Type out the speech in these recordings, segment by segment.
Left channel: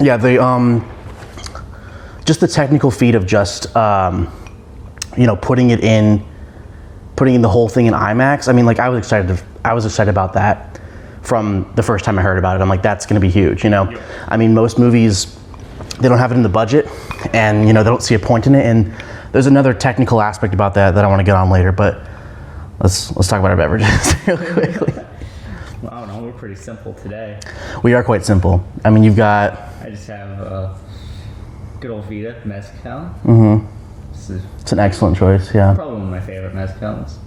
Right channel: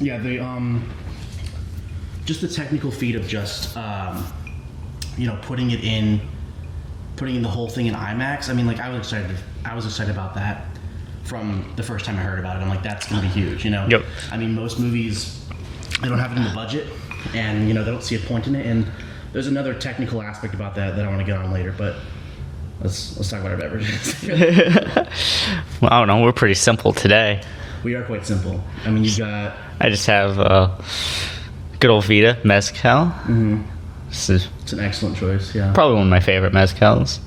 Yeah, the just the technical feat of just putting the whole thing in IMAX. I mean, like I was excited about that from the first time I heard about it. I'm like, that's going to be huge, Yep. I mean, most movies, they don't have it in the budget, and they don't see a point in it. And there's another technical aspect about that I want to get on later, but let's talk about our beverages. Well, I don't know. We're pretty simple today. We are quite simple. I mean, you've got... I just have good old Vita Mezcal. Mm-hmm. It's an excellent choice, yeah. Probably one of my favorite Mezcals,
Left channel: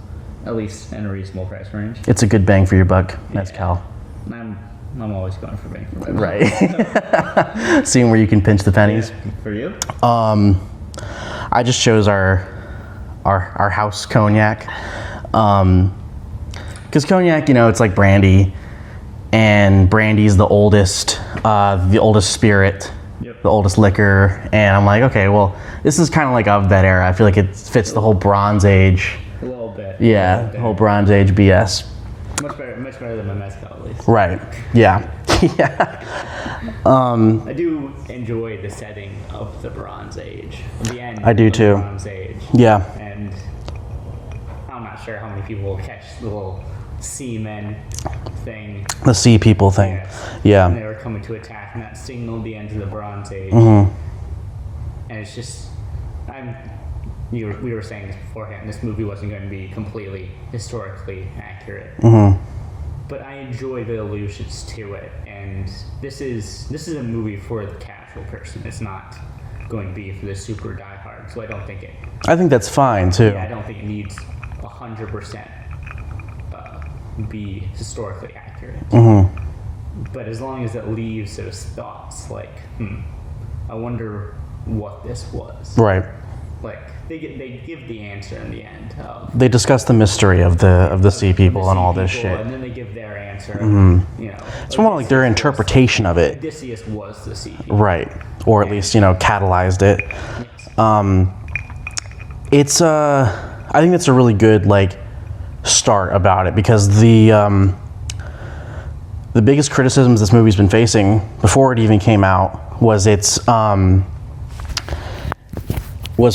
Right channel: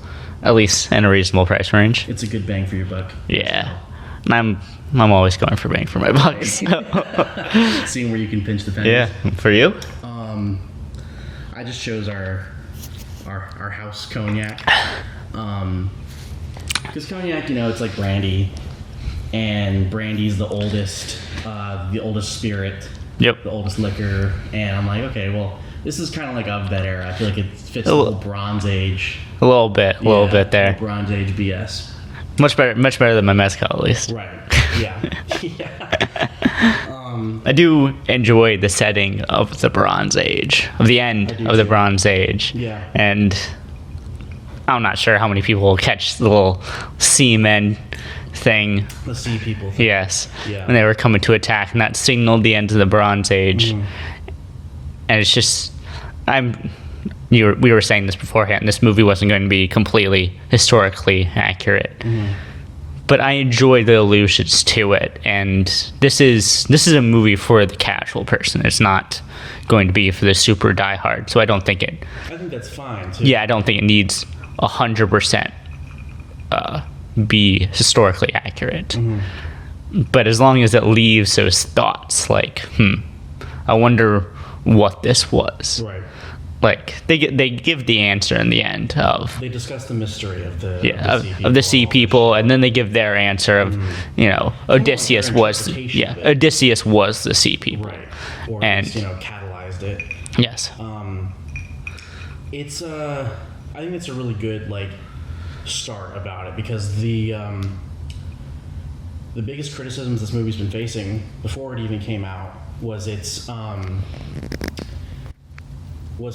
at least in a reasonable price range. It's a good bang for your buck. Yeah. And I'm always going for bang for my buck. Right. So. Seeing where you can pinch the pennies. Yeah. For you? I just chose our house cognac. Because cognac, it's like brandy, and brandy's the oldest spirit, Yep. the oldest liquor, and I'm like, okay, well, this is kind of like of that era. I feel like it fits the whole Bronze Age. A little bit there. A little Bronze Age BS. Much better than my mezcal, at least. Right. Yeah. Yeah. I do enjoy the setting of the Bronze Age, of the end I do of too. the Bronze Age. Yeah. And I'm not sure how many people will catch the little seamen thing. The sea people thing. Yes. Yeah. And they were coming to attack, and that signaled the end of the Bronze Age. Mm-hmm. And it's just, we were saying this beforehand, this movie wasn't going to be completely historically accurate. Mm-hmm. But I enjoy the allusions to it, and this is a movie for the casual person. It's not going to be for the super diehard, so I don't think it... I think that's fine, too. Yeah, I don't think it needs 100% be historically accurate. Mm-hmm. But as long as it leaves those thoughts, like, I wonder what this was. Right. Like, they give the answer in the end of... They discuss the mystery of the sea people. Of the sea people, and and then they give their answer of, It's Odysseus their interpretation of it. Odysseus was the sea people. Right. Or at least, catalyzed it. Yes. It's I think that's a really good start about it, because the biggest criticisms this movie's been facing before it even came out was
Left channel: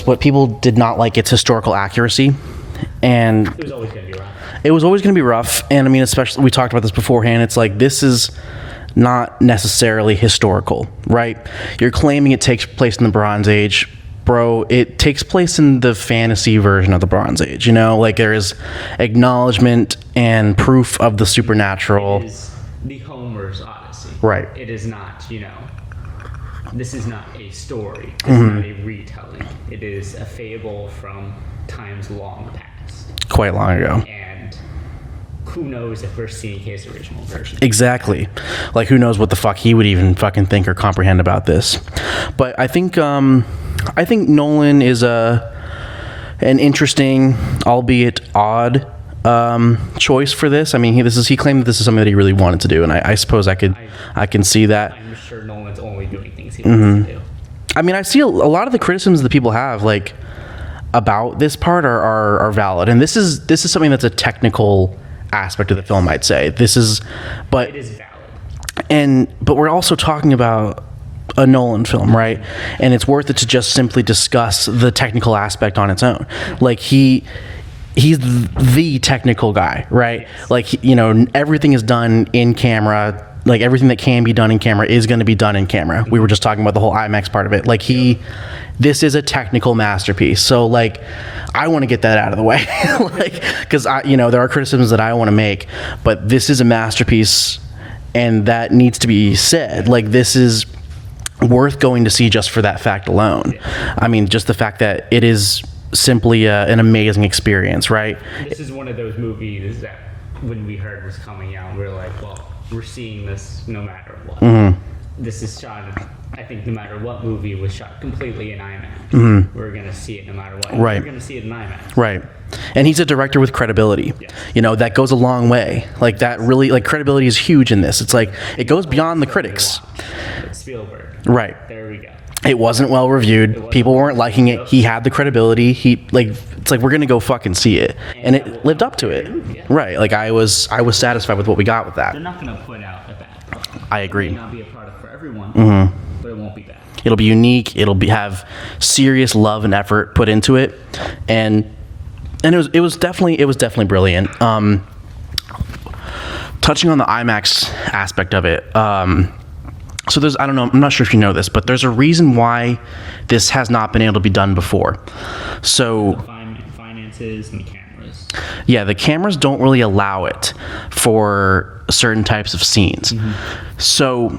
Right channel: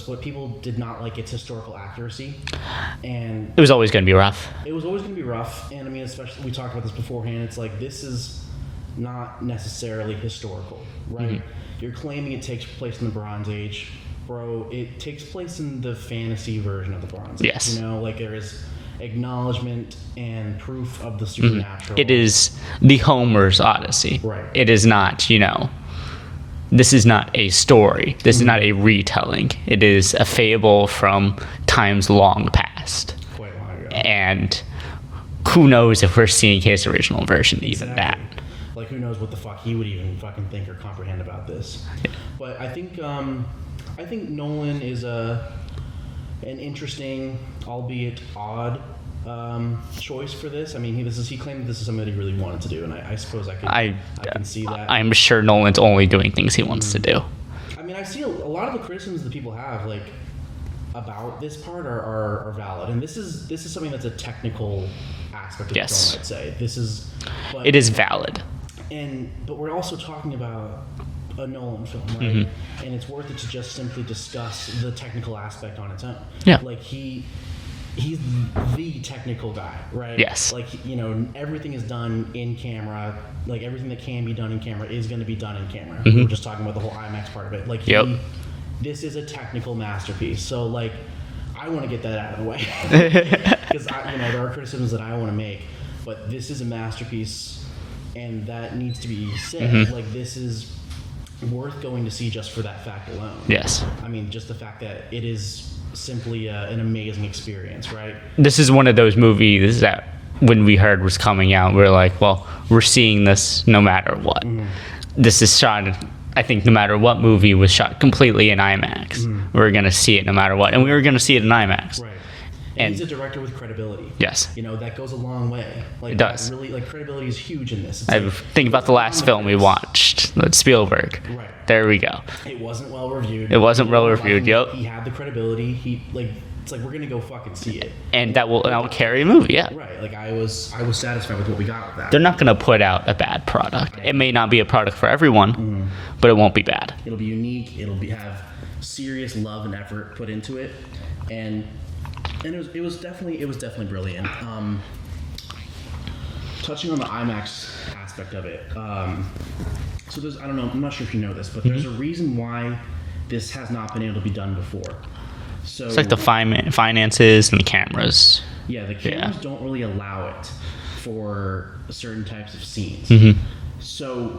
what people did not like its historical accuracy, and It was always going to be rough. it was always going to be rough. And I mean, especially, we talked about this beforehand, it's like, this is not necessarily historical, right? You're claiming it takes place in the Bronze Age. Bro, it takes place in the fantasy version of the Bronze Age. Yes. There is acknowledgement and proof of the supernatural. It is the Homer's Odyssey. Right. It is not, this is not a story. This is not a retelling. It is a fable from times long past. Quite long ago. And who knows if we're seeing his original version. Exactly. Like, who knows what the fuck he would even fucking think or comprehend about this. But I think Nolan is an interesting, albeit odd, choice for this. I mean, he claimed that this is something that he really wanted to do, and I suppose I can see that. I'm sure Nolan's only doing things he wants to do. I mean, I see a lot of the criticisms that people have about this part are valid, and this is something that's a technical aspect of the film, I'd say. But it is valid. But we're also talking about a Nolan film, right? Mm-hmm. And it's worth it to just simply discuss the technical aspect on its own. Yeah. He's the technical guy, right? Yes. Everything is done in camera. Everything that can be done in camera is going to be done in camera. Mm-hmm. We were just talking about the whole IMAX part of it. This is a technical masterpiece. So I want to get that out of the way, because there are criticisms that I want to make, but this is a masterpiece, and that needs to be said. Mm-hmm. This is worth going to see just for that fact alone. Yes. I mean, just the fact that it is simply an amazing experience, right? This is one of those movies that when we heard was coming out, we were like, well, we're seeing this no matter what. Mm-hmm. This is shot, I think, no matter what movie was shot completely in IMAX. Mm-hmm. We're going to see it no matter what. And we were going to see it in IMAX. Right. And he's a director with credibility. Yes. That goes a long way. That really, credibility is huge in this. It's it goes beyond the critics. We watched. Spielberg. Right. There we go. It wasn't well reviewed. It wasn't People well weren't reviewed, liking yep. it. He had the credibility. It's like we're gonna go fucking see it, And that it will lived up to carry it. a movie, yeah. Right. Like I was satisfied with what we got with that. They're not going to put out a bad product. I It agree. may not be a product for everyone, but it won't be bad. It'll be unique. Have serious love and effort put into it, and it was definitely brilliant. Touching on the IMAX aspect of it, so there's, I don't know, I'm not sure if you know this, but there's a reason why this has not been able to be done before. So It's like the finances and the cameras. yeah, the cameras don't really allow it for certain types of scenes. So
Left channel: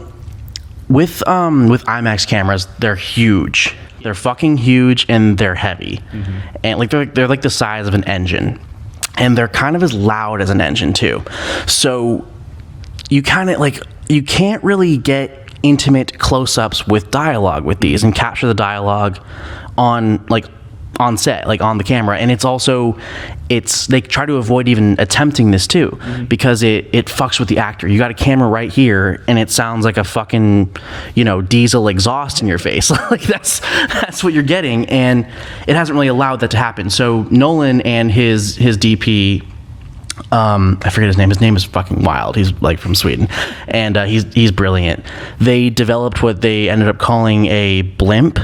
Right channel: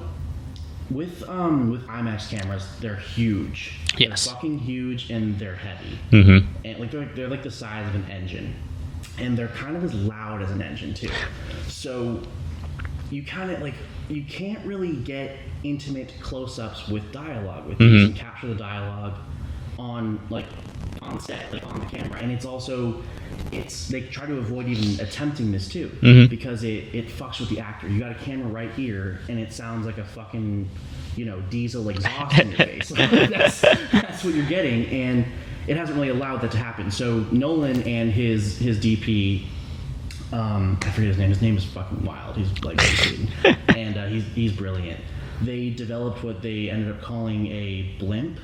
with IMAX cameras, they're huge. Yes. They're fucking huge and they're heavy. And like they're like the size of an engine. And they're kind of as loud as an engine too. So you kind of like, you can't really get intimate close-ups with dialogue with these and capture the dialogue on set, like on the camera. And they try to avoid even attempting this too, because it fucks with the actor. You got a camera right here and it sounds like a fucking, diesel exhaust in your face. Like that's what you're getting, and it hasn't really allowed that to happen. So Nolan and his DP, I forget his name. His name is fucking wild. He's like from Sweden, and he's brilliant. They developed what they ended up calling a blimp,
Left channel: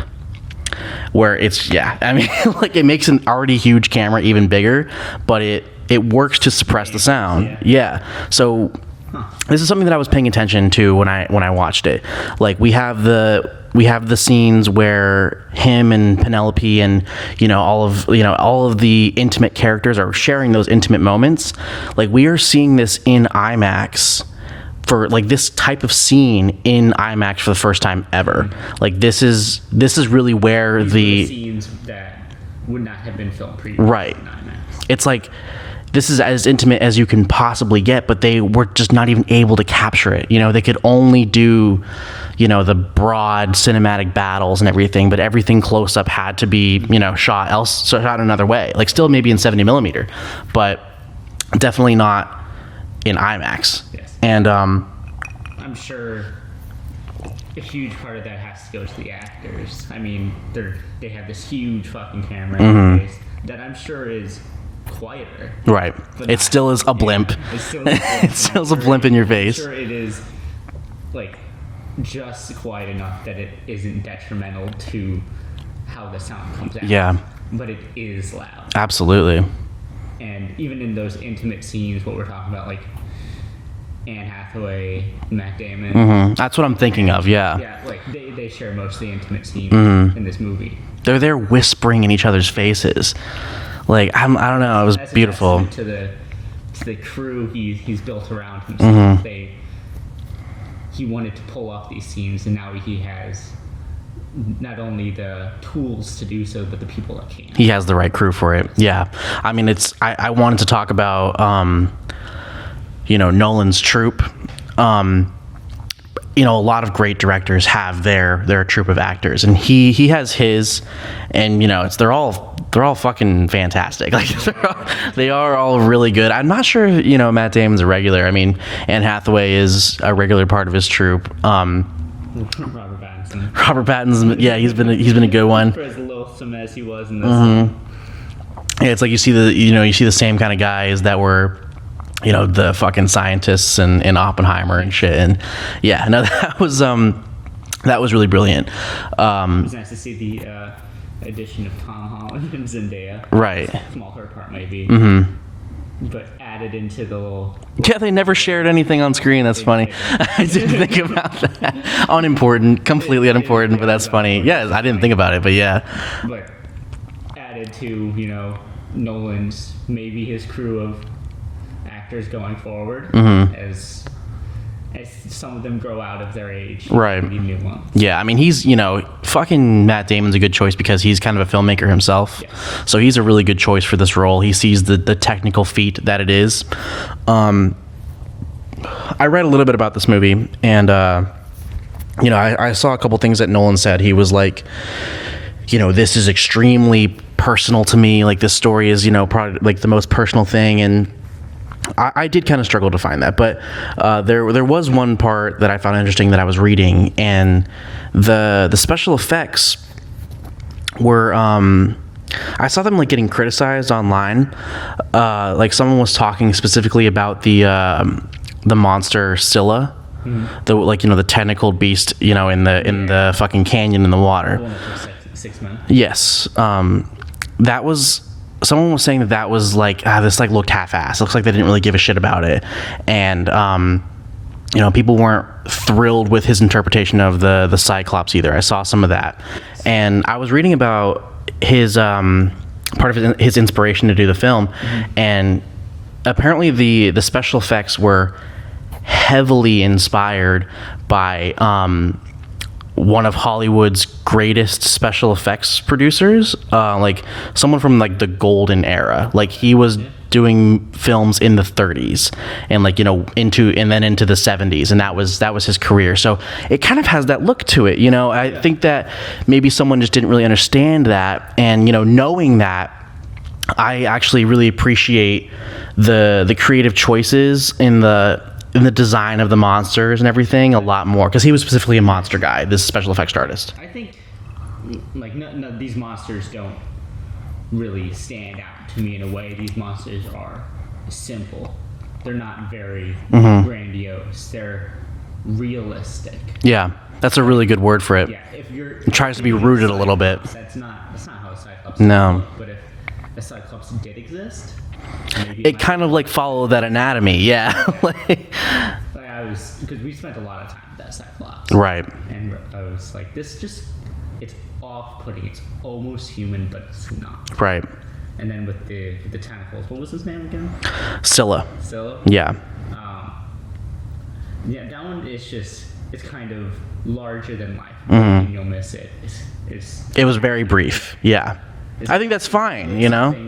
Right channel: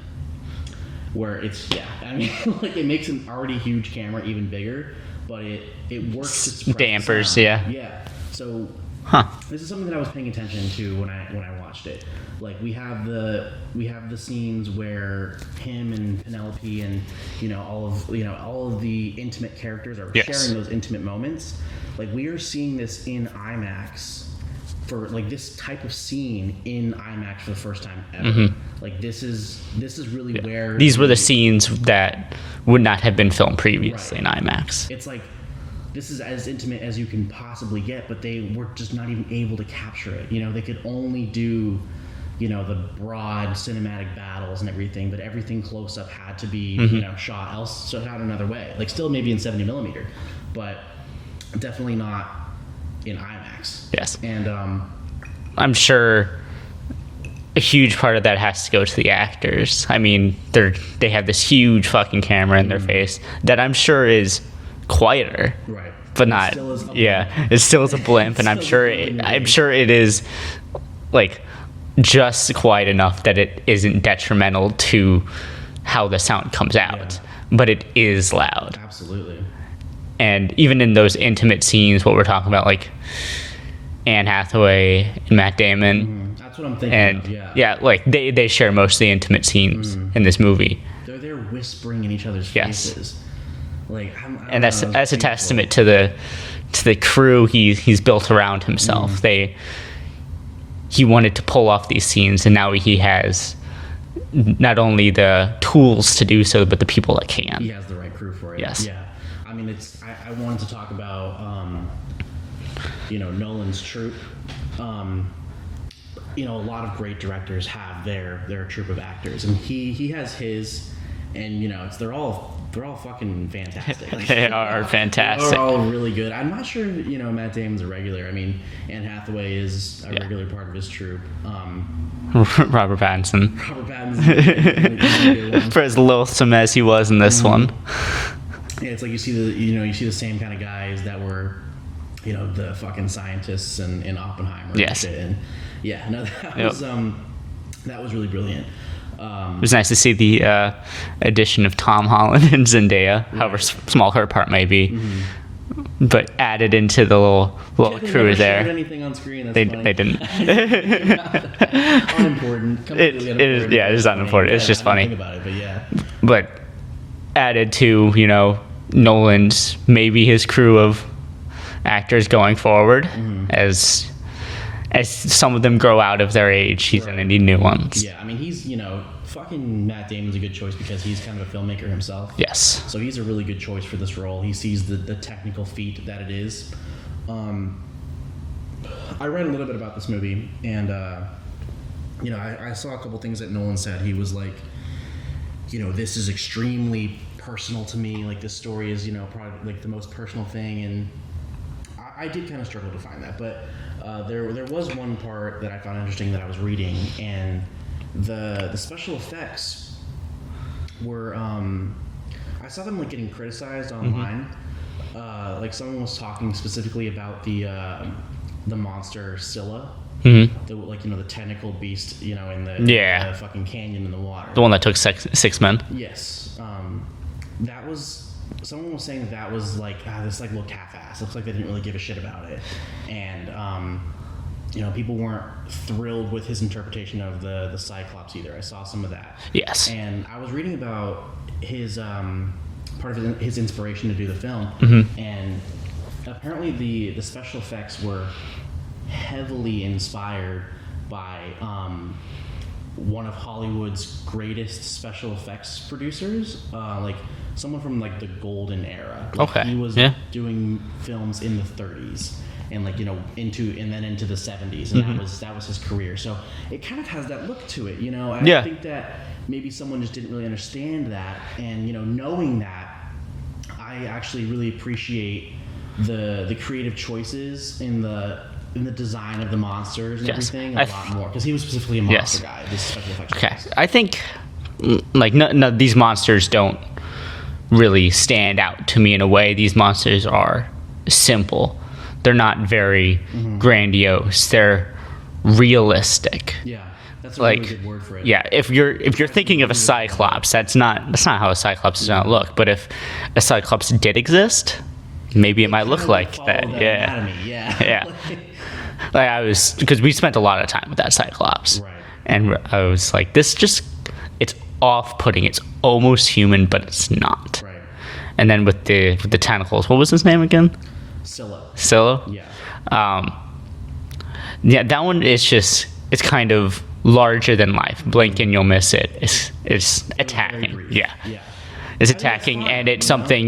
where like it makes an already huge camera even bigger, but it works to suppress the Dampers, sound. yeah. So this is something that I was paying attention to when I watched it. Like we have the scenes where him and Penelope and all of the intimate characters are sharing those intimate moments. Like we are seeing this in IMAX for like this type of scene in IMAX for the first time ever. Like this is really where These were the scenes that would not have been filmed previously Right. in IMAX. It's like this is as intimate as you can possibly get, but they were just not even able to capture it. They could only do the broad cinematic battles and everything, but everything close up had to be shot another way, like still maybe in 70 millimeter, but definitely not in IMAX. Yes. And I'm sure a huge part of that has to go to the actors. I mean, they have this huge fucking camera in their face that I'm sure is quieter. right, But it still is a blimp. Yeah, it still is a blimp, and I'm Still sure a blimp in your I'm face. sure it is like just quiet enough that it isn't detrimental to how the sound comes out. Yeah. But it is loud. Absolutely. And even in those intimate scenes, what we're talking about, like Anne Hathaway and Matt Damon. That's what I'm thinking of. Yeah. Yeah, like they share most of the intimate scenes in this movie. They're there whispering in each other's faces. Like I don't know. It was That's beautiful. a testament to the crew he's built around himself. He wanted to pull off these scenes, and now he has not only the tools to do so, but the people that can. He has the right crew for it. Yes. Yeah. I mean, I wanted to talk about, Nolan's troupe. A lot of great directors have their troupe of actors, and he has his, and they're all fucking fantastic. Like They are fantastic. They are all really good. I'm not sure, Matt Damon's a regular. I mean, Anne Hathaway is a regular part of his troupe. Robert Pattinson. Robert Pattinson, yeah, he's been a good one. For as loathsome as he was in this one. Yeah, it's like you see the same kind of guys that were, the fucking scientists in Oppenheimer and Yes. shit. And yeah, no, that was really brilliant. It was nice to see the addition of Tom Holland and Zendaya. Right. Small her part maybe. But added into the little Yeah, they never shared anything on screen. That's funny. They didn't. I didn't think about that. Unimportant, completely unimportant, yeah, but that's it's funny. unimportant. Yeah, It's just I didn't funny. think about it, but yeah. But added to, Nolan's, maybe his crew of actors going forward, as some of them grow out of their age, he's Right. gonna need new ones. Yeah, I mean, he's, fucking Matt Damon's a good choice because he's kind of a filmmaker himself. Yes. So he's a really good choice for this role. He sees the technical feat that it is. I read a little bit about this movie, and, I saw a couple things that Nolan said. He was like, this is extremely personal to me. Like, this story is, probably like the most personal thing. And I did kind of struggle to find that, but there was one part that I found interesting that I was reading, and the special effects were I saw them like getting criticized online. Like someone was talking specifically about the monster Scylla. Mm-hmm. The the tentacled beast, in the fucking canyon in the water. The one that took six men. Yes. That was, someone was saying that was like, this like looked half-assed. Looks like they didn't really give a shit about it. And people weren't thrilled with his interpretation of the Cyclops either. I saw some of that. Yes. And I was reading about his part of his inspiration to do the film, and apparently the special effects were heavily inspired by one of Hollywood's greatest special effects producers, like someone from like the golden era. Like he was doing films in the 30s and into the 70s, and that was his career. So it kind of has that look to it, I think that maybe someone just didn't really understand that, and knowing that, I actually really appreciate the creative choices in the design of the monsters and everything a lot more, because he was specifically a monster guy, this special effects artist. I think no, these monsters don't really stand out to me in a way. These monsters are simple. They're not very grandiose. They're realistic. Yeah, that's a really good word for it. Yeah, if you're thinking of a Cyclops, that's not how a Cyclops is going to look. But if a Cyclops did exist, maybe it might kind look of like follow that anatomy. Yeah. Like I was, because we spent a lot of time with that Cyclops, right? And I was like, it's off-putting. It's almost human, but it's not. Right. And then with the tentacles, what was his name again? Scylla. Yeah. That one is just, it's kind of larger than life. Blink and you'll miss it. It was very brief. Yeah. It's I attacking, think that's fine, and it's something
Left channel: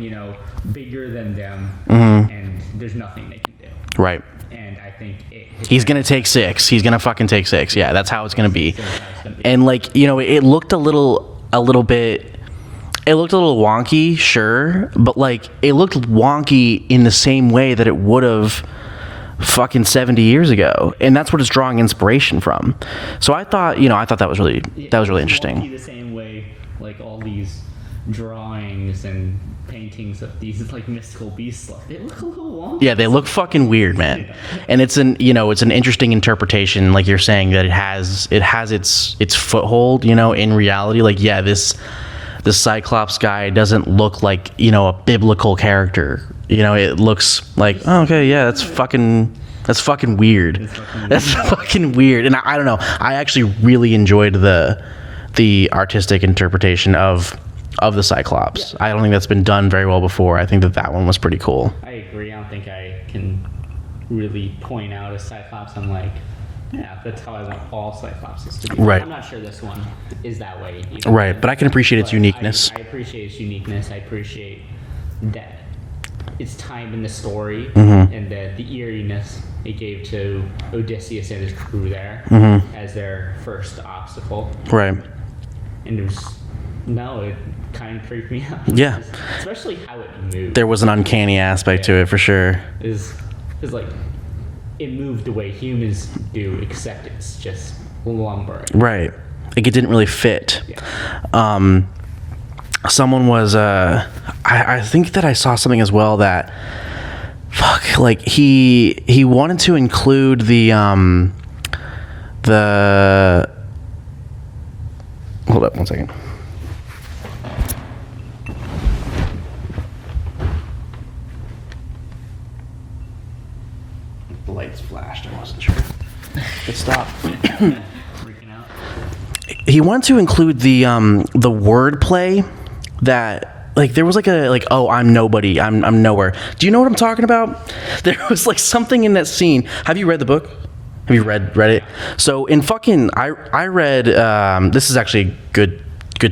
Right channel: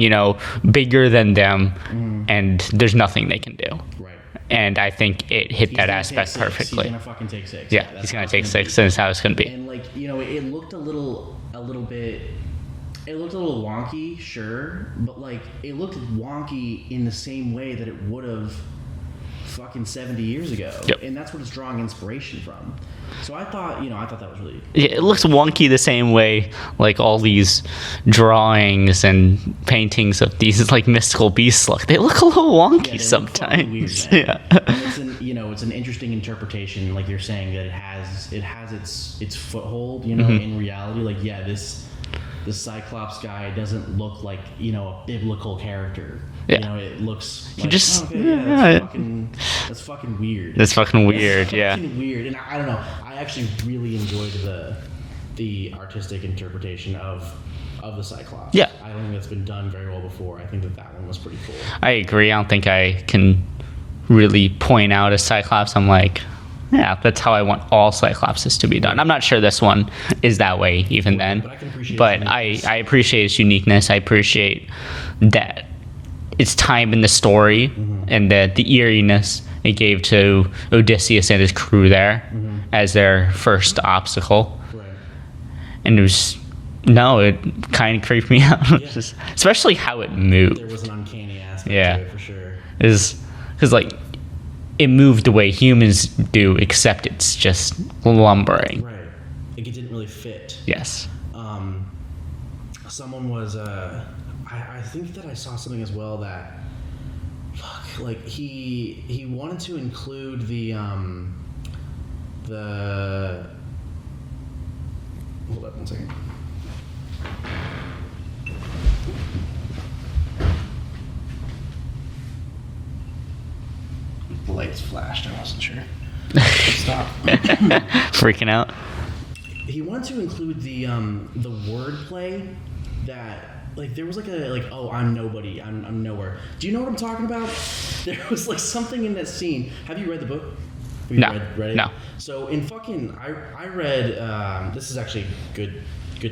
bigger than them, and there's nothing they can do. Right. And I think it hit. He's gonna take 6. Perfectly. He's gonna fucking take 6. Yeah, that's how it's gonna be. That's how it's gonna be. And it looked a little bit. It looked a little wonky, sure, but it looked wonky in the same way that it would have fucking 70 years ago, and that's what it's drawing inspiration from. So I thought that was really it looks really wonky the same way like all these drawings and paintings of these mystical beasts look. They look a little wonky. Yeah, they look fucking weird, man. Yeah. And it's an interesting interpretation, like you're saying, that it has its foothold, in reality. This Cyclops guy doesn't look like a biblical character. It looks like that's fucking weird. That's fucking weird. That's fucking weird. And I don't know. I actually really enjoyed the artistic interpretation of the Cyclops. Yeah. I don't think that's been done very well before. I think that one was pretty cool. I agree. I don't think I can really point out a Cyclops. I'm like, yeah, that's how I want all Cyclopses to be done. Right. I'm not sure this one is that way even then. But I can appreciate its uniqueness. I appreciate its uniqueness. I appreciate that its time in the story, and the eeriness it gave to Odysseus and his crew there as their first obstacle. Right. And it kind of creeped me out. Yeah. Especially how it moved. There was an uncanny aspect to it for sure. Because it moved the way humans do, except it's just lumbering. Right. It didn't really fit. Yes. Someone was I think that I saw something as well that he wanted to include the hold up 1 second. The lights flashed. I wasn't sure. Stop. Freaking out. He wanted to include the wordplay that there was oh, I'm nobody, I'm nowhere. Do you know what I'm talking about? There was something in that scene. Have you read the book? Have you read it? No. So I read this is actually a good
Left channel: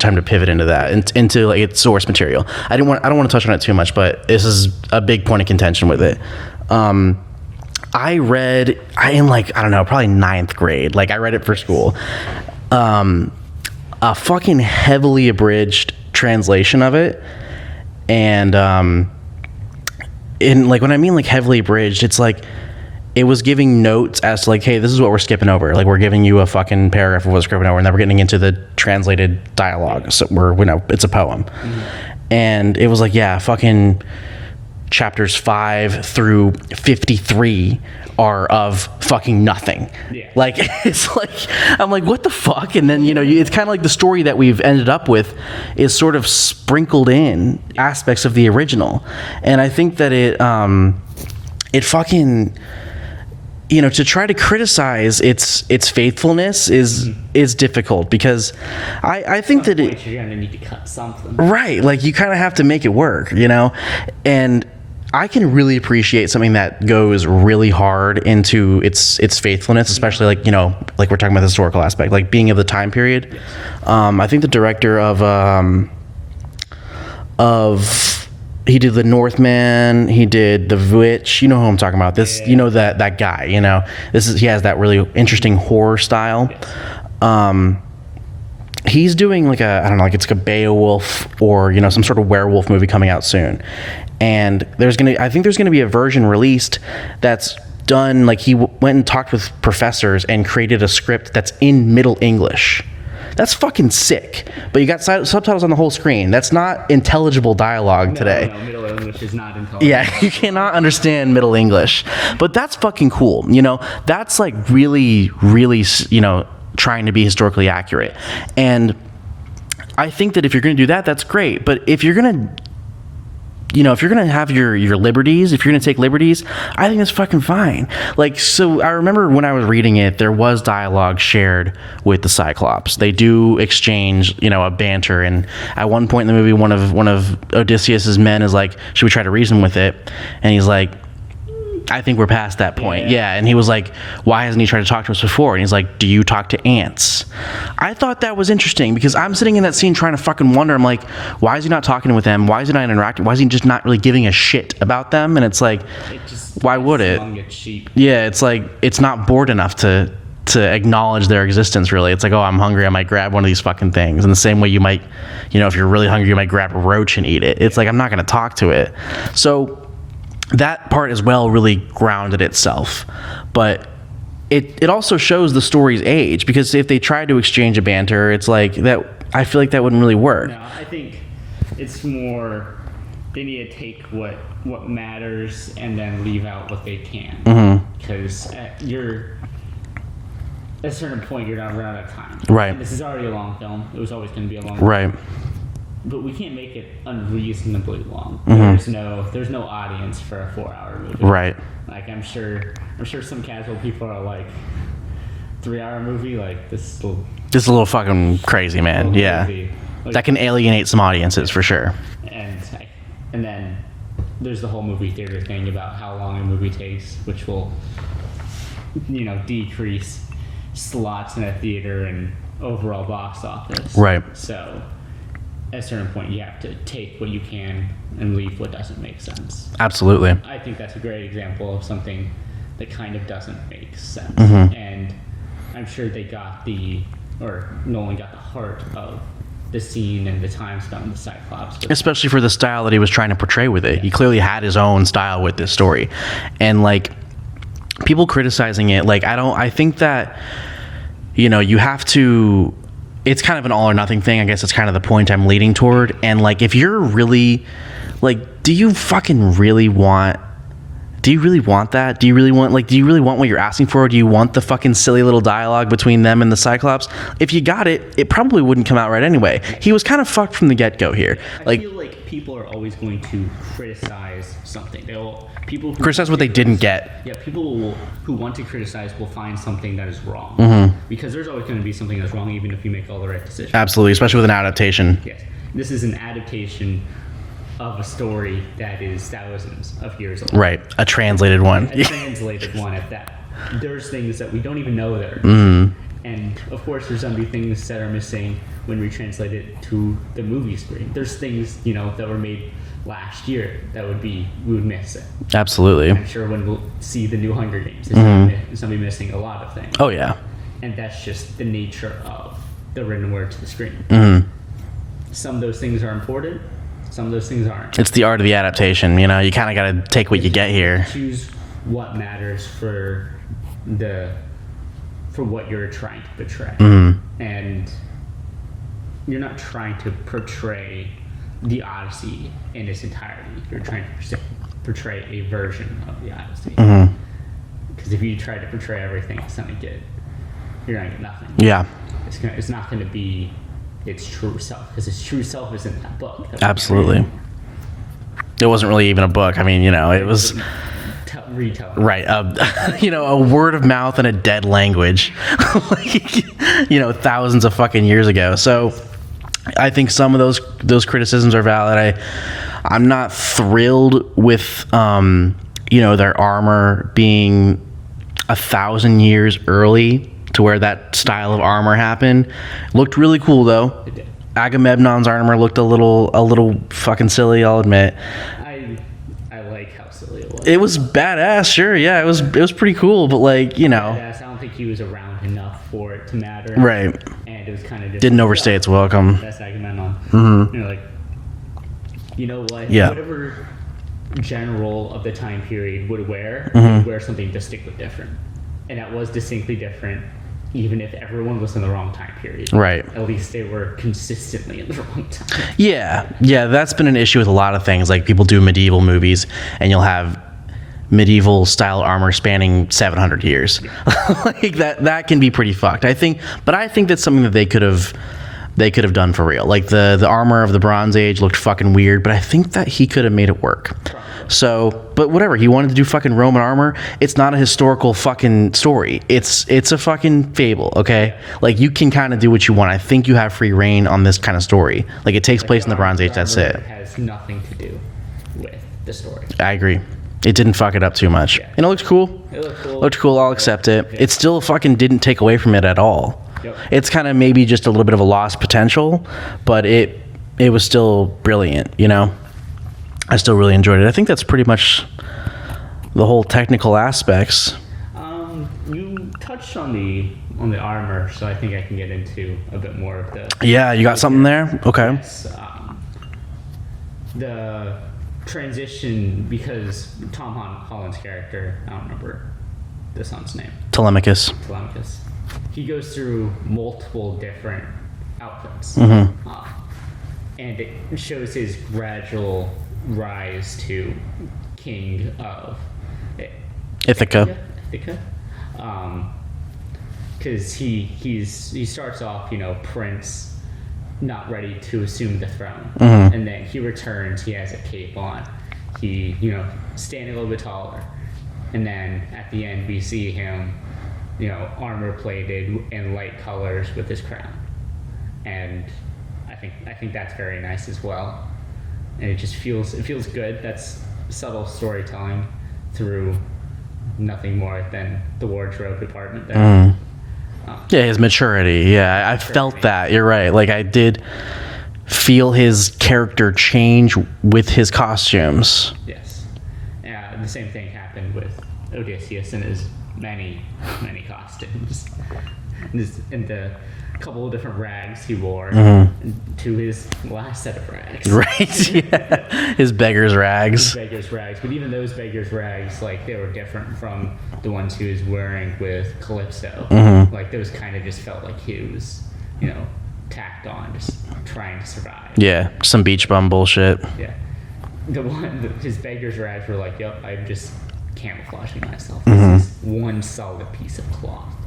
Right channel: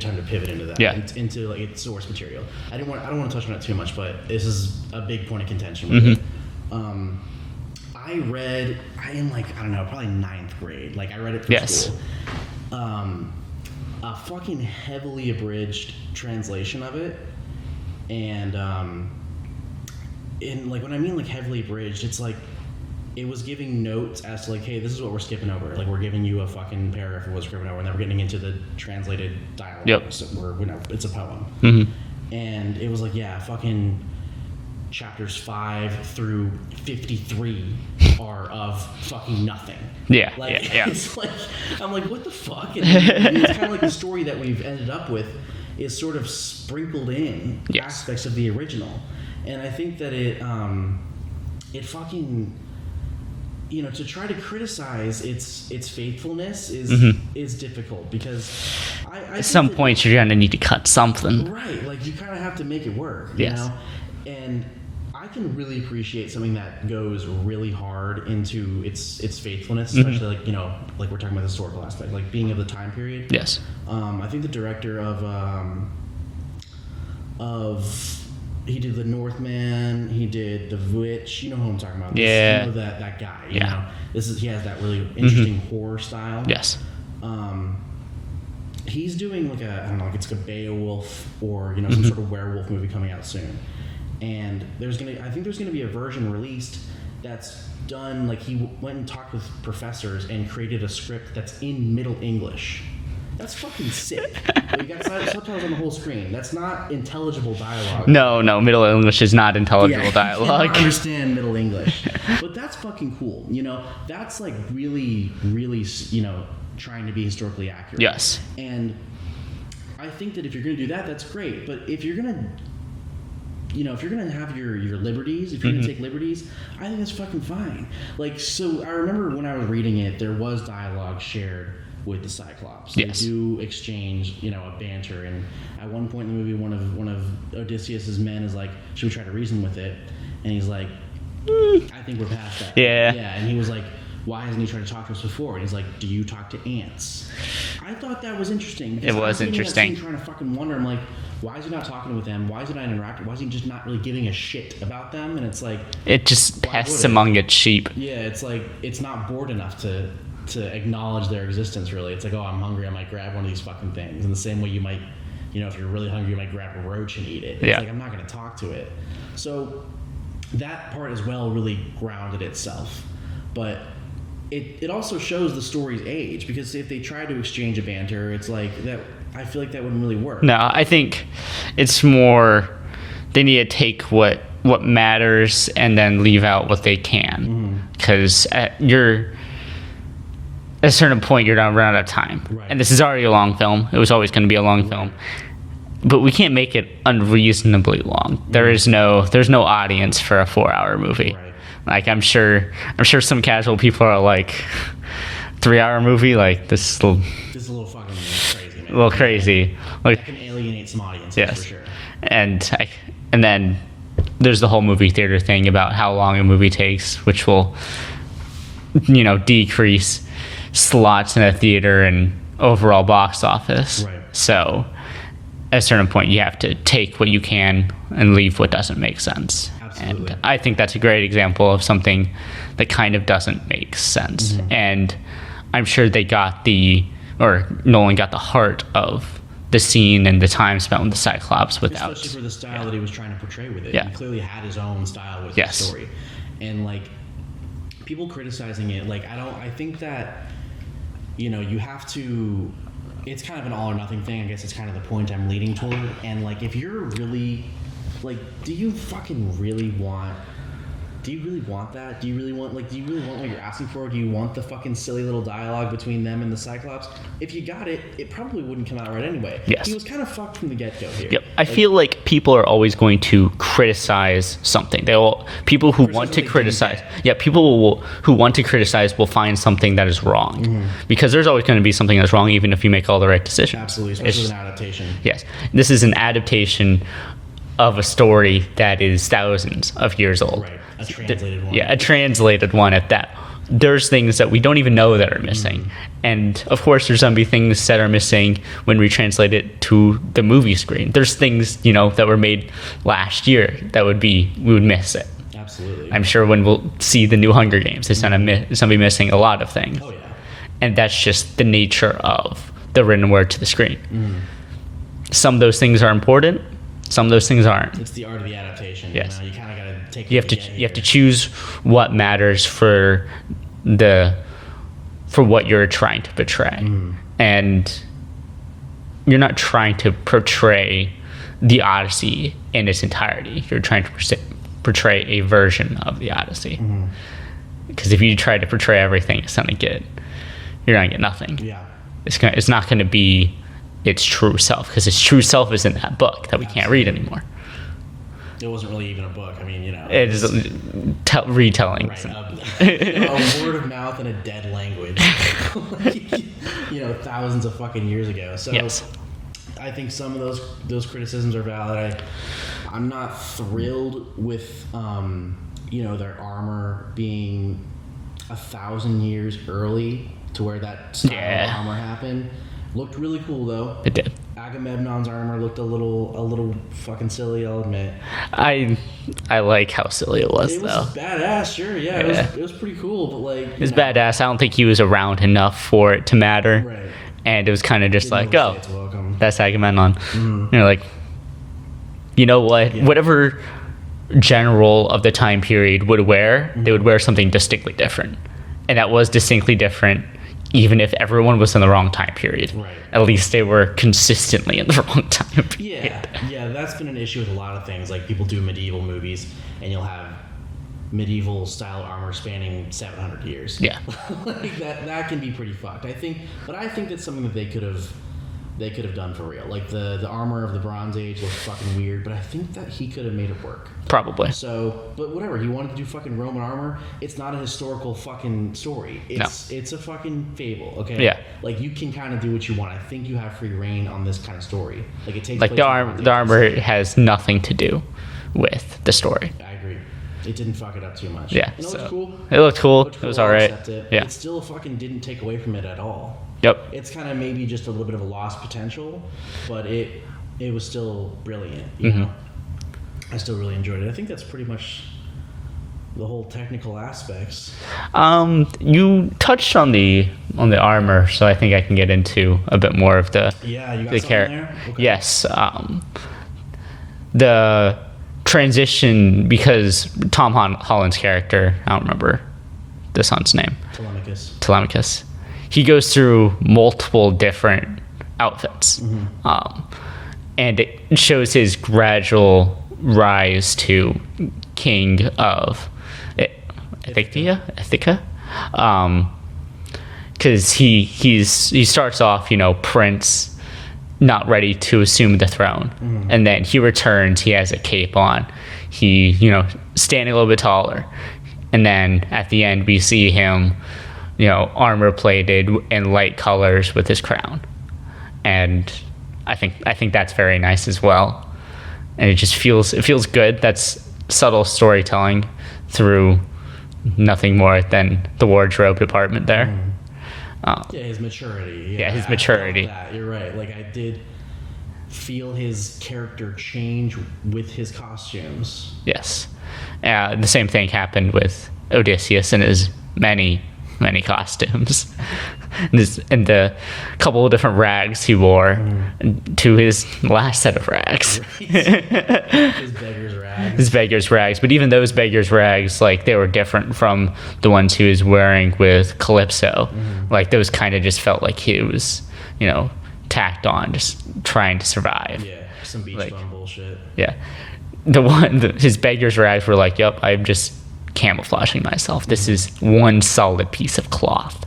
time to pivot into that, into its source material. I don't want to touch on it too much, but this is a big point of contention with it. I read in I don't know, probably 9th grade. I read it for school. A fucking heavily abridged translation of it, and in like when I mean like heavily abridged, it's like it was giving notes as to like, hey, this is what we're skipping over. Like we're giving you a fucking paragraph of what's skipping over, and then we're getting into the translated dialogue. So it's a poem, and it was like, yeah, fucking chapters 5 through 53 are of fucking nothing. Like it's like I'm like, what the fuck? And then it's kind of like the story that we've ended up with is sort of sprinkled in aspects of the original, and I think that it fucking to try to criticize its faithfulness is difficult, because I think at some point you're gonna need to cut something, right? Like you kind of have to make it work, and I can really appreciate something that goes really hard into its faithfulness, especially like like we're talking about the historical aspect, like being of the time period. Yes. I think the director of he did the Northman, he did the Witch. You know who I'm talking about. This, that guy. He has that really interesting horror style. Yes. He's doing like I don't know, like it's like a Beowulf or some sort of werewolf movie coming out soon. And I think there's gonna be a version released that's done, like he went and talked with professors and created a script that's in Middle English. That's fucking sick. But you got subtitles on the whole screen. That's not intelligible dialogue today. No, Middle English is not intelligible dialogue. You cannot understand Middle English. But that's fucking cool. That's like really, really, trying to be historically accurate. Yes. And I think that if you're going to do that, that's great. But if you're going to if you're going to have your liberties, if you're going to take liberties, I think that's fucking fine. Like, so I remember when I was reading it, there was dialogue shared with the Cyclops. Yes. They do exchange, a banter. And at one point in the movie, one of Odysseus's men is like, should we try to reason with it? And he's like, I think we're past that point. Yeah. And he was like, why hasn't he tried to talk to us before? And he's like, do you talk to ants? I thought that was interesting, because I'm sitting in that scene trying to fucking wonder. I'm like, why is he not talking with them? Why is he not interacting? Why is he just not really giving a shit about them? And it's like, why would it? Among its sheep. Yeah. It's like, it's not bored enough to acknowledge their existence, really. It's like, oh, I'm hungry, I might grab one of these fucking things. In the same way you might, if you're really hungry, you might grab a roach and eat it. It's like, I'm not going to talk to it. So that part as well really grounded itself. But it also shows the story's age, because if they try to exchange a banter, it's like that. I feel like that wouldn't really work. No, I think it's more they need to take what matters and then leave out what they can, because at a certain point you're gonna run out of time. Right. And this is already a long film. It was always going to be a long film. But we can't make it unreasonably long. There's no audience for a 4-hour movie. Right. Like I'm sure some casual people are like, 3-hour movie, like this is a little fucking crazy, man. A little crazy. Yeah. Like, that can alienate some audiences for sure. And then there's the whole movie theater thing about how long a movie takes, which will decrease slots in a theater and overall box office. Right. So at a certain point you have to take what you can and leave what doesn't make sense. Absolutely. I think that's a great example of something that kind of doesn't make sense. And I'm sure Nolan got the heart of the scene and the time spent with the Cyclops. Especially for the style that he was trying to portray with it. He clearly had his own style with this story. And like, people criticizing it, like, I think that, you have to, it's kind of an all or nothing thing. I guess it's kind of the point I'm leading toward. And like, if you're really, like, do you really want that? Do you really want what you're asking for? Do you want the fucking silly little dialogue between them and the Cyclops? If you got it, it probably wouldn't come out right anyway. Yes. He was kind of fucked from the get-go here. Yep. I feel like people are always going to criticize something. People who criticize what they didn't get. Yeah, people who want to criticize will find something that is wrong. Because there's always going to be something that's wrong, even if you make all the right decisions. Absolutely, especially with an adaptation. Yes. This is an adaptation of a story that is thousands of years old. Right. A translated one. Yeah, a translated one at that. There's things that we don't even know that are missing. And of course there's going to be things that are missing when we translate it to the movie screen. There's things, that were made last year that we would miss it. Absolutely. I'm sure when we'll see the new Hunger Games, it's going to be missing a lot of things. Oh yeah. And that's just the nature of the written word to the screen. Some of those things are important. Some of those things aren't. It's the art of the adaptation. You know, you kind of got to take what you get You here. have to choose what matters for what you're trying to portray. And you're not trying to portray the Odyssey in its entirety. You're trying to portray a version of the Odyssey. Because if you try to portray everything you're gonna get nothing. Yeah. It's not gonna be its true self, because its true self is in that book that we can't read anymore. It wasn't really even a book. I mean, you know, it was retelling. Right. You know, a word of mouth in a dead language, like, you know, thousands of fucking years ago. So Yes. I think some of those criticisms are valid. I'm not thrilled with, you know, their armor being 1,000 years early to where that style of armor happened. Looked really cool though. It did. Agamemnon's armor looked a little fucking silly, I'll admit. I like how silly it was. It was though. badass, sure, yeah. It was pretty cool, but like, you know, Badass. I don't think he was around enough for it to matter. right? And it was kind of just Didn't like, overstay its welcome. That's Agamemnon. You're like, you know what? Yeah. Whatever general of the time period would wear, they would wear something distinctly different, and that was distinctly different. Even if everyone was in the wrong time period. Right. At least they were consistently in the wrong time. Yeah, that's been an issue with a lot of things. Like, people do medieval movies, and you'll have medieval style armor spanning 700 years. Yeah. Like that can be pretty fucked. I think that's something that they could have done for real. Like the armor of the Bronze Age looked fucking weird, but I think that he could have made it work. Probably. So, but whatever, he wanted to do fucking Roman armor. It's not a historical fucking story. It's a fucking fable, okay? Yeah. Like, you can kind of do what you want. I think you have free reign on this kind of story. Like, it takes place in the Bronze Age. The That's armor it. has nothing to do with the story. I agree. It didn't fuck it up too much. Yeah. And it looked cool. It looked cool. I'll accept it. Yeah. It still fucking didn't take away from it at all. Yep. It's kind of maybe just a little bit of a lost potential, but it was still brilliant, you know? I still really enjoyed it. I think that's pretty much the whole technical aspects. You touched on the armor, so I think I can get into a bit more of the. Yeah, you got something there? Okay. Yes. The transition, because Tom Holland's character, I don't remember the son's name. Telemachus. He goes through multiple different outfits, and it shows his gradual rise to king of Ithaca. Because he starts off, you know, prince, not ready to assume the throne, and then he returns. He has a cape on. He, you know, standing a little bit taller, and then at the end we see him, you know, armor plated in light colors with his crown, and I think that's very nice as well, and it feels good. That's subtle storytelling through nothing more than the wardrobe department there. Yeah, his maturity. Yeah, his maturity. I felt that. You're right. Like, I did feel his character change with his costumes. Yes, the same thing happened with Odysseus and his many costumes, and the couple of different rags he wore to his last set of rags. Right. Yeah. His beggar's rags. But even those beggar's rags, like, they were different from the ones he was wearing with Calypso. Like, those kind of just felt like he was, you know, tacked on, just trying to survive. Yeah, some beach bum bullshit. Yeah. His beggar's rags were like, yep, I'm just camouflaging myself. This is one solid piece of cloth.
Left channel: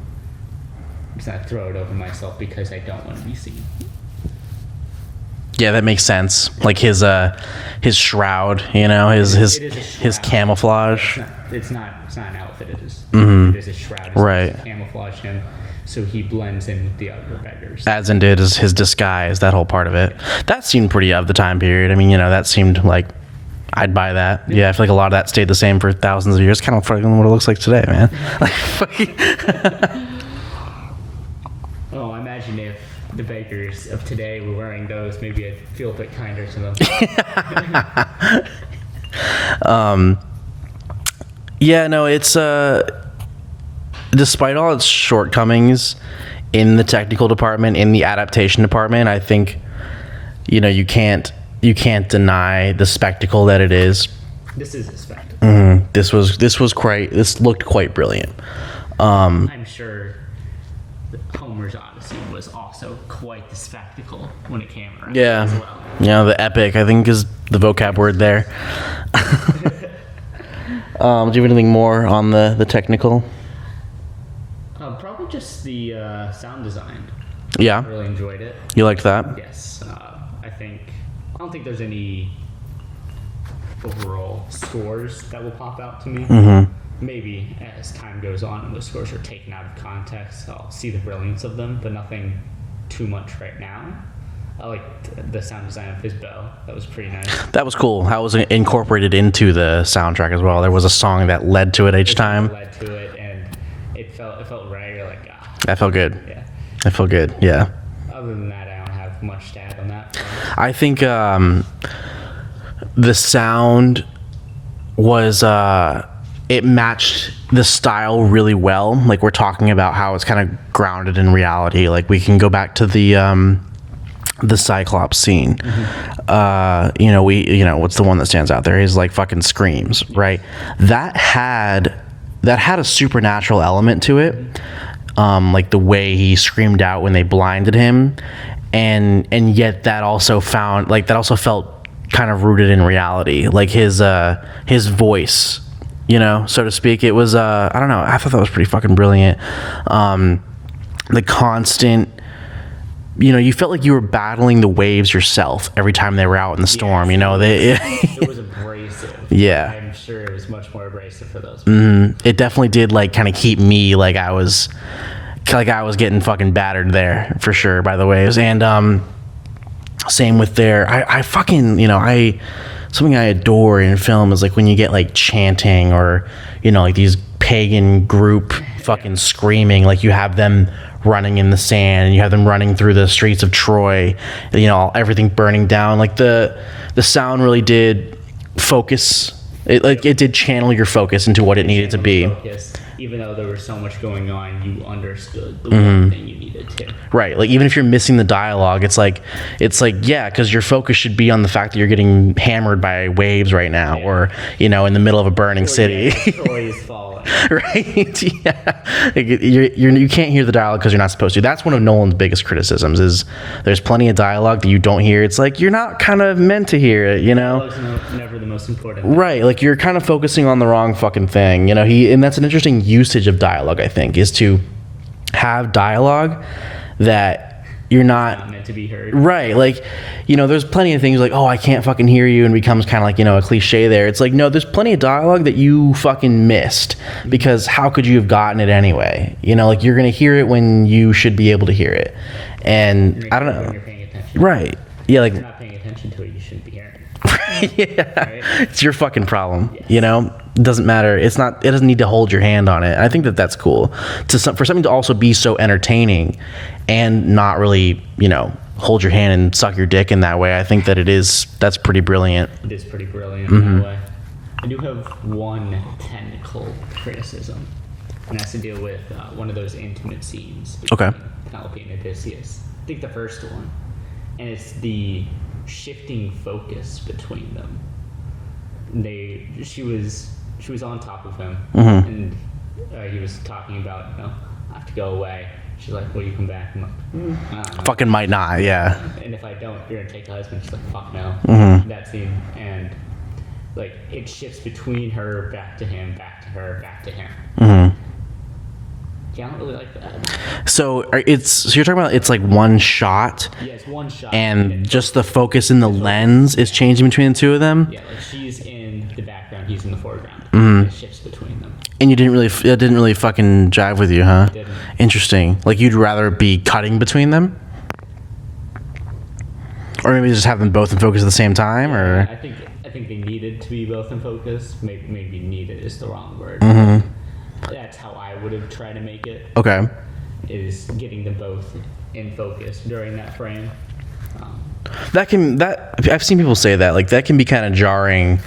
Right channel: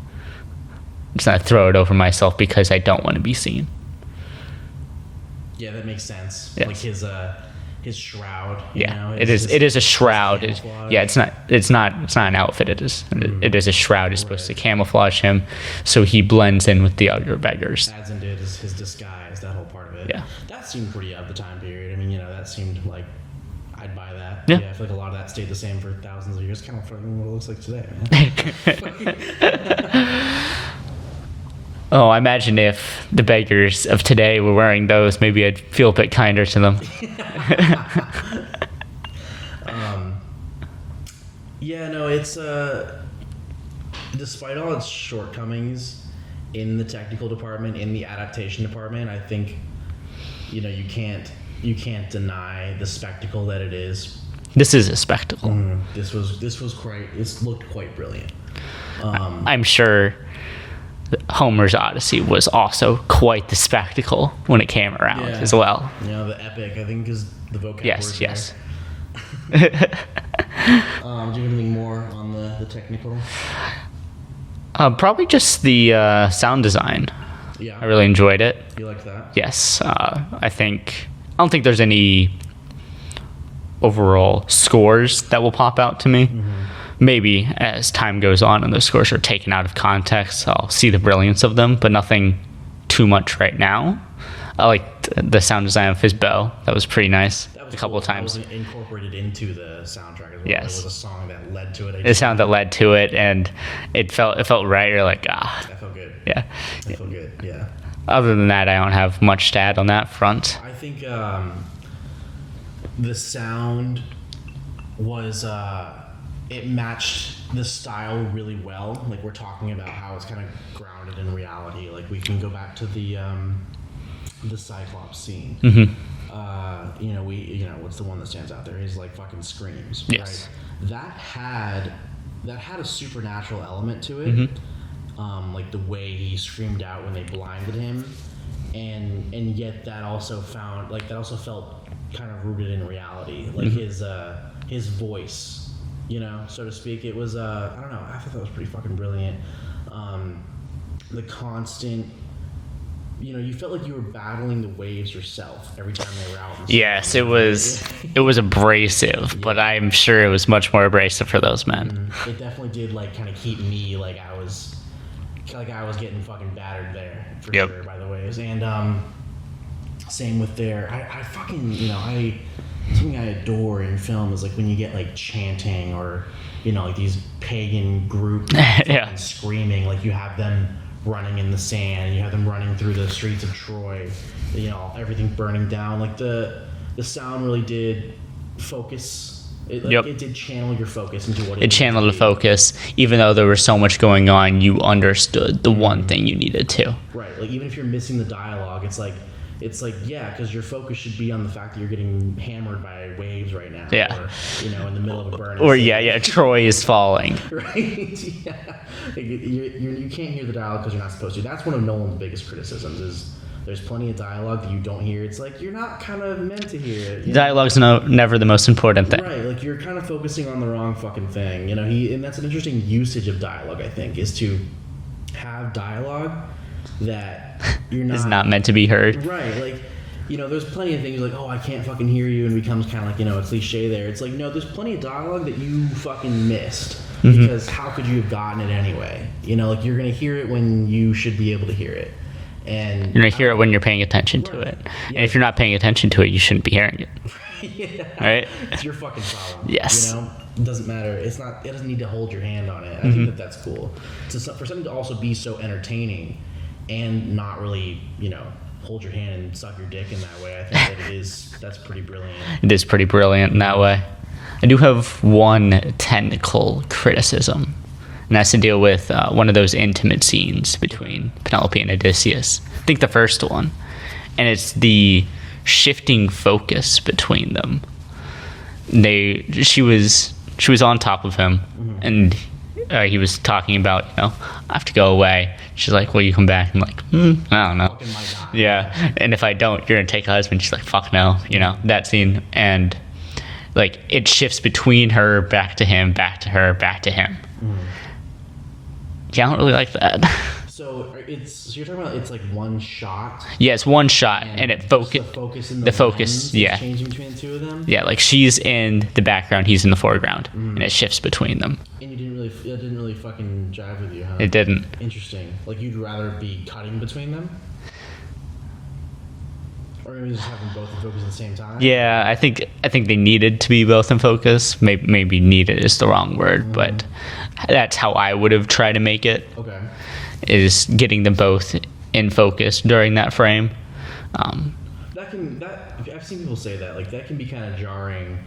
I'm just gonna throw it over myself because I don't want to be seen. Yeah, that makes sense. Yeah. Like his shroud, you know, it is a shroud. His camouflage. Yeah, it's not an outfit. It is a shroud. It's supposed to camouflage him, so he blends in with the other beggars. As in did his disguise, that whole part of it. Yeah. That seemed pretty of the time period. I mean, you know, that seeed like I'd buy that. Yeah, I feel like a lot of that stayed the same for thousands of years. Kind of fucking what it looks like today, man. Oh, I imagine if the beggars of today were wearing those, maybe I'd feel a bit kinder to them. Yeah, no, it's despite all its shortcomings in the technical department, in the adaptation department, I think, you know, you can't you can't deny the spectacle that it is. This is a spectacle. This looked quite brilliant. I'm sure Homer's Odyssey was also quite the spectacle when it came around as well. Yeah, the epic, I think, is the vocab word there. Do you have anything more on the technical? Probably just the sound design. Yeah. I really enjoyed it. You liked that? Yes. I don't think there's any overall scores that will pop out to me. Maybe as time goes on and those scores are taken out of context, I'll see the brilliance of them, but nothing too much right now. I liked the sound design of his bow. That was pretty nice. That was cool. That was incorporated into the soundtrack as well. Yes. There was a song that led to it each time. It sounded that led to it, and it felt right. You're like, That felt good. Yeah. That felt good, yeah. Other than that, I don't have much to add on that front. I think the sound was... it matched the style really well. Like, we're talking about how it's kind of grounded in reality. Like, we can go back to the Cyclops scene. What's the one that stands out there? He's like fucking screams, right? That had a supernatural element to it. Like the way he screamed out when they blinded him, and yet that also felt kind of rooted in reality. Like his voice, so to speak. It was I don't know, I thought that was pretty fucking brilliant. The constant, you felt like you were battling the waves yourself every time they were out in the storm. Yes, it was abrasive. Yeah. But I'm sure it was much more abrasive for those men. It definitely did kind of keep me like I was getting fucking battered there for sure by the waves. And same with I fucking something I adore in film is like when you get like chanting or like these pagan group fucking screaming, like you have them running in the sand and you have them running through the streets of Troy, everything burning down. Like the sound really did focus. It did channel your focus into what it needed to be. Channel the focus, even though there was so much going on, you understood the one thing you needed to. Right, like even if you're missing the dialogue, it's like yeah, because your focus should be on the fact that you're getting hammered by waves right now, or in the middle of a burning city. Troy is falling. Right, yeah. Like, you can't hear the dialogue because you're not supposed to. That's one of Nolan's biggest criticisms. Is there's plenty of dialogue that you don't hear. It's like you're not kind of meant to hear it. Dialogue's never the most important thing. Right, like you're kind of focusing on the wrong fucking thing. And that's an interesting usage of dialogue, I think, is to have dialogue that you're not meant to be heard. Right, like there's plenty of things like, oh, I can't fucking hear you, and becomes kind of like a cliche there. It's like, no, there's plenty of dialogue that you fucking missed because how could you have gotten it anyway? Like you're gonna hear it when you should be able to hear it. And you're gonna hear it when you're paying attention to it. Yeah, if you're not paying attention to it, you shouldn't be hearing it. Yeah. Right? It's your fucking problem. Yes. It doesn't matter. It doesn't need to hold your hand on it. I think that's cool. For something to also be so entertaining and not really, hold your hand and suck your dick in that way. I think that's pretty brilliant. It is pretty brilliant in that way. I do have one technical criticism. And that's to deal with one of those intimate scenes between Penelope and Odysseus. I think the first one. And it's the shifting focus between them. She was on top of him, and he was talking about, I have to go away. She's like, will you come back? I'm like, I don't know. Fucking might not, yeah. And if I don't, you're going to take a husband. She's like, fuck no. That scene. And like it shifts between her, back to him, back to her, back to him. Yeah, I don't really like that. So you're talking about it's like one shot? Yeah, it's one shot. And it just the focus in the lens is changing between the two of them? Yeah, like she's in the background, he's in the foreground. And it shifts between them. And it didn't really fucking jive with you, huh? It didn't. Interesting. Like you'd rather be cutting between them? Or maybe just have them both in focus at the same time? Yeah, I think they needed to be both in focus. Maybe needed is the wrong word, but that's how I would have tried to make it. Okay. Is getting them both in focus during that frame. I've seen people say that, like that can be kind of jarring.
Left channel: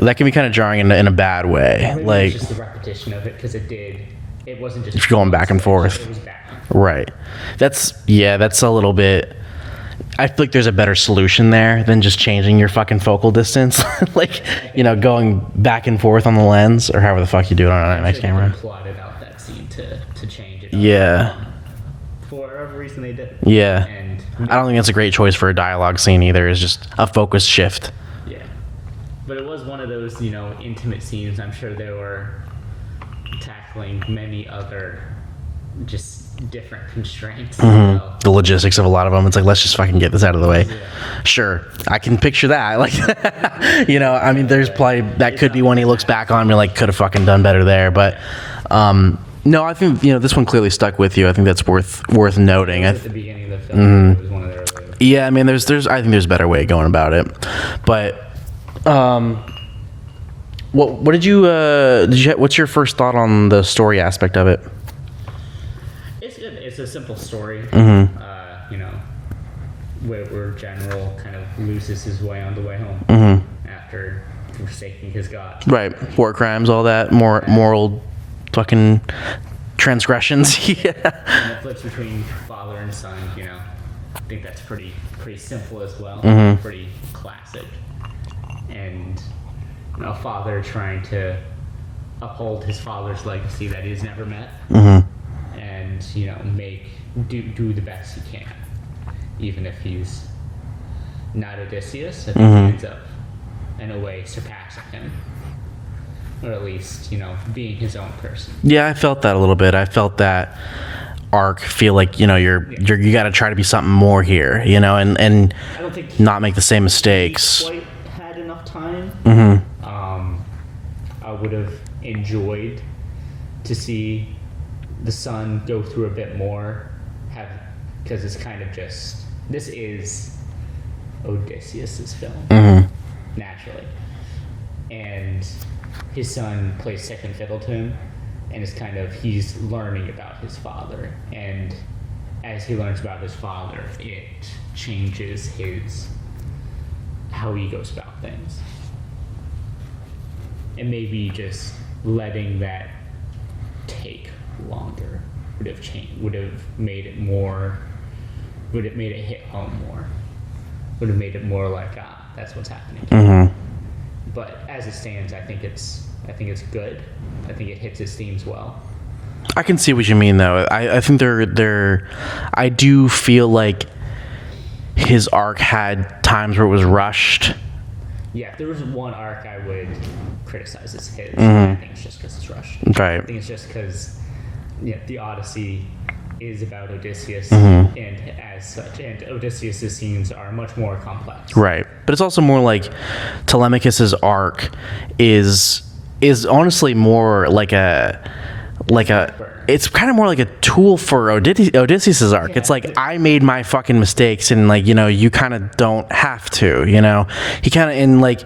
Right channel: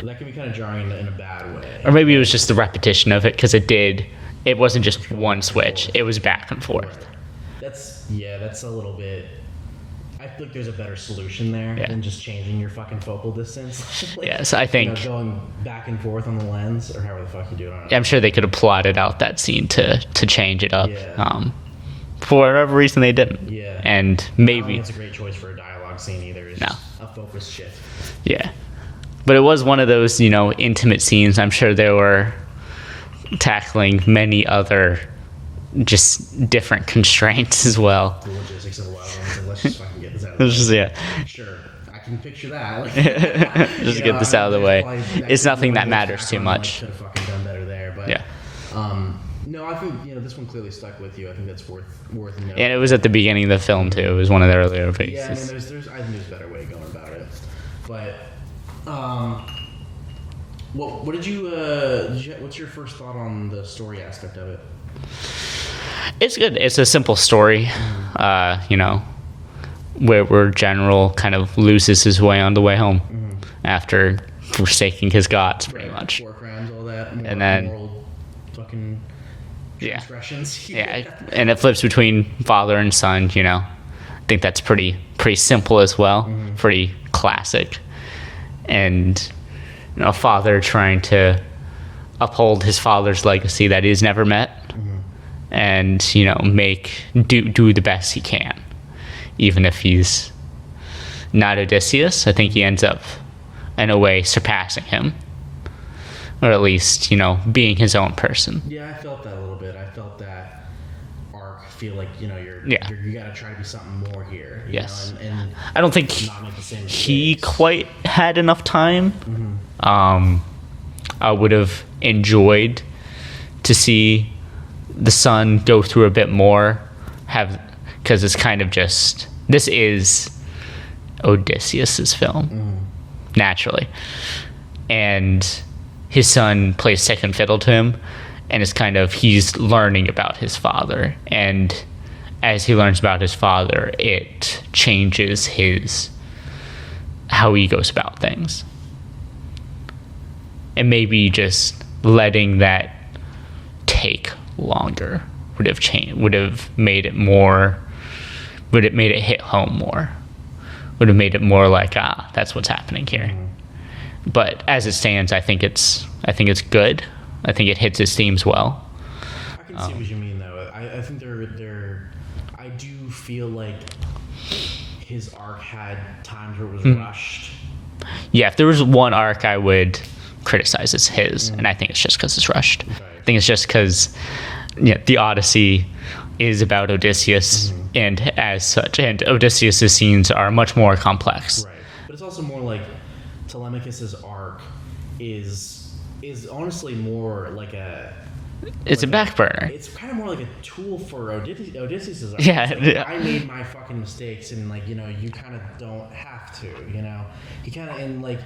That can be kind of jarring in a bad way. Or maybe it was just the repetition of it, because it wasn't just going back and forth. It was back and forth. Right. That's a little bit. I feel like there's a better solution there than just changing your fucking focal distance. Like, Yes, I think- going back and forth on the lens or however the fuck you do it on an I'm sure they could camera. have plotted out that scene to change it up. Yeah. For whatever reason, they didn't. Yeah. And maybe, I don't think it's a great choice for a dialogue scene either. It's just a focus shift. yeah. But it was one of those, intimate scenes. I'm sure they were tackling many other just different constraints as well. The logistics of a lot of them. It's like, let's just fucking get this out of the way. Yeah. Sure, I can picture that. Like, get this I mean, out of the there's way. probably that It's could be nothing one he that looks matters back too on and like much. could have fucking done better there. But no, I think this one clearly stuck with you. I think that's worth noting. And it was at the beginning of the film too. It was one of the earlier. Yeah, I mean, there's I think there's a better way of going about it. But what did you what's your first thought on the story aspect of it? It's good. It's a simple story. Where General kind of loses his way on the way home after forsaking his gods. pretty Right, much. war crimes, all that, And then- moral fucking transgressions. Yeah. And it flips between father and son. I think that's pretty simple as well. Pretty classic. And father trying to uphold his father's legacy that he's never met. And do the best he can, even if he's not Odysseus. I think he ends up in a way surpassing him, or at least being his own person. Yeah, I felt that a little bit. I felt that arc feel like you got to try to be something more here, and I don't think not make the same mistakes. he quite had enough time. I would have enjoyed to see the son go through a bit more, because it's kind of just, this is Odysseus's film, naturally, and his son plays second fiddle to him, and it's kind of, he's learning about his father, and as he learns about his father, it changes how he goes about things. And maybe just letting that take longer would have made it hit home more, would have made it more like, that's what's happening here. But as it stands, I think it's good. I think it hits its themes well. I can see what you mean, though. I think I do feel like his arc had times where it was rushed. Yeah, if there was one arc I would criticize, it's his, and I think it's just because it's rushed. Right. I think it's just because the Odyssey is about Odysseus, and as such, and Odysseus' scenes are much more complex. Right. But it's also more like Telemachus's arc is honestly more like a back burner. It's kind of more like a tool for Odysseus's arc. Yeah. It's like, I made my fucking mistakes, and you kind of don't have to. He kind of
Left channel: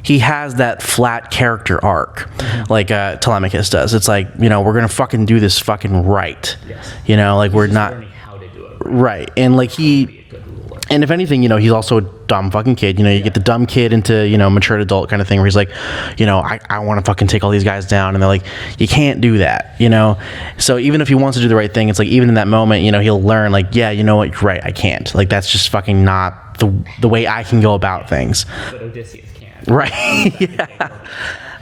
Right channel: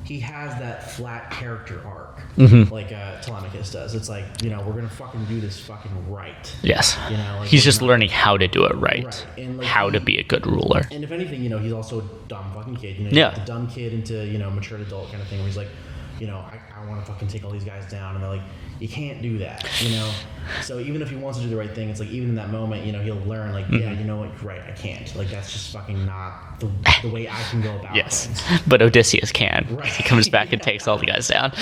he has that flat character arc, like Telemachus does. It's like, we're gonna fucking do this fucking right. Yes. He's He's we're just not learning how to do it right. right, and how to be a good ruler. And if anything, he's also a dumb fucking kid. You get the dumb kid into, matured adult kind of thing where he's like, I want to fucking take all these guys down. And they're like, you can't do that, So even if he wants to do the right thing, it's like, even in that moment, he'll learn, like, yeah, you know what, you're right, I can't. Like, that's just fucking not the way I can go about things. But Odysseus can. Right. He comes back and takes all the guys down.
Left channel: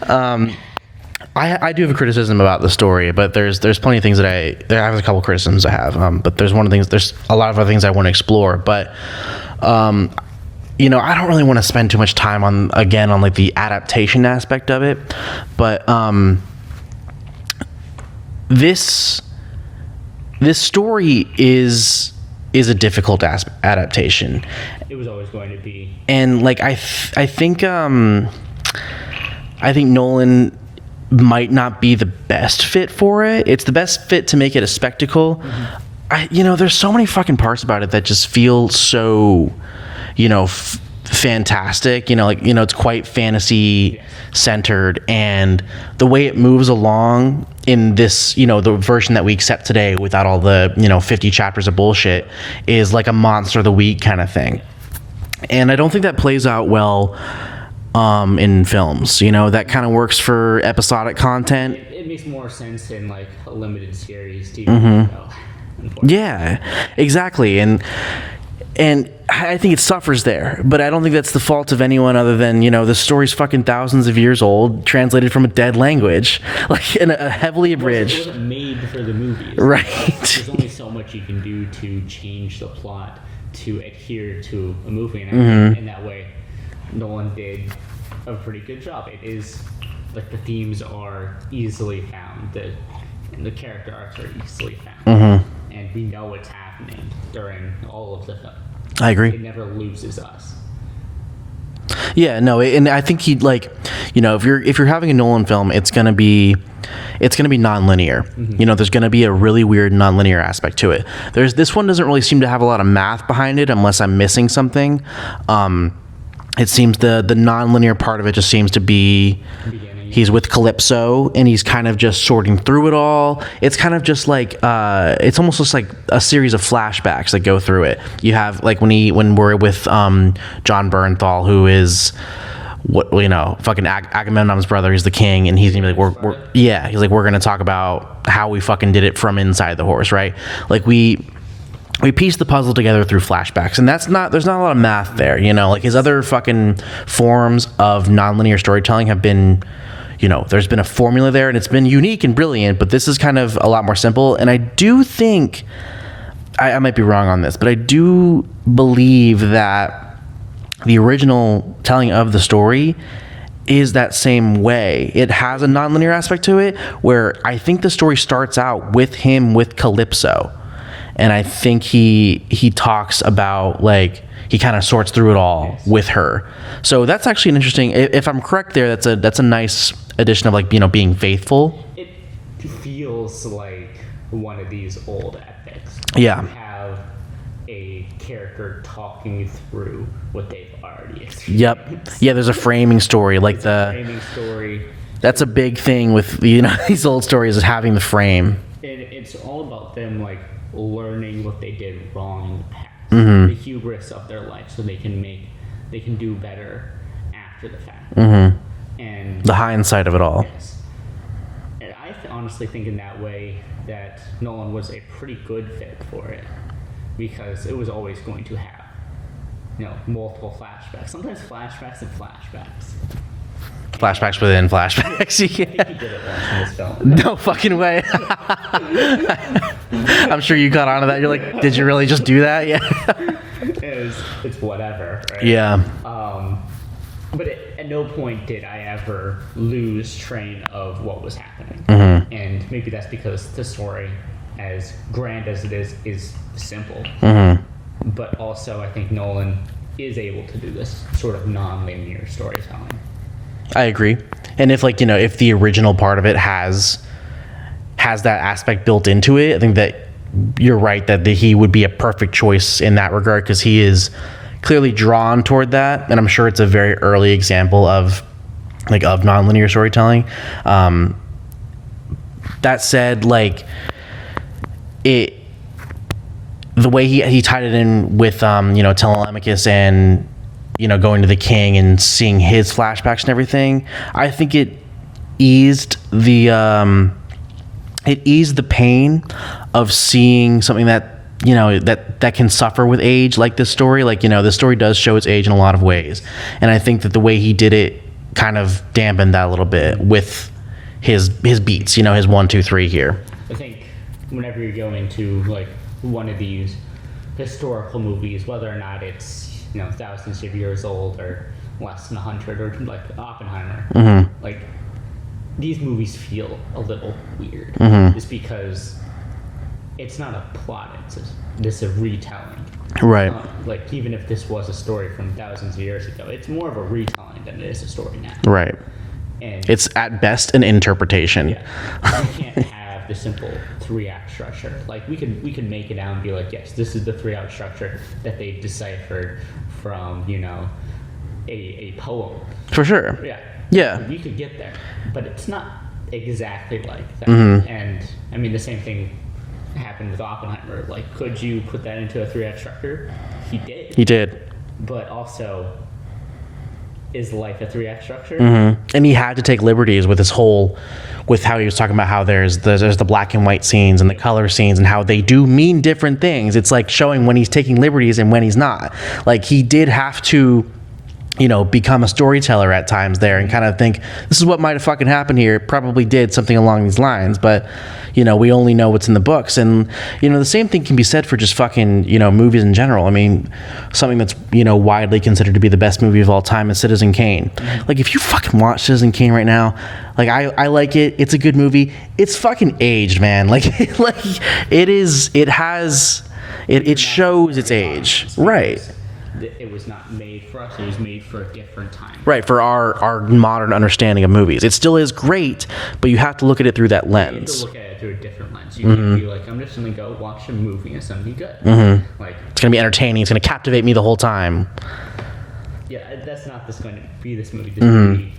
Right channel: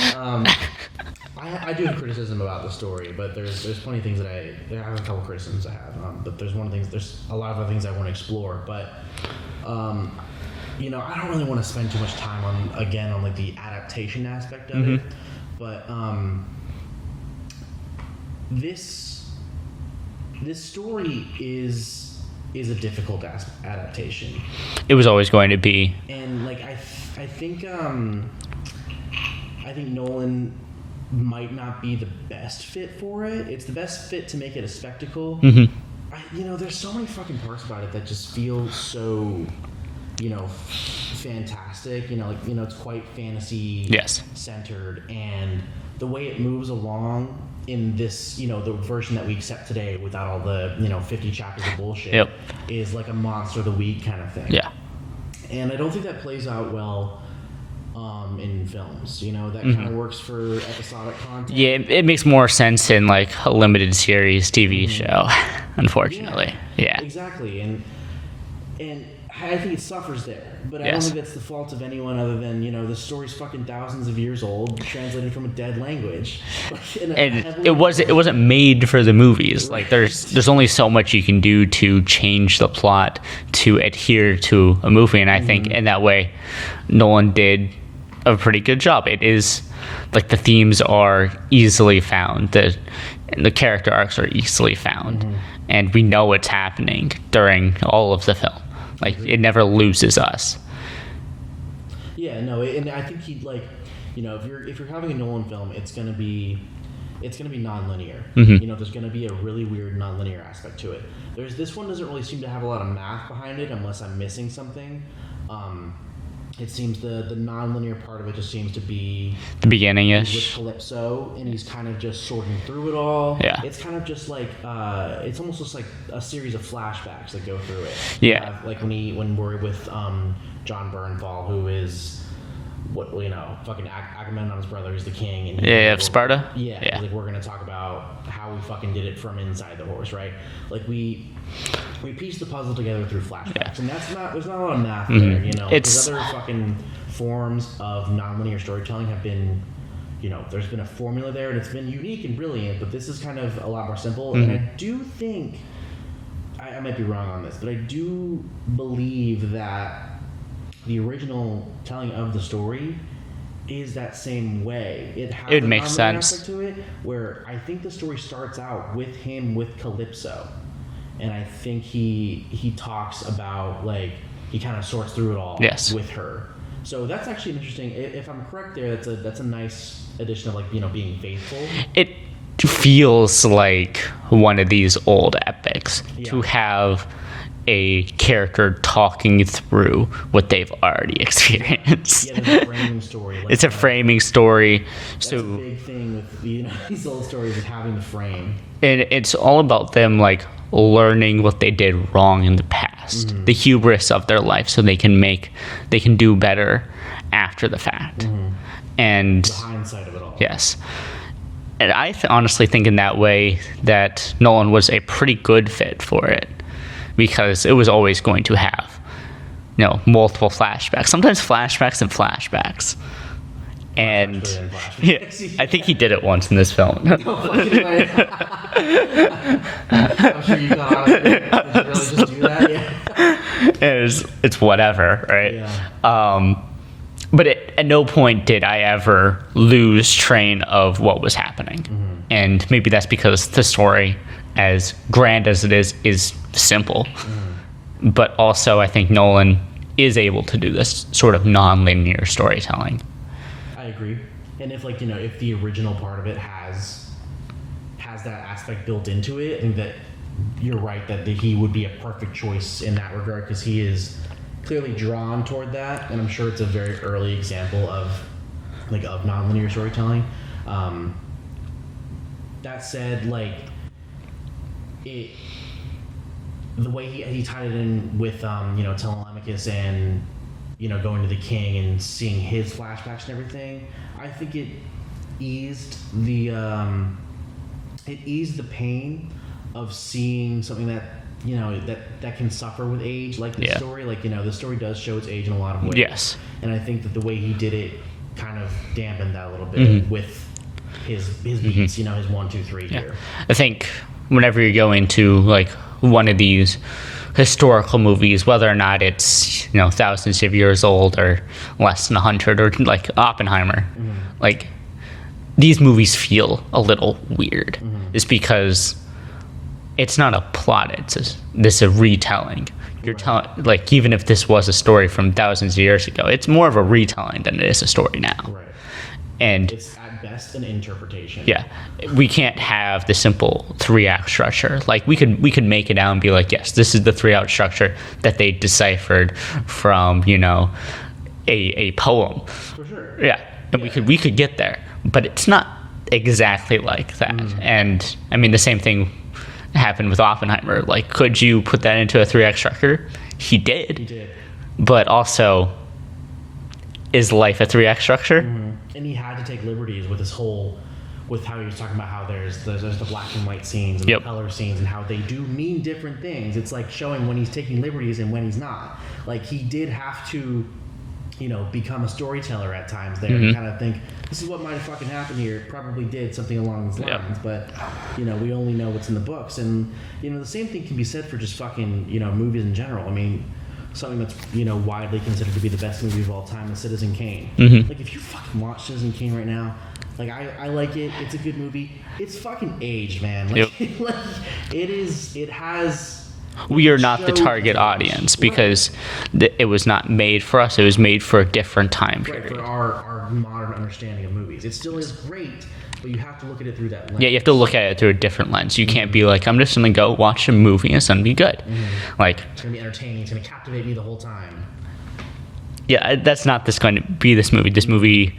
I do have a criticism about the story, but there's plenty of things that I have a couple criticisms I have. But there's a lot of other things I want to explore. But I don't really want to spend too much time on like the adaptation aspect of it. But this story is a difficult adaptation. It was always going to be. And like I think Nolan might not be the best fit for it. It's the best fit to make it a spectacle. There's so many fucking parts about it that just feel so, fantastic. It's quite fantasy centered, and the way it moves along in this, the version that we accept today without all the, 50 chapters of bullshit is like a monster of the week kind of thing. Yeah. And I don't think that plays out well in films. That kind of works for episodic content. Yeah, it makes more sense in like a limited series TV show, unfortunately. Yeah, exactly. And And I think it suffers there, but I don't think that's the fault of anyone other than, the story's fucking thousands of years old, translated from a dead language, like in a heavily abridged. It wasn't made for the movies. Right. Like there's only so much you can do to change the plot to adhere to a movie, and I think in that way, Nolan did a pretty good job. It is like the themes are easily found, the character arcs are easily found, and we know what's happening during all of the film. I agree. It never loses us. Yeah, no, and I think he'd if you're having a Nolan film, it's gonna be non-linear. There's gonna be a really weird non-linear aspect to it. This one doesn't really seem to have a lot of math behind it, unless I'm missing something. It seems the non-linear part of it just seems to be The beginning. He's with Calypso and he's kind of just sorting through it all. Yeah. It's kind of just like it's almost just like a series of flashbacks that go through it. You have like when we're with John Bernthal, who is fucking Agamemnon's brother. He's the king, and he's like, Sparta. He's like, we're gonna talk about how we fucking did it from inside the horse, right? Like we piece the puzzle together through flashbacks, and there's not a lot of math there, like his other fucking forms of nonlinear storytelling have been, there's been a formula there and it's been unique and brilliant, but this is kind of a lot more simple. And I do think I might be wrong on this, but I do believe that the original telling of the story is that same way. It has a nonlinear aspect to it, where I think the story starts out with him with Calypso. And I think he talks about, like, he kind of sorts through it all with her. So that's actually an interesting, if I'm correct there, that's a nice addition of, like, being faithful. It feels like one of these old epics who have a character talking through what they've already experienced. Yeah, there's a framing story. Like, it's a framing story. That's a big thing with, these old stories, is having the frame. And it's all about them, like, learning what they did wrong in the past, the hubris of their life, so they can do better after the fact, and the hindsight of it all. Yes, and I honestly think in that way that Nolan was a pretty good fit for it, because it was always going to have, multiple flashbacks, sometimes flashbacks and flashbacks. Flashbacks within flashbacks. I think he did it once in this film. No fucking way. I'm sure you got onto that. You're like, did you really just do that? Yeah. It's whatever, right? Yeah. But at no point did I ever lose train of what was happening. And maybe that's because the story, as grand as it is simple. But also, I think Nolan is able to do this sort of non-linear storytelling. I agree. And if if the original part of it has that aspect built into it, I think that you're right that he would be a perfect choice in that regard, because he is clearly drawn toward that, and I'm sure it's a very early example of nonlinear storytelling. That said, the way he tied it in with Telemachus and going to the king and seeing his flashbacks and everything, I think it eased the pain of seeing something that that can suffer with age, like this story. This story does show its age in a lot of ways, and I think that the way he did it kind of dampened that a little bit with his beats, his 1, 2, 3 here. I think whenever you go into one of these historical movies, whether or not it's thousands of years old or less than 100, or like Oppenheimer, these movies feel a little weird. It's because it's not a plot; it's a retelling. Right. Even if this was a story from thousands of years ago, it's more of a retelling than it is a story now. Right. And it's at best an interpretation. Yeah, we can't have the simple 3-act structure. We could make it out and be like, yes, this is the 3-act structure that they deciphered from a poem. For sure. Yeah. We could get there, but it's not exactly like that. And I mean, the same thing happened with Oppenheimer. Could you put that into a 3-act structure? He did. But also, is life a 3-act structure? And he had to take liberties with his whole with how he was talking about how there's the black and white scenes and the color scenes and how they do mean different things. It's like showing when he's taking liberties and when he's not. Like he did have to, you know, become a storyteller at times there and kind of think this is what might have fucking happened here. It probably did something along these lines, but you know, we only know what's in the books. And, you know, the same thing can be said for just fucking, you know, movies in general. I mean, something that's, you know, widely considered to be the best movie of all time is Citizen Kane. Like, if you fucking watch Citizen Kane right now, like, I like it. It's a good movie. It's fucking aged, man. Like, like it is, it has... We are not the target audience because it was not made for us. It was made for a different time. Right, for our modern understanding of movies. It still is great, but you have to look at it through that lens. Yeah, you have to look at it through a different lens. You can't be like, I'm just going to go watch a movie and it's going to be good. Like, it's going to be entertaining. It's going to captivate me the whole time. Yeah, that's not going to be this movie. This movie,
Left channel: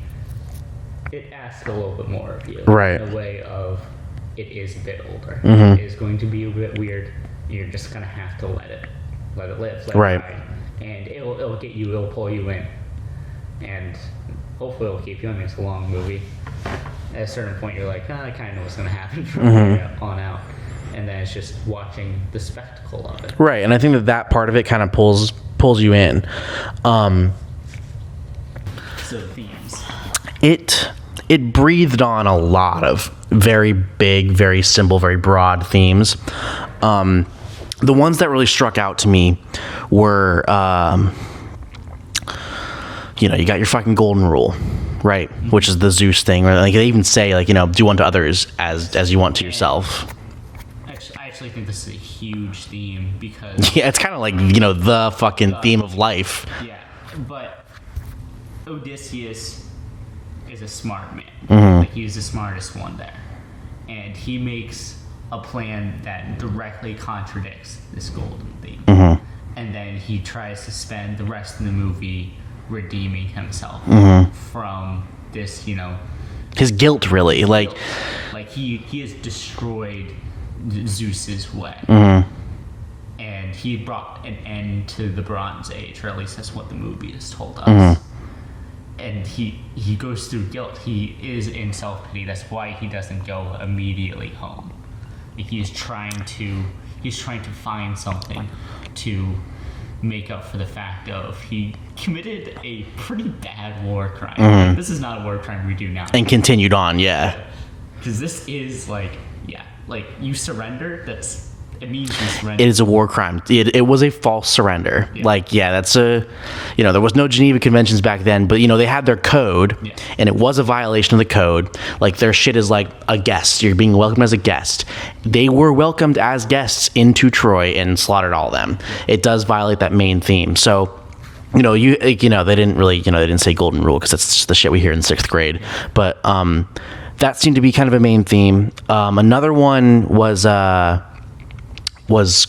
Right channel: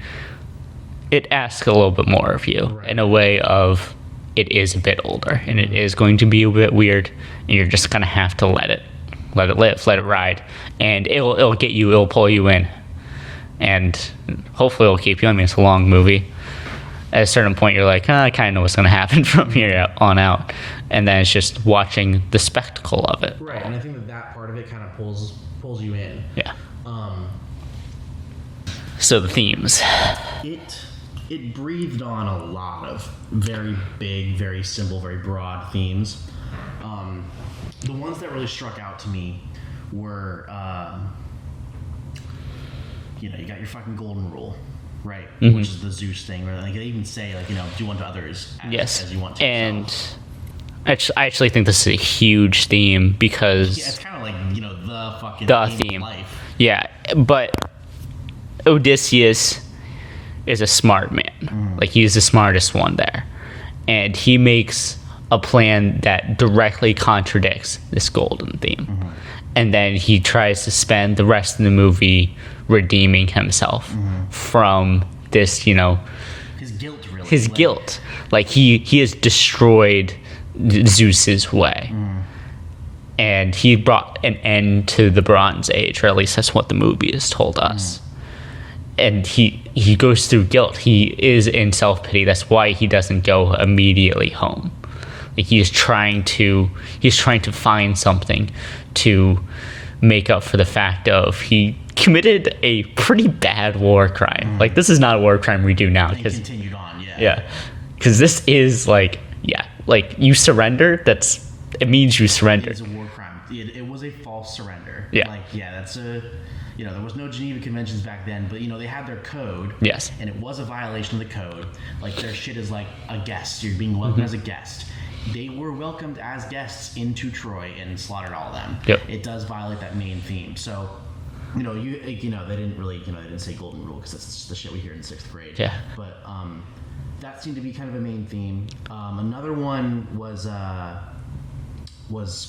it asks a little bit more of you. Right. In a way of, it is a bit older. And it is going to be a bit weird. And you're just gonna have to let it live, let it ride, and it'll get you, it'll pull you in, and hopefully it'll keep you. I mean, it's a long movie. At a certain point, you're like, I kind of know what's gonna happen from here on out, and then it's just watching the spectacle of it. Right, and I think that part of it kind of pulls you in. Yeah. So the themes. It breathed on a lot of very big, very simple, very broad themes. The ones that really struck out to me were, you know, you got your fucking golden rule, right? Which is the Zeus thing. Right? Like they even say, like, you know, do unto others as you want to yourself. I actually think this is a huge theme because... Yeah, it's kind of like, you know, the fucking theme of life. Yeah, but Odysseus is a smart man. Like, he's the smartest one there. And he makes a plan that directly contradicts this golden theme. And then he tries to spend the rest of the movie redeeming himself from this, you know... His guilt, really. His guilt. Like, he has destroyed Zeus's way. And he brought an end to the Bronze Age, or at least that's what the movie has told us. And he goes through guilt. He is in self-pity. That's why he doesn't go immediately home. Like, he's trying to find something to make up for the fact of he committed a pretty bad war crime. Like, this is not a war crime we do now. And continued on, yeah. Because this is like you surrender. It means you surrender. It is a war crime. It was a false surrender. Yeah. Like, yeah, that's you know, there was no Geneva Conventions back then, but, you know, they had their code. Yes. And it was a violation of the code. Like, their shit is like a guest. You're being welcomed as a guest. They were welcomed as guests into Troy and slaughtered all of them. Yep. It does violate that main theme. So, you know, they didn't really, you know, they didn't say golden rule because that's just the shit we hear in 6th grade. Yeah. But that seemed to be kind of a main theme. Another one was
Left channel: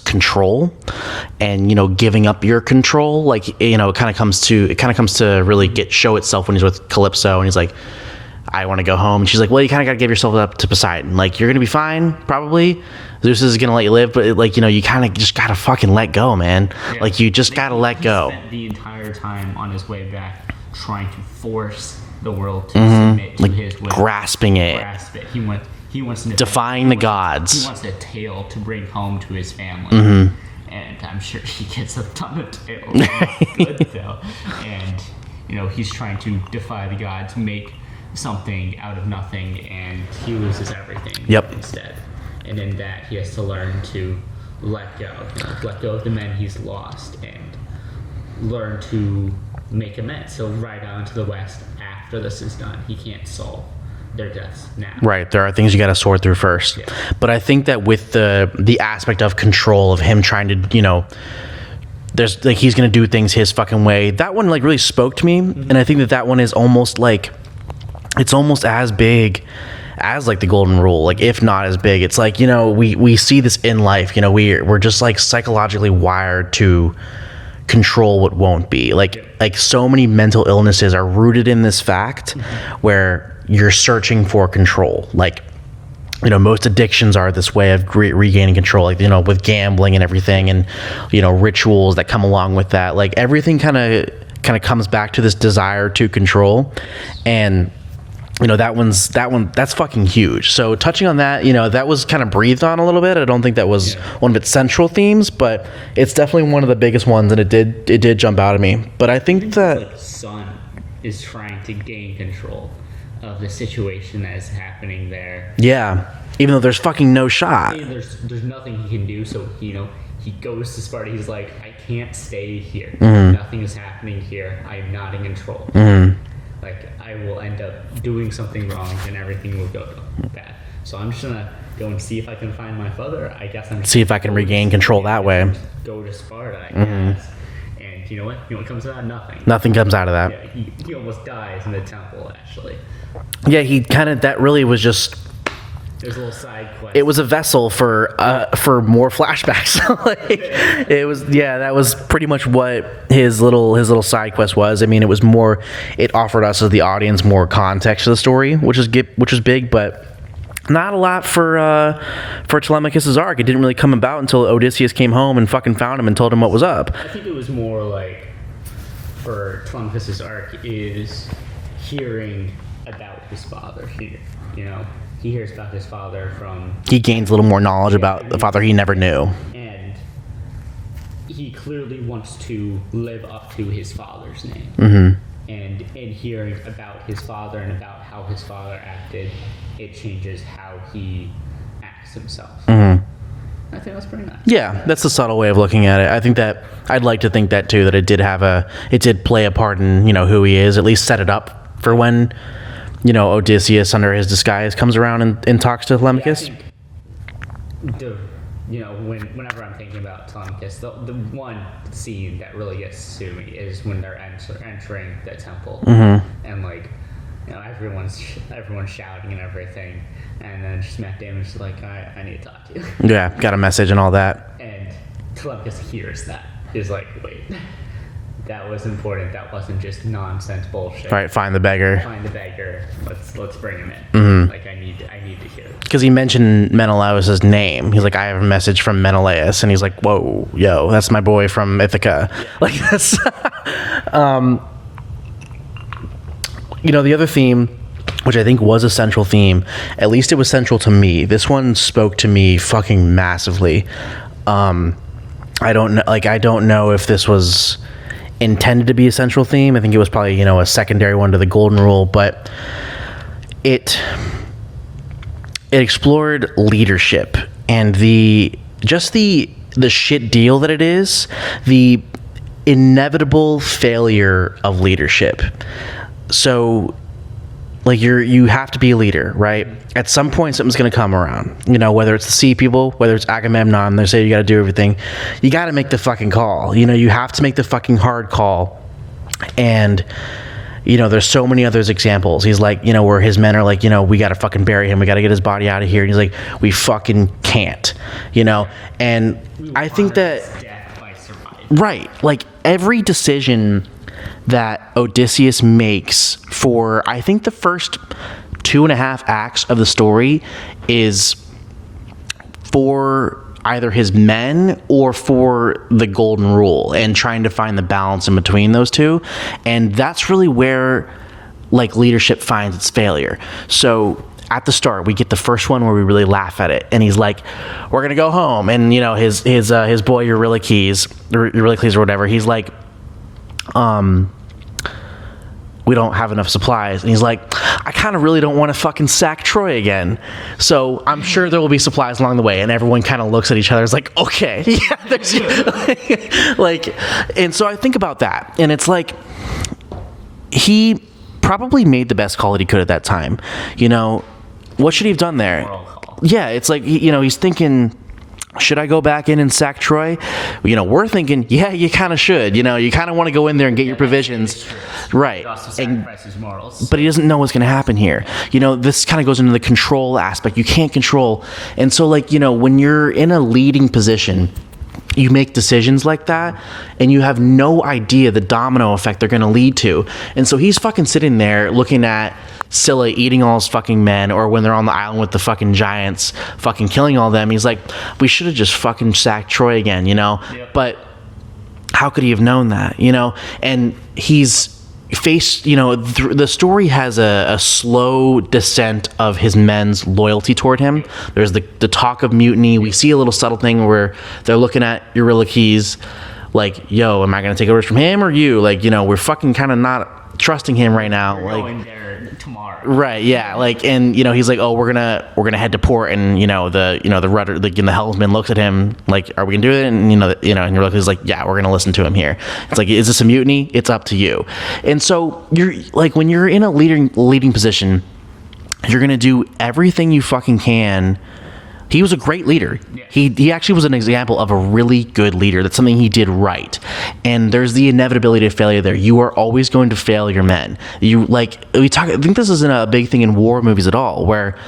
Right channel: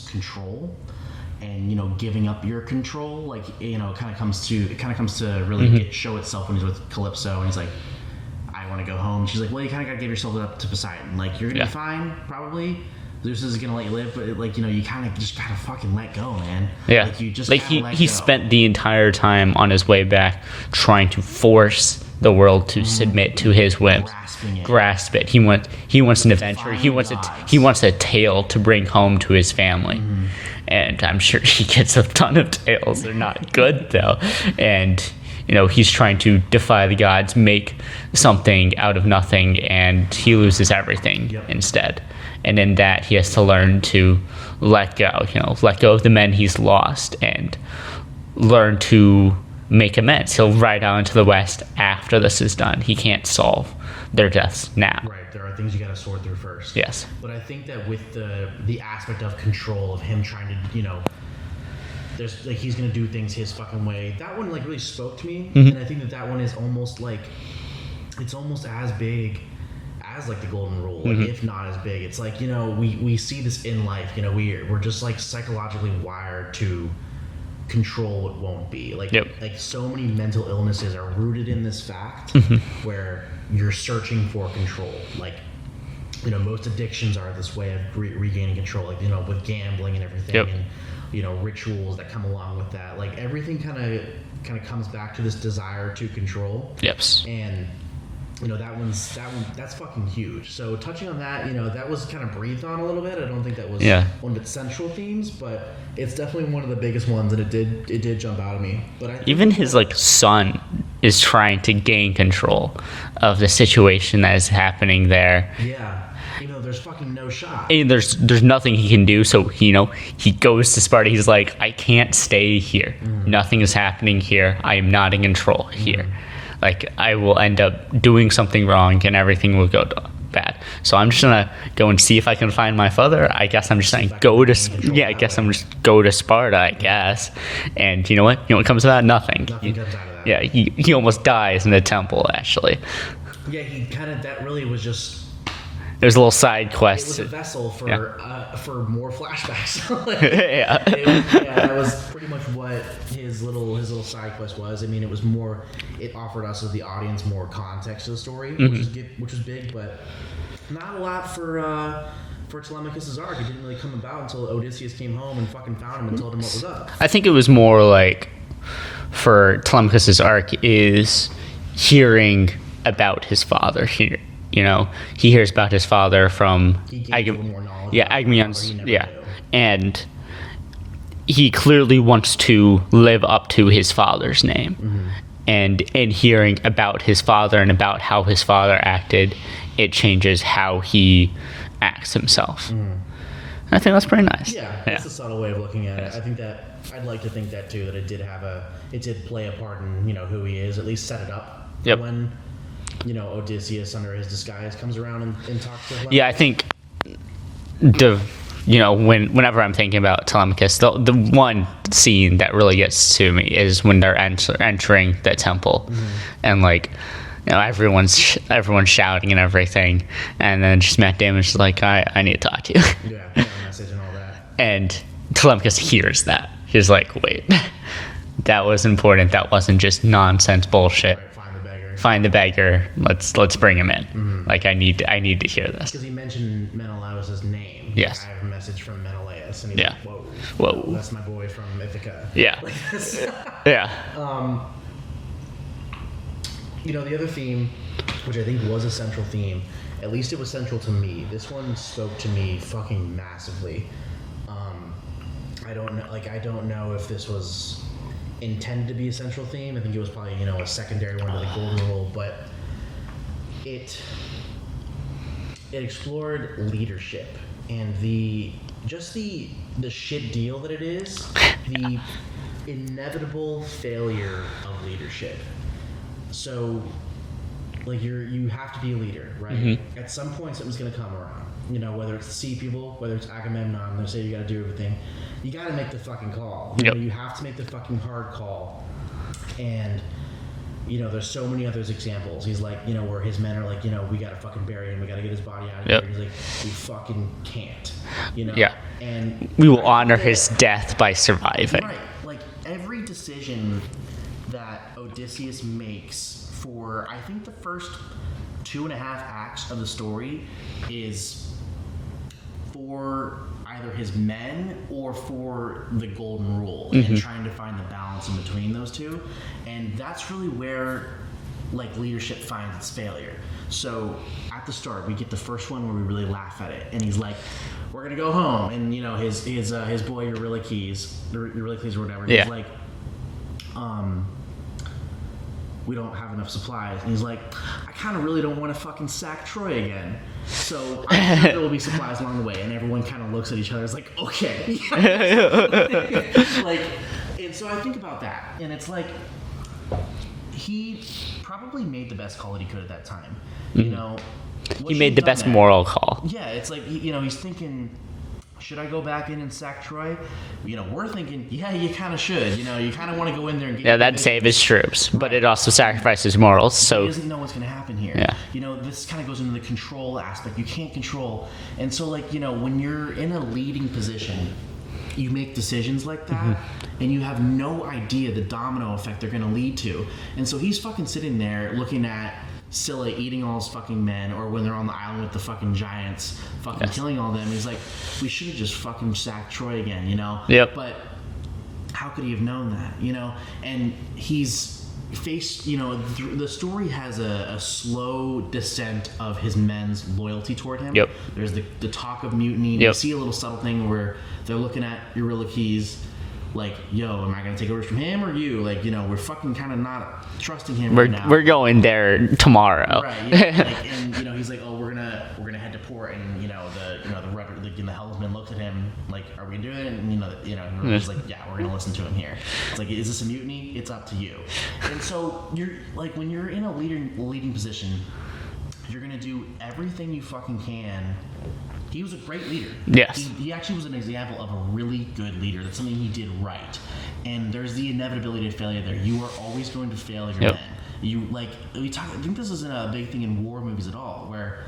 control, and, you know, giving up your control. Like, you know, it kind of comes to really show itself when he's with Calypso, and he's like, I want to go home, and she's like, well, you kind of got to give yourself up to Poseidon. Like, you're gonna be fine, probably. Zeus is gonna let you live, but like, you know, you kind of just gotta fucking let go, man. Yeah. Like, you just gotta let go. He spent the entire time on his way back trying to force the world to submit to his will. Grasp it. He wants an adventure. Defying the gods. He wants a tale to bring home to his family. And I'm sure he gets a ton of tales. They're not good, though. And, you know, he's trying to defy the gods, make something out of nothing, and he loses everything instead. And in that, he has to learn to let go. You know, let go of the men he's lost and learn to make amends. He'll ride out into the West after this is done. He can't solve their deaths now. Right. There are things you got to sort through first. Yes. But I think that with the aspect of control, of him trying to, you know, there's like, he's going to do things his fucking way. That one like really spoke to me. And I think that one is almost like, it's almost as big as like the golden rule, like if not as big. It's like, you know, we see this in life, you know, we're just like psychologically wired to control what won't be. Like, like so many mental illnesses are rooted in this fact where you're searching for control. Like, you know, most addictions are this way of regaining control, like, you know, with gambling and everything, and, you know, rituals that come along with that. Like, everything kind of comes back to this desire to control. Yes. And that's fucking huge. So touching on that, that was kind of breathed on a little bit. I don't think that was one of its central themes, but it's definitely one of the biggest ones, and it did jump out at me. But I think even that his son is trying to gain control of the situation that is happening there. Yeah. Even though there's fucking no shot. There's nothing he can do. So, he goes to Sparta. He's like, I can't stay here. Mm-hmm. Nothing is happening here. I am not in control here. Like, I will end up doing something wrong and everything will go bad. So I'm just going to go and see if I can find my father. I guess I'm just see if I can regain control that way. I'm just go to Sparta, I guess. And you know what? You know what comes of that? Nothing. Nothing comes out of that. Yeah, he almost dies in the temple, actually. Yeah, that really was just... There's a little side quest. It was a vessel for more flashbacks. That was pretty much what his little side quest was. I mean, it was more. It offered us as the audience more context to the story, which was big, but not a lot for Telemachus' arc. It didn't really come about until Odysseus came home and fucking found him and told him what was up. I think it was more like for Telemachus' arc is hearing about his father here. He hears about his father from... He gains a little more knowledge about the father he never knew. And he clearly wants to live up to his father's name. And in hearing about his father and about how his father acted, it changes how he acts himself. I think that's pretty nice. Yeah, that's a subtle way of looking at it. I think that... I'd like to think that, too, that it did play a part in, who he is, at least set it up for when... Odysseus under his disguise comes around and talks to Telemachus. Yeah, I think whenever I'm thinking about Telemachus, the one scene that really gets to me is when they're entering the temple, and everyone's shouting and everything, and then just Matt Damon's just like, I need to talk to you. Yeah, got a message and all that. And Telemachus hears that. He's like, wait. That was important. That wasn't just nonsense bullshit. All right, find the beggar. Let's bring him in. Like, I need to hear this. Because he mentioned Menelaus' name. He's like, I have a message from Menelaus, and he's like, whoa, that's my boy from Ithaca. Yeah. Like that's. Yeah. The other theme, which I think was a central theme, at least it was central to me. This one spoke to me fucking massively. I don't know if this was intended to be a central theme. I think it was probably a secondary one to the golden rule, but it explored leadership and the shit deal that it is, the inevitable failure of leadership. So you have to be a leader, right? At some point something's going to come around, whether it's the sea people, whether it's Agamemnon, they say you got to do everything. You got to make the fucking call. You have to make the fucking hard call. And there's so many other examples. He's like, where his men are like, we got to fucking bury him, we got to get his body out of here, and he's like, we fucking can't, and we will honor his death by surviving, right? Like every decision that Odysseus makes for, I think, the first 2.5 acts of the story is for either his men or for the golden rule, and trying to find the balance in between those two. And that's really where leadership finds its failure. So at the start, we get the first one where we really laugh at it, and he's like, we're gonna go home, and his boy Eurylochus or whatever, he's like, we don't have enough supplies. And he's like, I kind of really don't want to fucking sack Troy again. So I'm sure there will be supplies along the way. And everyone kind of looks at each other. It's like, okay. And so I think about that. And it's like, he probably made the best call that he could at that time. What should he have done there? Moral call. Yeah, it's like, he's thinking, should I go back in and sack Troy? We're thinking, yeah, you kind of should. You kind of want to go in there and get your provisions. Save his troops. Right. But it also sacrifices morals. So. But he doesn't know what's going to happen here. Yeah. This kind of goes into the control aspect. You can't control. And so, when you're in a leading position, you make decisions like that, and you have no idea the domino effect they're going to lead to. And so he's fucking sitting there looking at Scylla eating all his fucking men, or when they're on the island with the fucking giants fucking killing all them, he's like, we should have just fucking sacked Troy again, Yep. But how could he have known that, And he's face, the story has a slow descent of his men's loyalty toward him. Yep. There's the talk of mutiny. We see a little subtle thing where they're looking at Eurylochus like, yo, am I going to take orders from him or you? Like, we're fucking kind of not trusting him right now. We're going there tomorrow. Right, yeah. Like, and he's like, oh, we're gonna head to port, and the rudder, the helmsman looks at him like, are we gonna do it? And and Eurylochus like, yeah, we're gonna listen to him here. It's like, is this a mutiny? It's up to you. And so you're like, when you're in a leading position, you're gonna do everything you fucking can. He was a great leader. Yes. He actually was an example of a really good leader. That's something he did right. And there's the inevitability of failure there. You are always going to fail your men. I think this isn't a big thing in war movies at all, where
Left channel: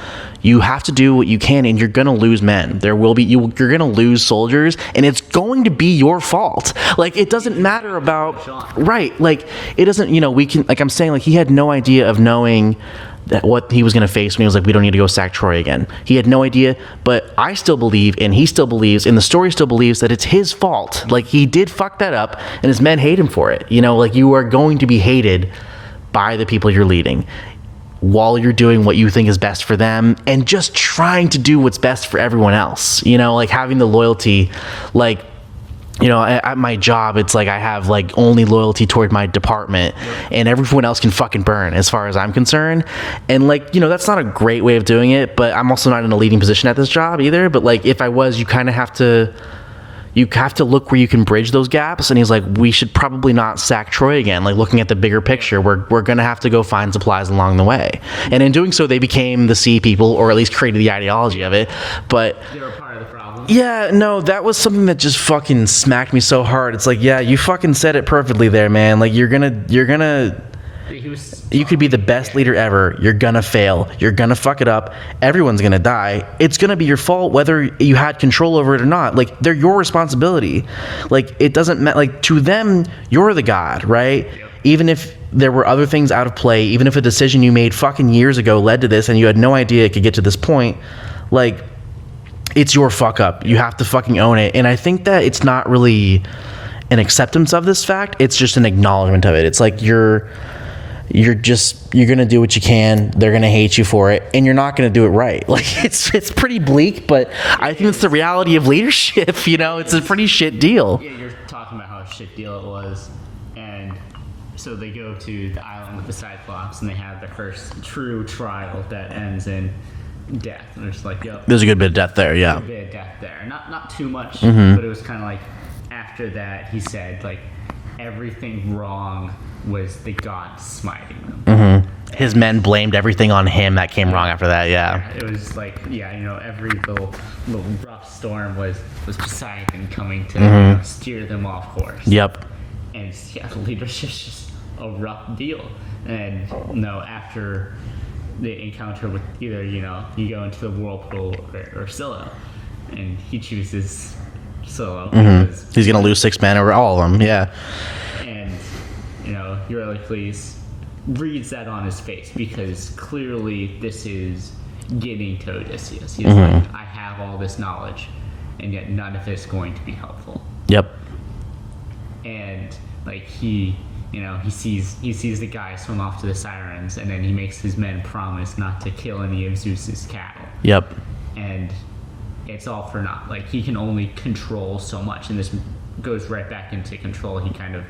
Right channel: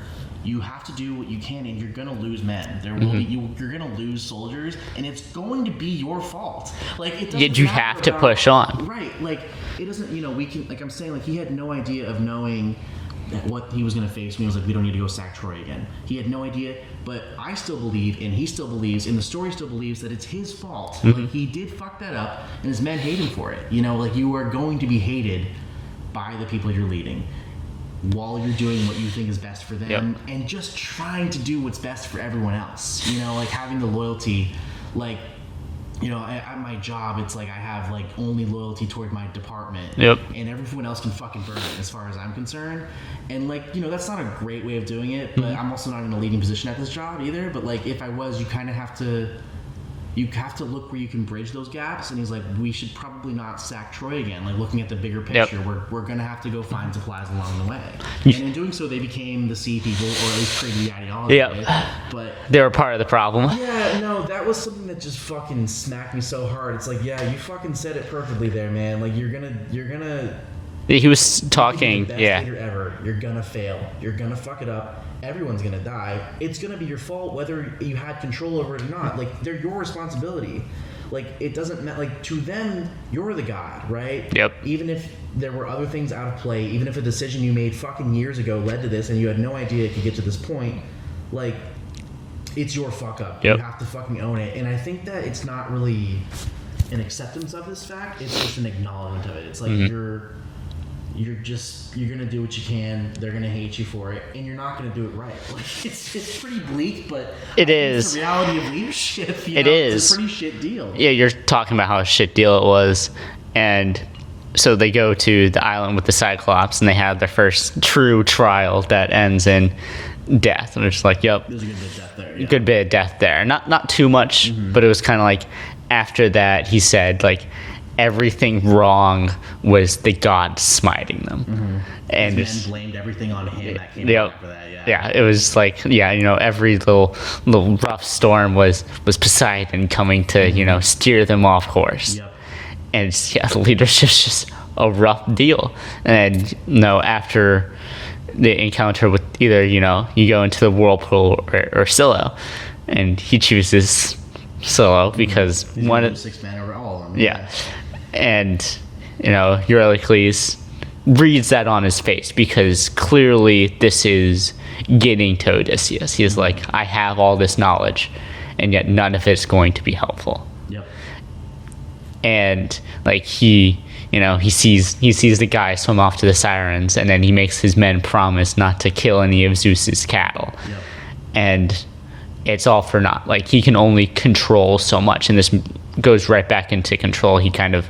you have to do what you can, and you're going to lose men. There will be you're going to lose soldiers, and it's going to be your fault. Like, it doesn't matter have about to push on. Right. Like, it doesn't. We can. Like I'm saying, like, he had no idea of knowing that what he was going to face when he was like, we don't need to go sack Troy again. He had no idea, but I still believe, and he still believes, and the story still believes that it's his fault. Mm-hmm. Like, he did fuck that up, and his men hate him for it. Like, you are going to be hated by the people you're leading while you're doing what you think is best for them, and just trying to do what's best for everyone else. Like, having the loyalty, like, at my job, it's like I have like only loyalty toward my department, and everyone else can fucking burn as far as I'm concerned. And like, that's not a great way of doing it, but I'm also not in a leading position at this job either. But like, if I was, you kind of have to look where you can bridge those gaps. And he's like, we should probably not sack Troy again. Like, looking at the bigger picture, we're going to have to go find supplies along the way. And in doing so, they became the sea people, or at least created the ideology of it. But they were part of the problem. Yeah, no, that was something that just fucking smacked me so hard. It's like, yeah, you fucking said it perfectly there, man. Like, you're gonna he was talking, you could be the best leader ever. You're gonna fail. You're gonna fuck it up. Everyone's gonna die. It's gonna be your fault whether you had control over it or not. Like, they're your responsibility. Like, it doesn't matter. Like, to them, you're the god, right? Yep. Even if there were other things out of play, even if a decision you made fucking years ago led to this and you had no idea it could get to this point, like, it's your fuck up. You have to fucking own it. And I think that it's not really an acceptance of this fact. It's just an acknowledgement of it. It's like, you're gonna do what you can. They're gonna hate you for it, and you're not gonna do it right. Like, it's pretty bleak, but I think it's the reality of leadership. It's a pretty shit deal. Yeah, you're talking about how a shit deal it was, and so they go to the island with the Cyclops, and they have their first true trial that ends in death, and it's like, yep, there's a good bit of death there. Yeah, good bit of death there. Not too much, but it was kind of like after that he said like, everything wrong was the gods smiting them. Mm-hmm. His men blamed everything on him that came wrong after that. Yeah, it was like, every little rough storm was Poseidon coming to steer them off course. Yep. And the leadership's just a rough deal. And after the encounter with either you go into the whirlpool or Scylla, and he chooses Scylla because he's gonna lose 6 men over all of them. Yeah. And Eurylochus reads that on his face, because clearly this is getting to Odysseus. He's like, I have all this knowledge, and yet none of it's going to be helpful. Yep. And like, he sees the guy swim off to the Sirens, and then he makes his men promise not to kill any of Zeus's cattle. Yep. And it's all for naught. Like, he can only control so much, and this goes right back into control. He kind of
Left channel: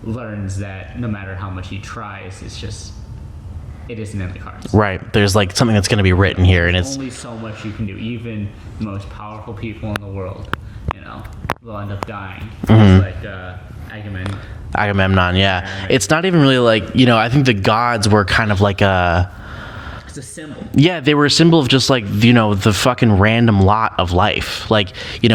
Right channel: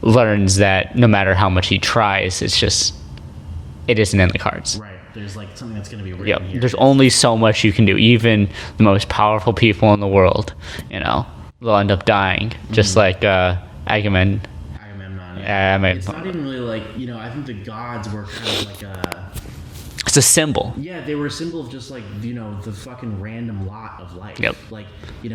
learns that no matter how much he tries, it isn't in the cards. Right. There's like something that's going to be written here. There's only so much you can do. Even the most powerful people in the world, they'll end up dying. Just like Agamemnon. Yeah. It's not even really like, I think the gods were kind of like it's a symbol. Yeah, they were a symbol of just like, the fucking random lot of life. Yep. Like,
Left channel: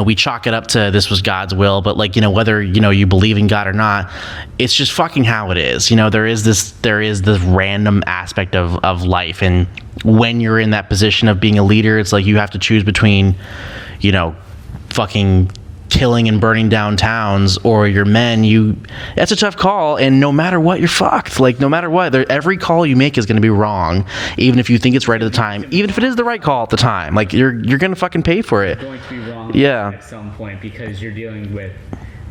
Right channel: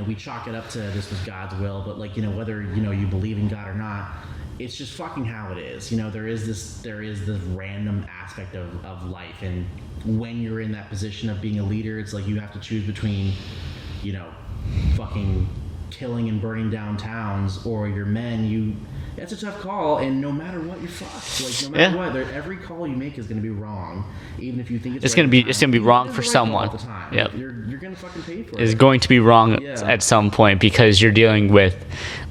we chalk it up to this was God's will, but like, whether, you believe in God or not, it's just fucking how it is. There is this random aspect of life. And when you're in that position of being a leader, it's like you have to choose between, fucking killing and burning down towns or your men. That's a tough call, and no matter what, you're fucked. Like, no matter what, every call you make is going to be wrong, even if you think it's right at the time, even if it is the right call at the time. Like, you're going to fucking pay for it. It's going to be wrong at some point, because you're dealing with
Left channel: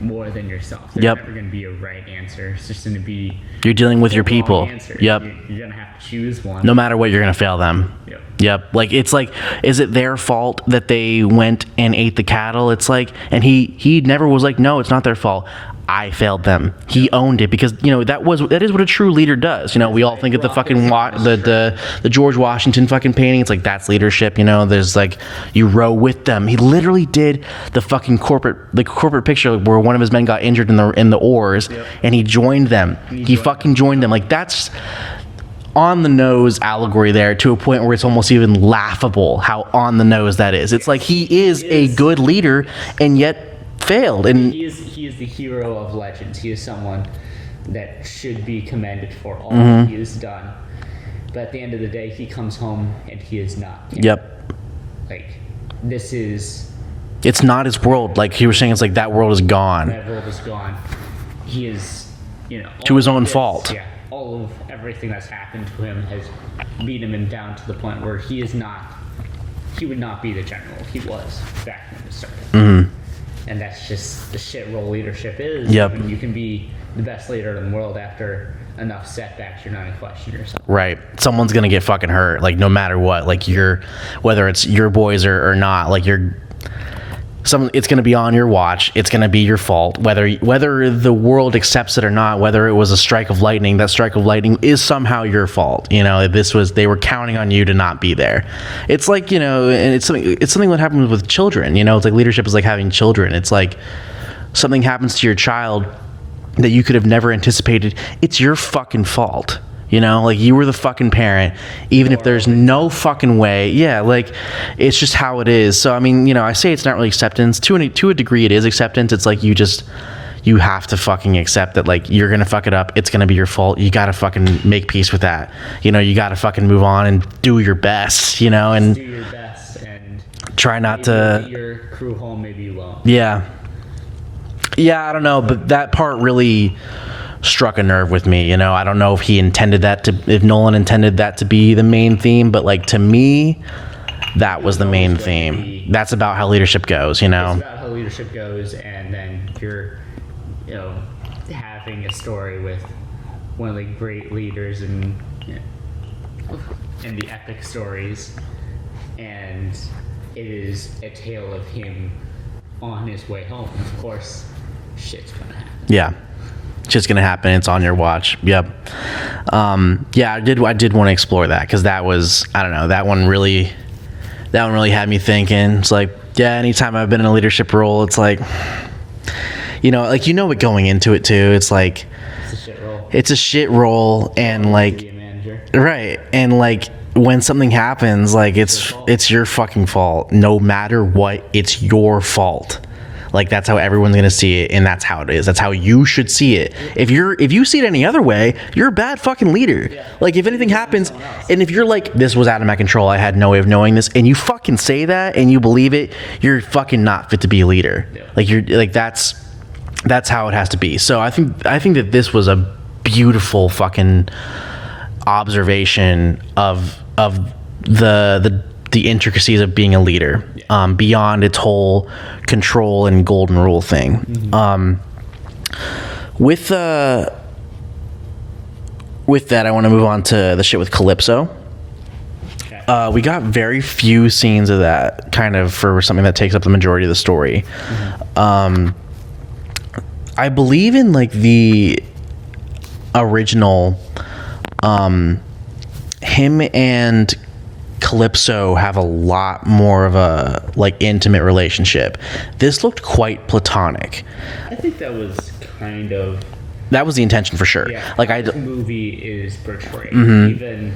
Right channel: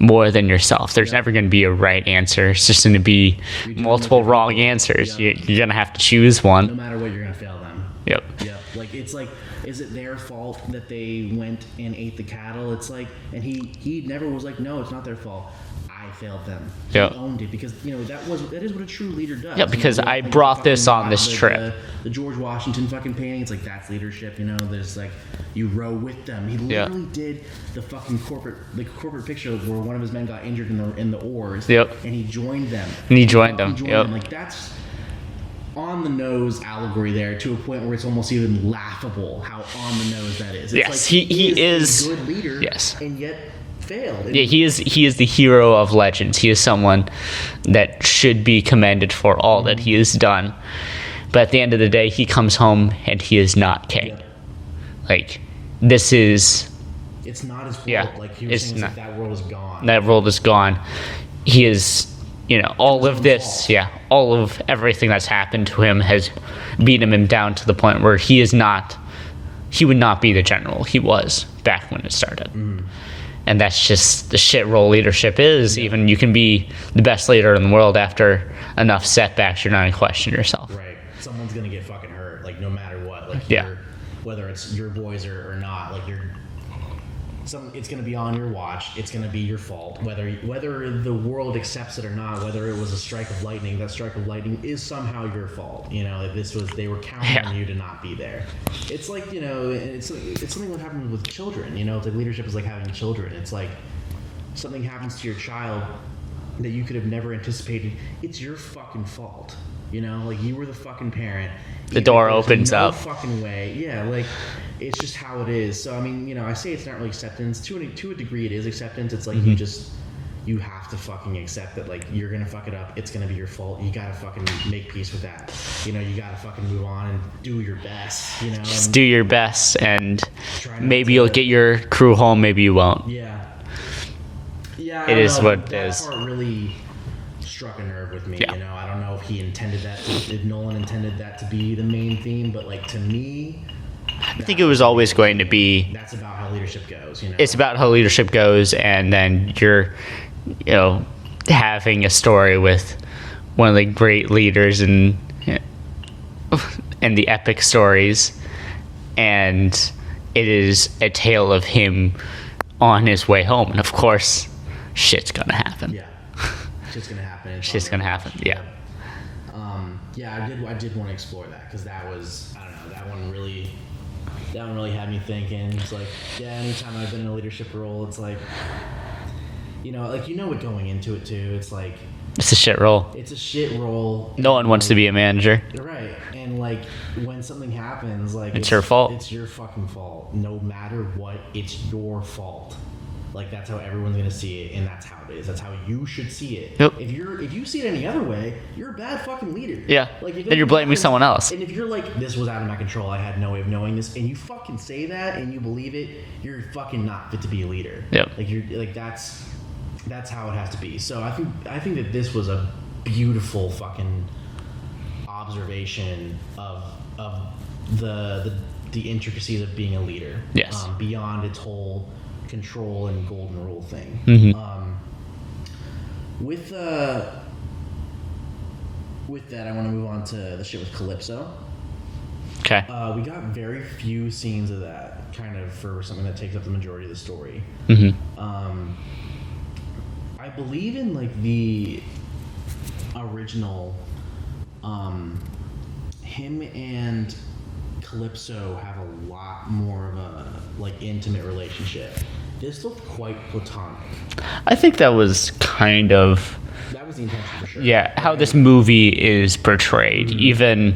more than yourself. There's Yep. never going to be a right answer. It's just going to be You're dealing with multiple your wrong people. answers. Yep. You're going to have to choose one. No matter what, you're gonna fail them. Yep. Yep. Like, it's like, is it their fault that they went and ate the cattle? It's like, and he never was like, no, it's not their fault. I failed them. He Yep. owned it because that is what a true leader does. Yep, You know, because we all I think of the brought fucking this on this trip. the George Washington fucking painting. It's like, that's leadership. You know, there's like, you row with them. He literally did the fucking corporate picture where one of his men got injured in the oars. Yep. And he joined them. And he joined fucking them. joined Yep. them. Like, that's on the nose allegory there, to a point where it's almost even laughable how on the nose that is. It's Yes, like he is a good leader, yes. and yet failed. And He is the hero of legends. He is someone that should be commended for all that he has done. But at the end of the day, he comes home and he is not king. Yep. Like, this is... It's not his world. Yeah, like you were saying, it's like that world is gone. That world is gone. He is, all To his of own this, fault. Yeah, all of everything that's happened to him has beaten him down to the point where he would not be the general he was back when it started. Mm-hmm. And that's just the shit role leadership is. Yep. Even you can be the best leader in the world after enough setbacks, you're not going to question yourself. Right. Someone's gonna get fucking hurt, like, no matter what. Like, whether it's your boys or not, like, it's gonna be on your watch. It's gonna be your fault, whether the world accepts it or not. Whether it was a strike of lightning, that strike of lightning is somehow your fault. You know, they were counting on you to not be there. It's like, and it's something that happens with children. You know, it's like leadership is like having children. It's like something happens to your child that you could have never anticipated. It's your fucking fault. You know, like, you were the fucking parent, even if there's no fucking way. Yeah, like, it's just how it is. So, I mean, I say it's not really acceptance. To a degree, it is acceptance. It's like, you have to fucking accept that, like, you're gonna fuck it up. It's gonna be your fault. You gotta fucking make peace with that. You gotta fucking move on and do your best, and Just do your best and try not maybe to... you'll get your crew home, maybe you won't. Yeah. Yeah, I don't know, but that part really struck a nerve with me. I don't know if if Nolan intended that to be the main theme, but, like, to me, that it was was the always main going theme. to be... That's about how leadership goes. It's about how leadership goes, and then you're having a story with one of the great leaders and the epic stories, and it is a tale of him on his way home, and of course shit's gonna happen. Yeah, shit's gonna happen. It's on your watch. Happen. Yep. I did want to explore that, because that was, I don't know, that one really had me thinking. It's like, yeah, anytime I've been in a leadership role, it's like, it going into it too. It's like, It's a shit role. It's a shit role. No one wants to be a manager. Right. And, like, when something happens, like, it's your fault. It's your fucking fault. No matter what, it's your fault. Like, that's how everyone's gonna see it, and that's how it is. That's how you should see it. Yep. If you see it any other way, you're a bad fucking leader. Yeah. Like, if Then anything you're blaming happens, someone else. and if you're like, this was out of my control, I had no way of knowing this, and you fucking say that and you believe it, you're fucking not fit to be a leader. Yep. Like, you're like, that's how it has to be. So I think that this was a beautiful fucking observation of the intricacies of being a leader. Yes. Beyond its whole control and golden rule thing. Mm-hmm. With that, I want to move on to the shit with Calypso. Okay. We got very few scenes of that, kind of, for something that takes up the majority of the story. Mm-hmm. I believe in, like, the original, him and Calypso have a lot more of a, like, intimate relationship. This looked quite platonic. I think that was kind of... That was the intention, for sure. Yeah, like, how this movie is portrayed, even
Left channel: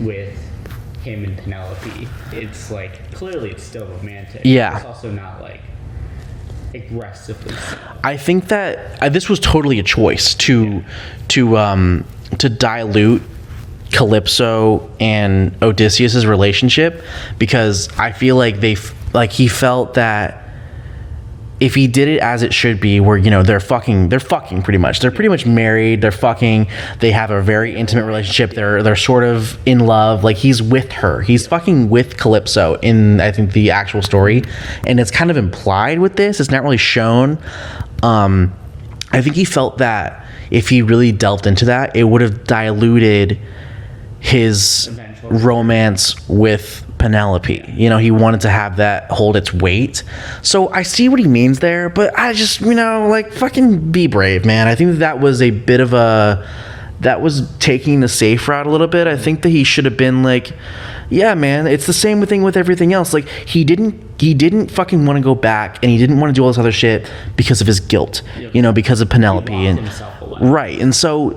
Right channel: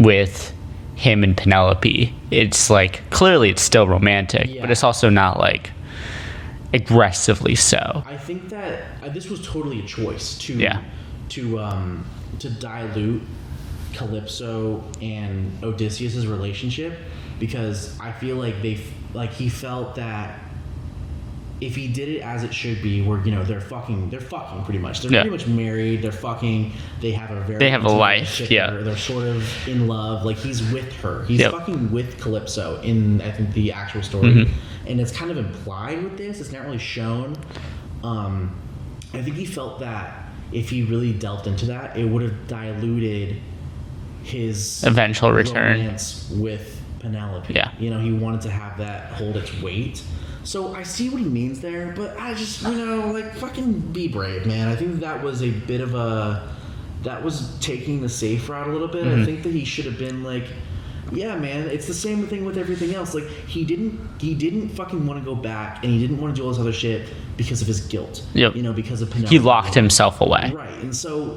with him and Penelope. It's like, clearly it's still romantic. Yeah. But it's also not, like, aggressively so. I think that this was totally a choice to dilute Calypso and Odysseus's relationship, because I feel like he felt that if he did it as it should be, where, they're fucking pretty much. They're pretty much married. They're fucking. They have a very intimate relationship. Yeah. They're sort of in love. Like, he's with her. He's fucking with Calypso in, I think, the actual story, and it's kind of implied with this. It's not really shown. I think he felt that if he really delved into that, it would have diluted his eventual return. romance with Penelope. Yeah. You know, he wanted to have that hold its weight. So I see what he means there, but I just, you know, like, fucking be brave, man. I think that was a bit of a... That was taking the safe route a little bit. I think that he should have been like, yeah, man, it's the same thing with everything else. Like, he didn't fucking want to go back, and he didn't want to do all this other shit because of his guilt. Yep. You know, because of Penelope. He locked himself away. Right. And so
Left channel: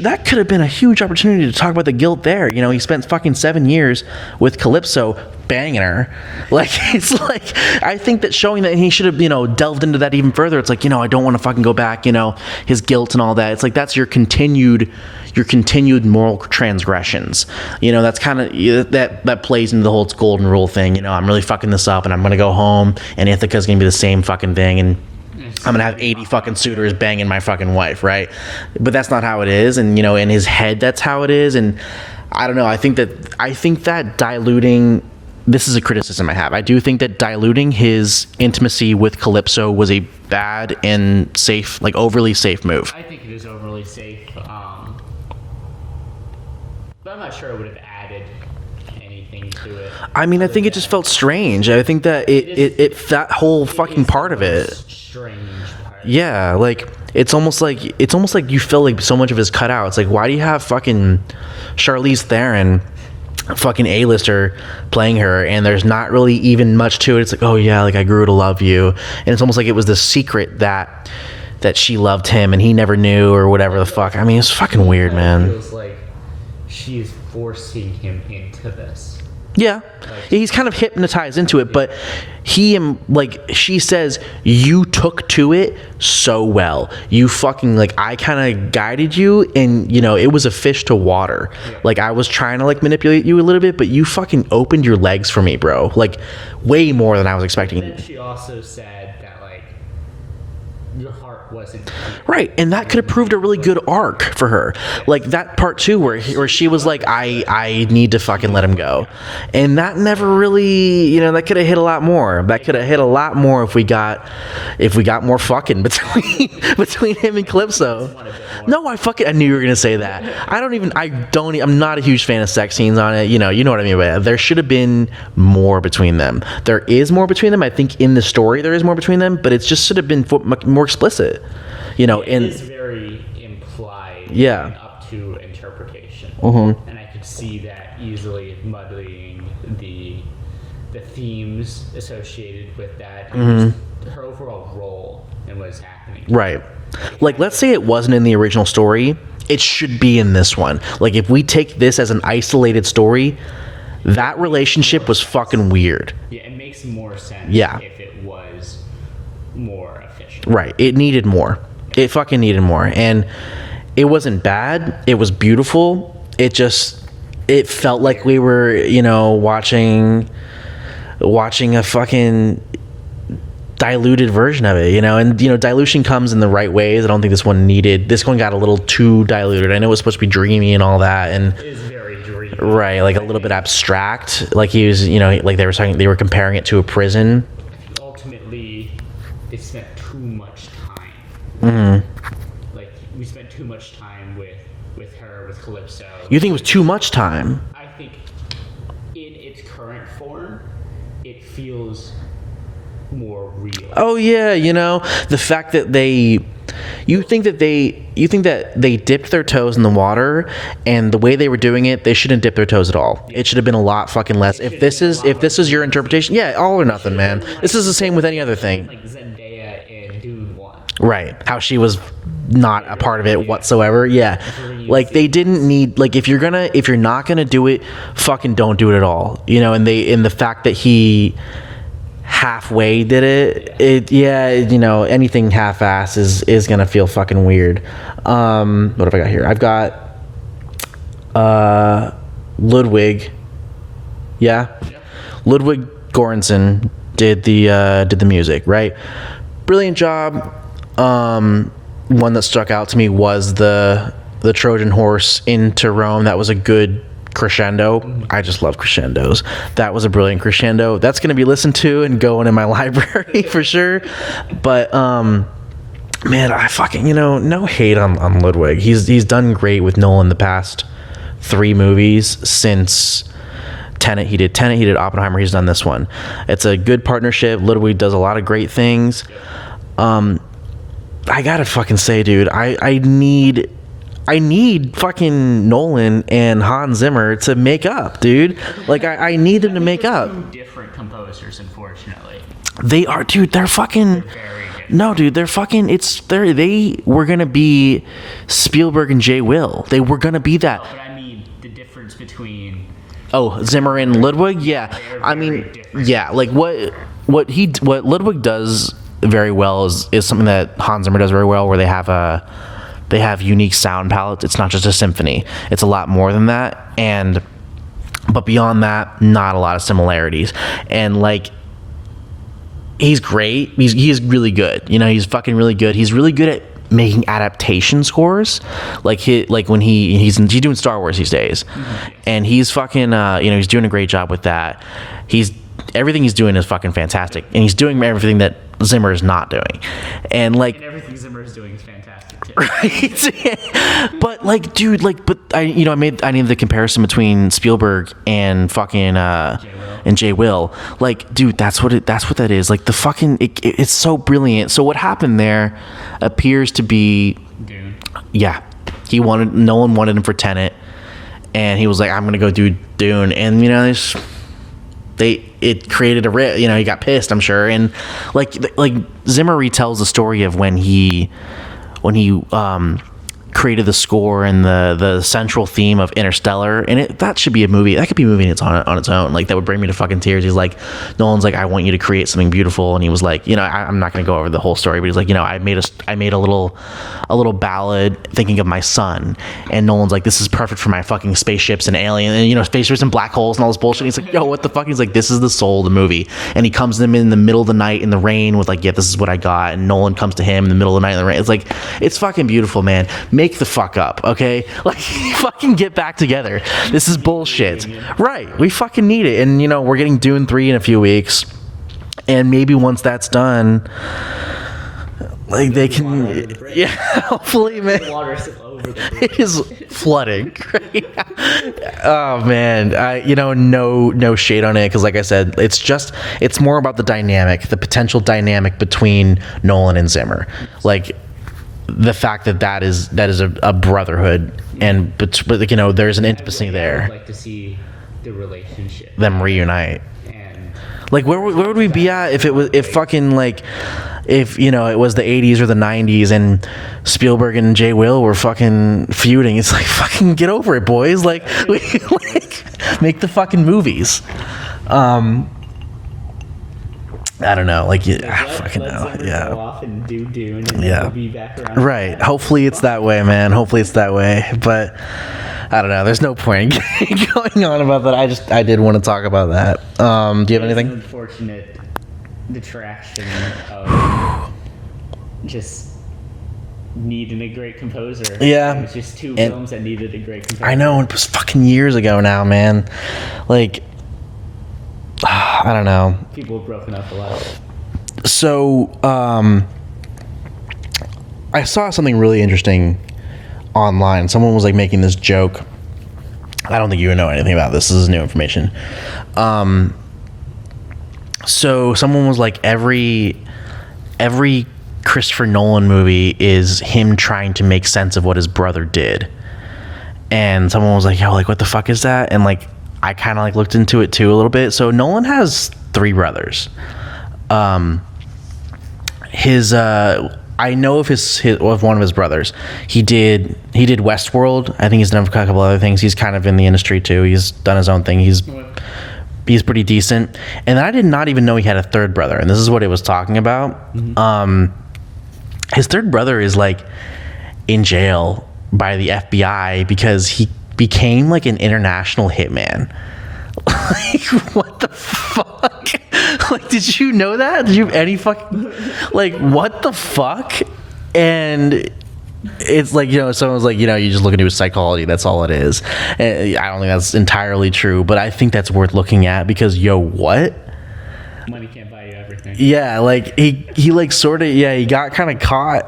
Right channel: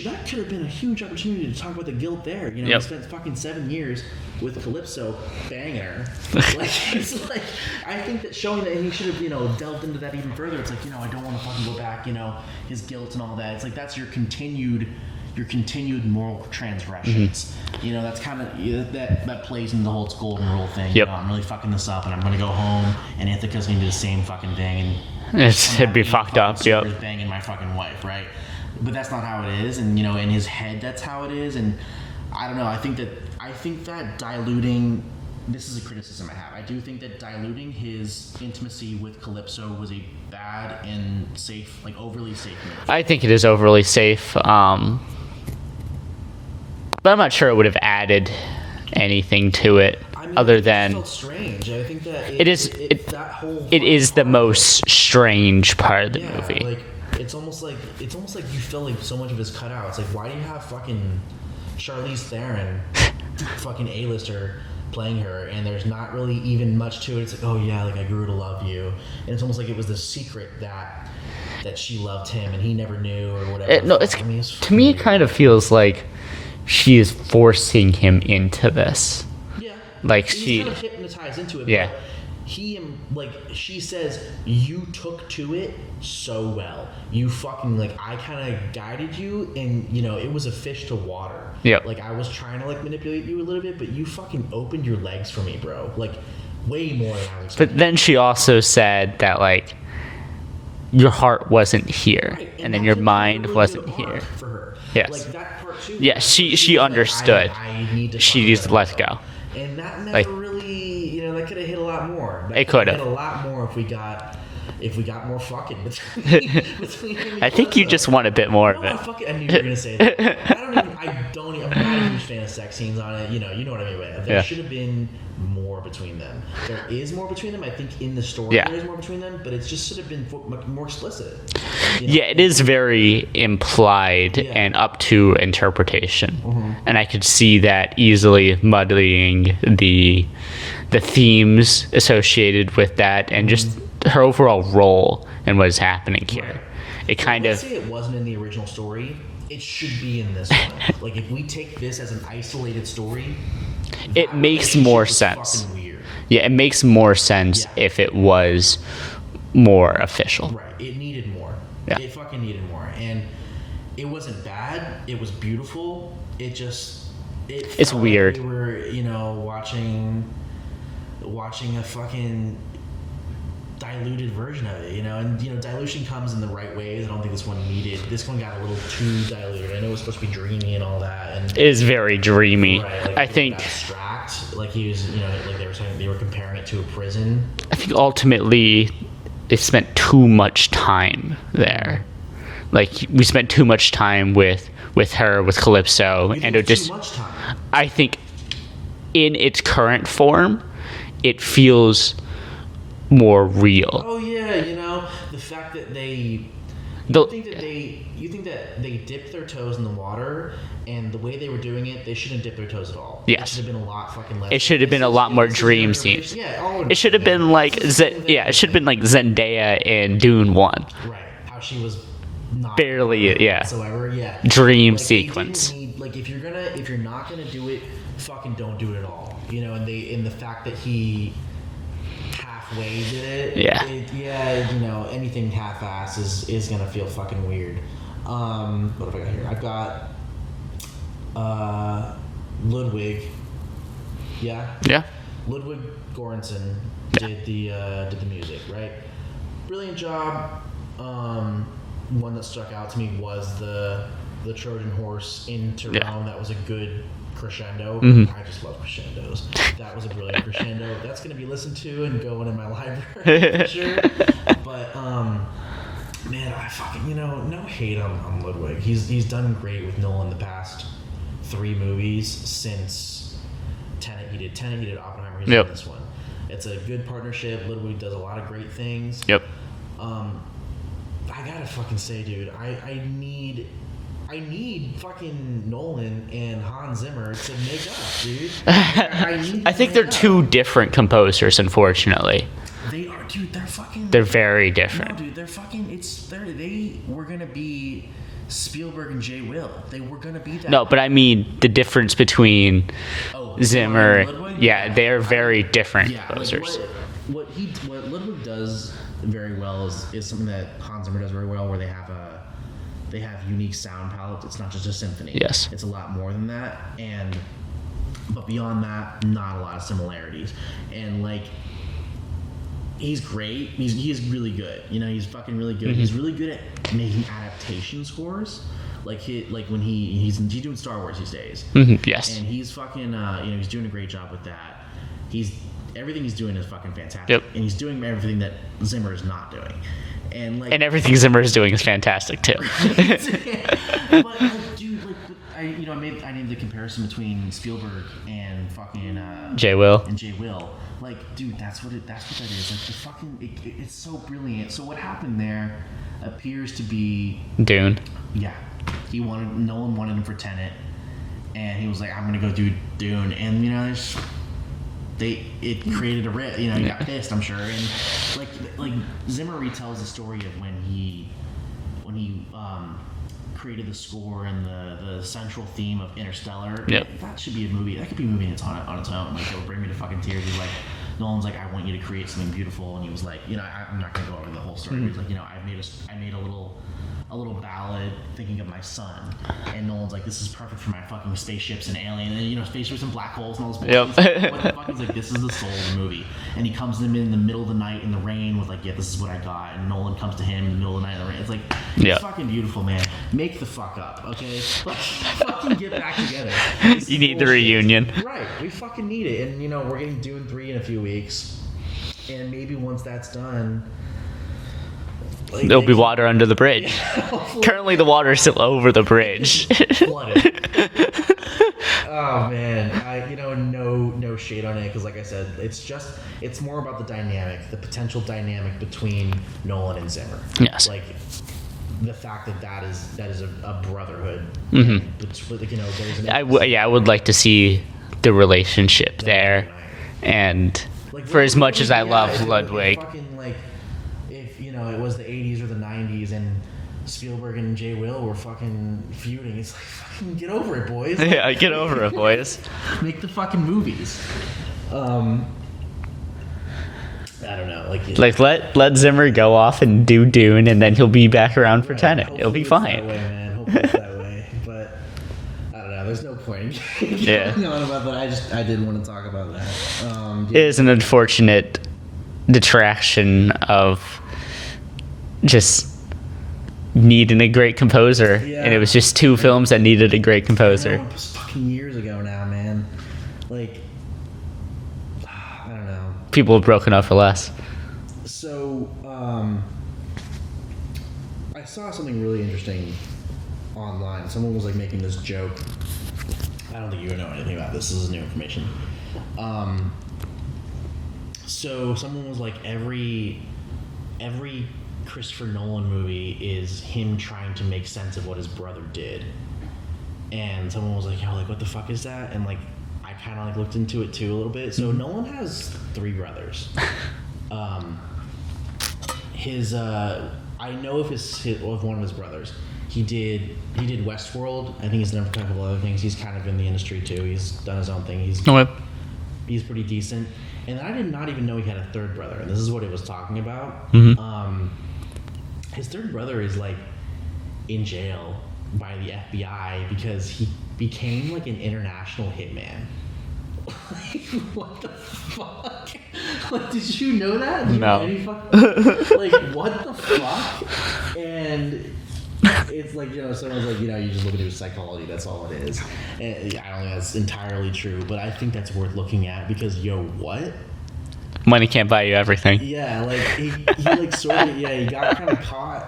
that could have been a huge opportunity to talk about the guilt there. You know, he spent fucking 7 years with Calypso banging her. Like, it's like, I think that showing that he should have, you know, delved into that even further. It's like, you know, I don't want to fucking go back, you know, his guilt and all that. It's like, that's your continued moral transgressions. You know, that's kind of that plays into the whole golden rule thing. You know, I'm really fucking this up, and I'm gonna go home, and Ithaca's gonna be the same fucking thing, and I'm gonna have 80 fucking suitors banging my fucking wife, right? But that's not how it is, and you know, in his head, that's how it is, and I don't know. I think that diluting. This is a criticism I have. I do think that diluting his intimacy with Calypso was a bad and safe, like overly safe move. I think it is overly safe. But I'm not sure it would have added anything to it. I mean, I think it just felt strange. I think that that whole fucking part of it is the most strange part. Yeah, like it's almost like you feel like so much of his cut out. It's like, why do you have fucking Charlize Theron, fucking A-lister, playing her, and there's not really even much to it. It's like, oh yeah, like I grew to love you, and it's almost like it was the secret that she loved him and he never knew, or whatever the fuck. I mean, it's fucking weird, man. It kind of feels like she is forcing him into this. Yeah, like he's kind of hypnotized into it, but she says, you took to it so well. You fucking, like, I kind of guided you, and you know, it was a fish to water. Yeah, like I was trying to like manipulate you a little bit, but you fucking opened your legs for me, bro. Like way more than I was expecting. But then she also said that, like, your heart wasn't here. Right, and that could have proved a really good arc for her. Yes. Like that part too, where she was like, I need to fucking let him go. And that never really, you know, that could have hit a lot more. That could have hit a lot more if we got more fucking between him and Calypso. I think you just want a bit more. No, I knew you were gonna say that. I'm not a huge fan of sex scenes on it. You know what I mean by that. There should have been more between them. There is more between them. I think in the story there is more between them, but it just should have been more explicit. You know, it is very implied and up to interpretation. And I could see that easily muddying the themes associated with that, and just her overall role and what is happening here. Right. Like, let's say it wasn't in the original story, it should be in this one. Like, if we take this as an isolated story, that relationship was fucking weird. Yeah, it makes more sense if it was more official. Right. It needed more. Yeah. It fucking needed more. And it wasn't bad. It was beautiful. It felt like we were, you know, watching a fucking diluted version of it, you know. And, you know, dilution comes in the right ways. I don't think this one got a little too diluted. I know it was supposed to be dreamy and all that, and it is very dreamy. Right, like a little bit abstract. Like he was, you know, like they were comparing it to a prison. I think ultimately they spent too much time there. Like, we spent too much time with her, with Calypso. You think it was too much time? I think in its current form, it feels more real. Oh yeah, you know, the fact that you think that they dipped their toes in the water, and the way they were doing it, they shouldn't dip their toes at all. Yeah. It should have been a lot fucking less. It should have been a lot more. If this is your interpretation, all or nothing. It should have been like, this is the same with any other thing. It should have been like Zendaya in Dune 1. Right. How she was not a part of it whatsoever. Yeah. Dream like sequence. They didn't need, like, if you're not gonna do it, fucking don't do it at all. You know, and the fact that he halfway did it, you know, anything half-ass is gonna feel fucking weird. What have I got here? I've got Ludwig. Ludwig Göransson did the music, right? Brilliant job. One that stuck out to me was the Trojan horse into Rome. That was a good crescendo. I just love crescendos. That was a brilliant crescendo. That's going to be listened to and going in my library for sure. But Man, I fucking, no hate on Ludwig. He's done great with Nolan the past 3 movies since Tenet. He did Oppenheimer. He's done this one. It's a good partnership. Ludwig does a lot of great things. Yep. I gotta fucking say, dude, I need fucking Nolan and Hans Zimmer to make up, dude. Like, I need them to make up. I think they're 2 different composers, unfortunately. They are, dude. They're very different. No, dude, they're fucking. They were gonna be Spielberg and J. Will. They were gonna be that. No, but I mean the difference between Zimmer and Ludwig. Yeah, they're very different. Yeah, like what Ludwig does very well is something that Hans Zimmer does very well, where they have unique sound palettes. It's not just a symphony. Yes. It's a lot more than that, but beyond that, not a lot of similarities. And like, he's great. He is really good. He's fucking really good. He's really good at making adaptation scores. Like when he's doing Star Wars these days. Mm-hmm, yes. And he's fucking he's doing a great job with that. Everything he's doing is fucking fantastic. Yep. And he's doing everything that Zimmer is not doing. And everything Zimmer is doing is fantastic too. But like, dude, I made the comparison between Spielberg and fucking J. Will. Like, dude, that's what that is. Like, the fucking it's so brilliant. So what happened there appears to be Dune. Yeah. Nolan wanted him for Tenet, and he was like, I'm gonna go do Dune. And it created a rip. He got pissed, I'm sure. And like Zimmer retells the story of when he created the score and the central theme of Interstellar, and that should be a movie. That could be a movie on its own. Like, that would bring me to fucking tears. He's like, Nolan's like, I want you to create something beautiful, and he was like, I'm not gonna go over the whole story, but he's like, I made a little ballad thinking of my son, and Nolan's like, this is perfect for my fucking spaceships and alien, and spaceships and black holes and all this bullshit. Yep. He's like, yo, what the fuck? He's like, this is the soul of the movie. And he comes to them in the middle of the night in the rain with like, yeah, this is what I got. And Nolan comes to him in the middle of the night in the rain. It's like, it's fucking beautiful, man. Make the fuck up, okay? Like, fucking get back together. This is bullshit. The reunion. Right. We fucking need it. And we're getting Dune 3 in a few weeks, and maybe once that's done, like, there'll be water under the bridge. Yeah, hopefully. Currently, the water is still over the bridge. It's flooded. Oh man, no shade on it, because like I said, it's more about the potential dynamic between Nolan and Zimmer. Yes. Like, the fact that is a brotherhood, and but there's an intimacy there. I would like to see the relationship them reunite, and like, where would we be at if it was if it was the 80s or the 90s and Spielberg and J. Will were fucking feuding? It's like, fucking get over it, boys. Like, get over it, boys. Make the fucking movies. I don't know. Let Zimmer go off and do Dune, and then he'll be back around for Tenet. Hopefully it's that way, man. Hopefully it's that way. But I don't know. There's no point going on about that. I did want to talk about that. It is an unfortunate detraction of just needing a great composer. Yeah. And it was just 2 films that needed a great composer. I know. It was fucking years ago now, man. Like, I don't know. People have broken up for less. So, I saw something really interesting online. Someone was like making this joke. I don't think you know anything about this. This is new information. So someone was like, every Christopher Nolan movie is him trying to make sense of what his brother did. And someone was like, yo, like, what the fuck is that? And like, I kind of like looked into it too a little bit. So Nolan has 3 brothers. I know of one of his brothers. He did Westworld. I think he's done a couple other things. He's kind of in the industry too. He's done his own thing. He's pretty decent. And I did not even know he had a 3rd brother. And this is what it was talking about. Mm-hmm. His 3rd brother is like in jail by the FBI because he became like an international hitman. Like, what the fuck? Like, did you know that? Did you any fucking like, what the fuck? And it's like, someone was like, you just look into his psychology. That's all it is. And I don't think that's entirely true, but I think that's worth looking at because, what? Money can't buy you everything. Yeah, like he like sort of, he got kind of caught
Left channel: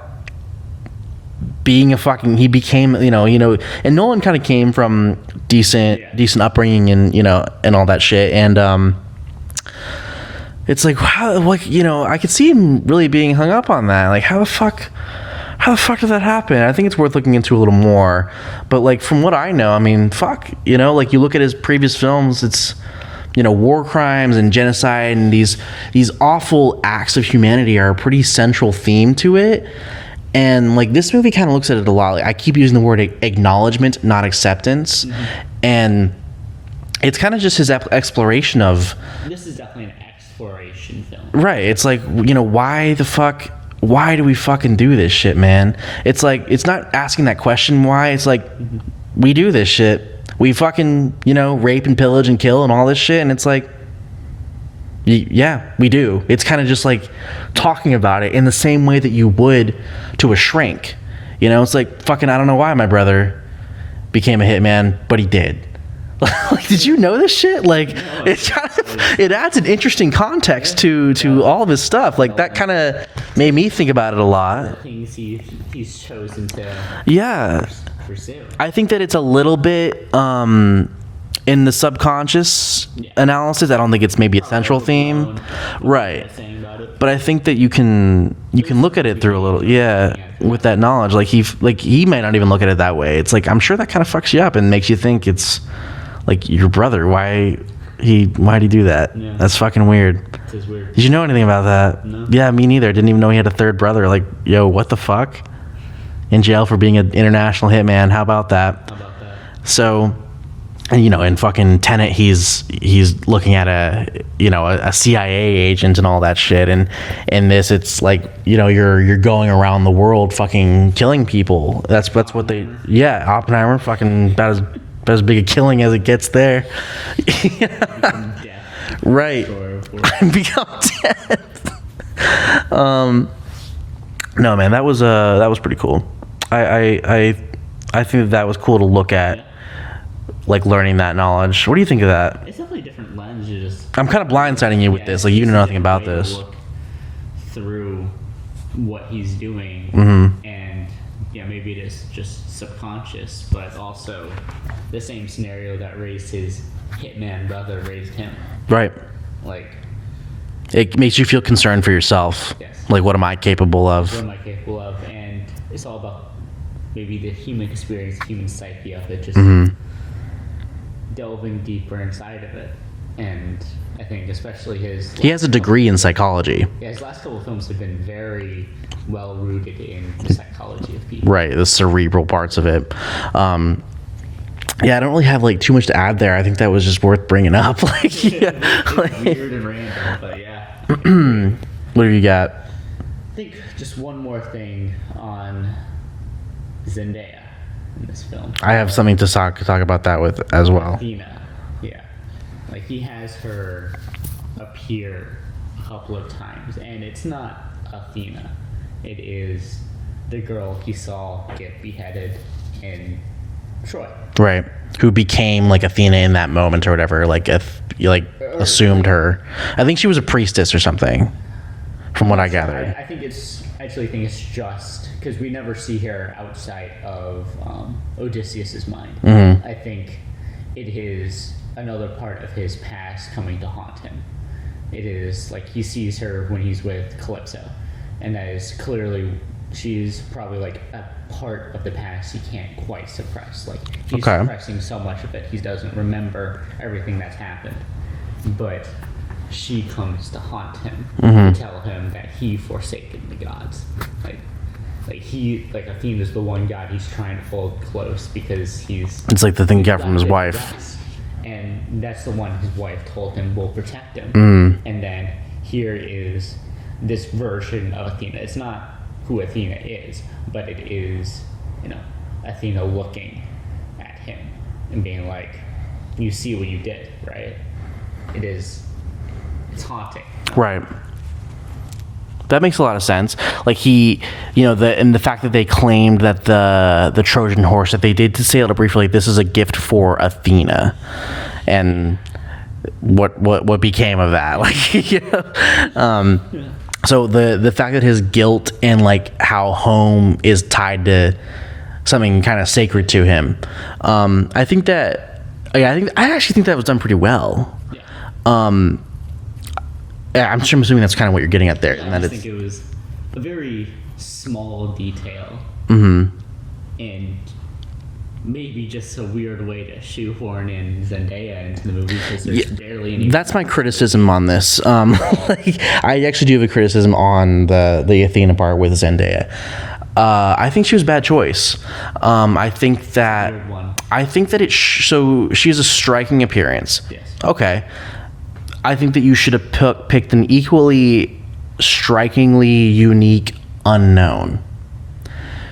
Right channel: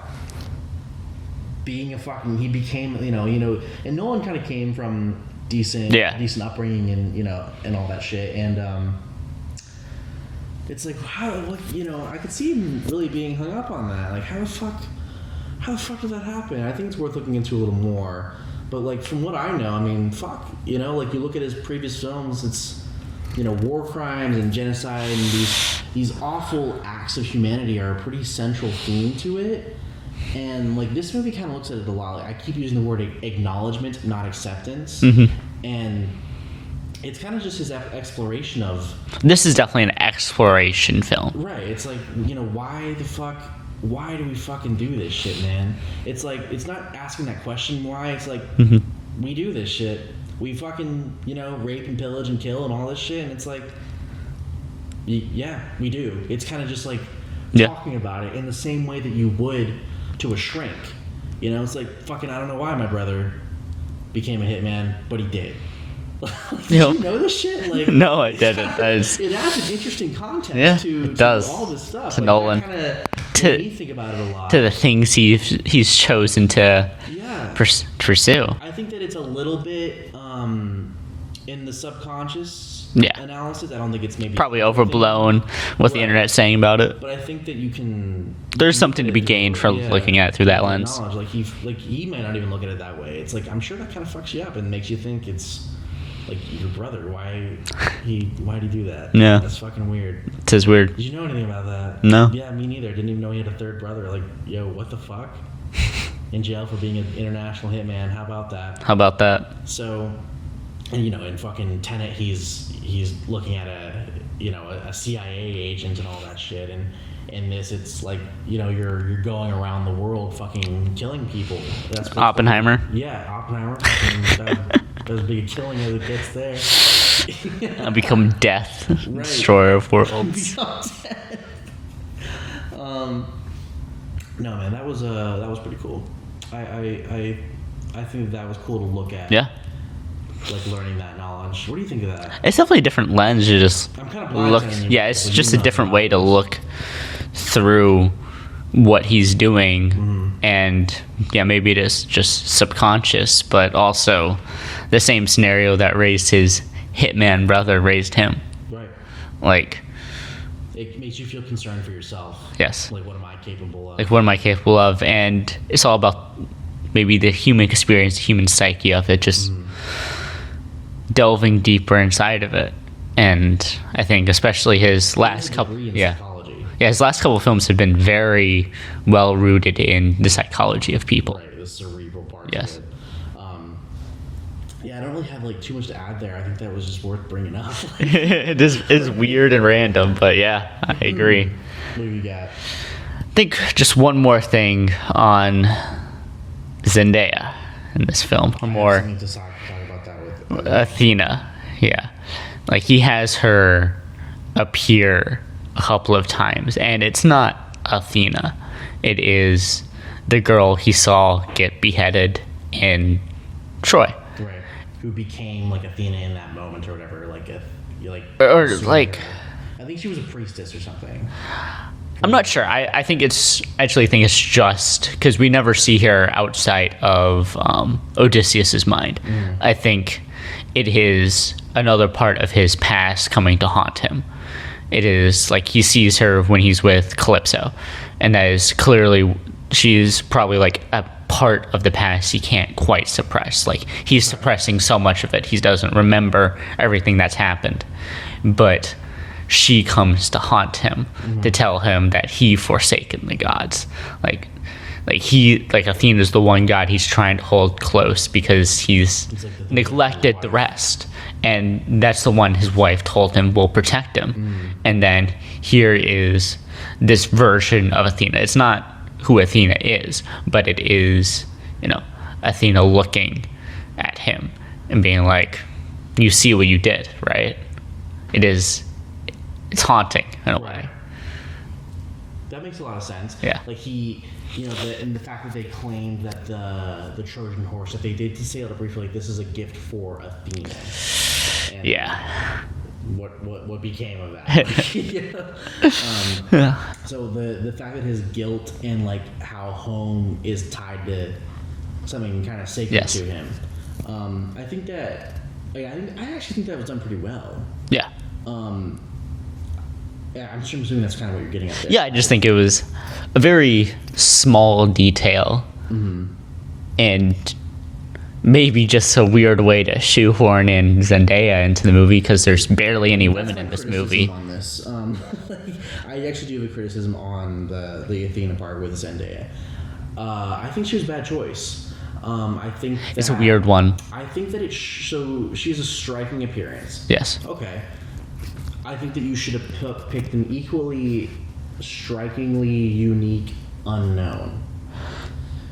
being he became, and Nolan kind of came from decent upbringing and, and all that shit. And, it's like, wow, like, I could see him really being hung up on that. Like, how the fuck did that happen? I think it's worth looking into a little more. But, like, from what I know, I mean, fuck, like, you look at his previous films, it's, war crimes and genocide and these awful acts of humanity are a pretty central theme to it. And, like, this movie kind of looks at it a lot. Like, I keep using the word acknowledgement, not acceptance. And it's kind of just his exploration of... This is definitely an exploration film. Right. It's like, why do we fucking do this shit, man? It's like, it's not asking that question why. It's like, we do this shit. We fucking, rape and pillage and kill and all this shit. And it's like, yeah, we do. It's kind of just like talking about it in the same way that you would to a shrink. It's like, fucking, I don't know why my brother became a hitman, but he did. Like, did you know this shit? Like, no, I didn't. It adds an interesting context to all of his stuff. Like, Nolan. That kind of made me think about it a lot. To the things he's chosen to pursue. I think that it's a little bit in the subconscious analysis. I don't think it's maybe probably a central overblown theme. What the internet's saying about it. But I think that you can look at it through a little, from looking at it through that knowledge. Like he might not even look at it that way. It's like, I'm sure that kind of fucks you up and makes you think it's like your brother. Why'd he do that? Yeah, that's fucking weird. It is weird. Did you know anything about that? No. Yeah, me neither. Didn't even know he had a third brother. Like, yo, what the fuck? In jail for being an international hitman. How about that? So, in fucking Tenet, he's looking at a CIA agent and all that shit. And in this, it's like, you're going around the world fucking killing people. That's Oppenheimer. Oppenheimer. Fucking about as big a killing as it gets there. I'll become death. Right. Destroyer of worlds. Become death. No, man, that was pretty cool. I think that was cool to look at. Yeah. Like, learning that knowledge. What do you think of that? It's definitely a different lens. I'm kind of blindsiding you with this. It's like, just you know a different way to look through what he's doing. And maybe it is just subconscious, but also the same scenario that raised his hitman brother raised him. Right. Like, it makes you feel concerned for yourself. Yes. Like, what am I capable of? And it's all about maybe the human experience, the human psyche of it, just delving deeper inside of it. And I think especially he has a degree in psychology. Yeah, his last couple of films have been very well rooted in the psychology of people. Right, the cerebral parts of it. I don't really have like too much to add there. I think that was just worth bringing up. It's weird and random, but yeah, I agree. What have you got? I think just one more thing on Zendaya in this film. I have something to talk about that with as well. Athena, yeah. Like, he has her appear a couple of times, and it's not Athena. It is the girl he saw get beheaded in Troy. Right. Who became like Athena in that moment or whatever. Like, assumed like, her. I think she was a priestess or something. I'm not sure. I actually think it's just because we never see her outside of Odysseus's mind. I think it is another part of his past coming to haunt him. It is like he sees her when he's with Calypso, and that is clearly, she's probably like a part of the past he can't quite suppress. Like, he's suppressing so much of it, he doesn't remember everything that's happened, but she comes to haunt him to tell him that he forsaken the gods. Like Athena's the one god he's trying to hold close because it's like the thing he got from his wife. The rest, and that's the one his wife told him will protect him. And then here is this version of Athena. It's not who Athena is, but it is, Athena looking at him and being like, you see what you did, right? It's haunting. Right. That makes a lot of sense. Like, he, and the fact that they claimed that the Trojan horse, that they did to say it briefly, like, this is a gift for Athena. And what became of that? Like, So the fact that his guilt and like how home is tied to something kind of sacred to him, I think that I actually think that was done pretty well. Yeah. I'm assuming that's kind of what you're getting at there. Yeah, I just think it was a very small detail, and maybe just a weird way to shoehorn in Zendaya into the movie because there's barely any. That's my criticism on this. Like, I actually do have a criticism on the Athena part with Zendaya. I think she was a bad choice. I think that it's a weird one. I think that so she has a striking appearance. Yes. Okay. I think that you should have picked an equally strikingly unique unknown.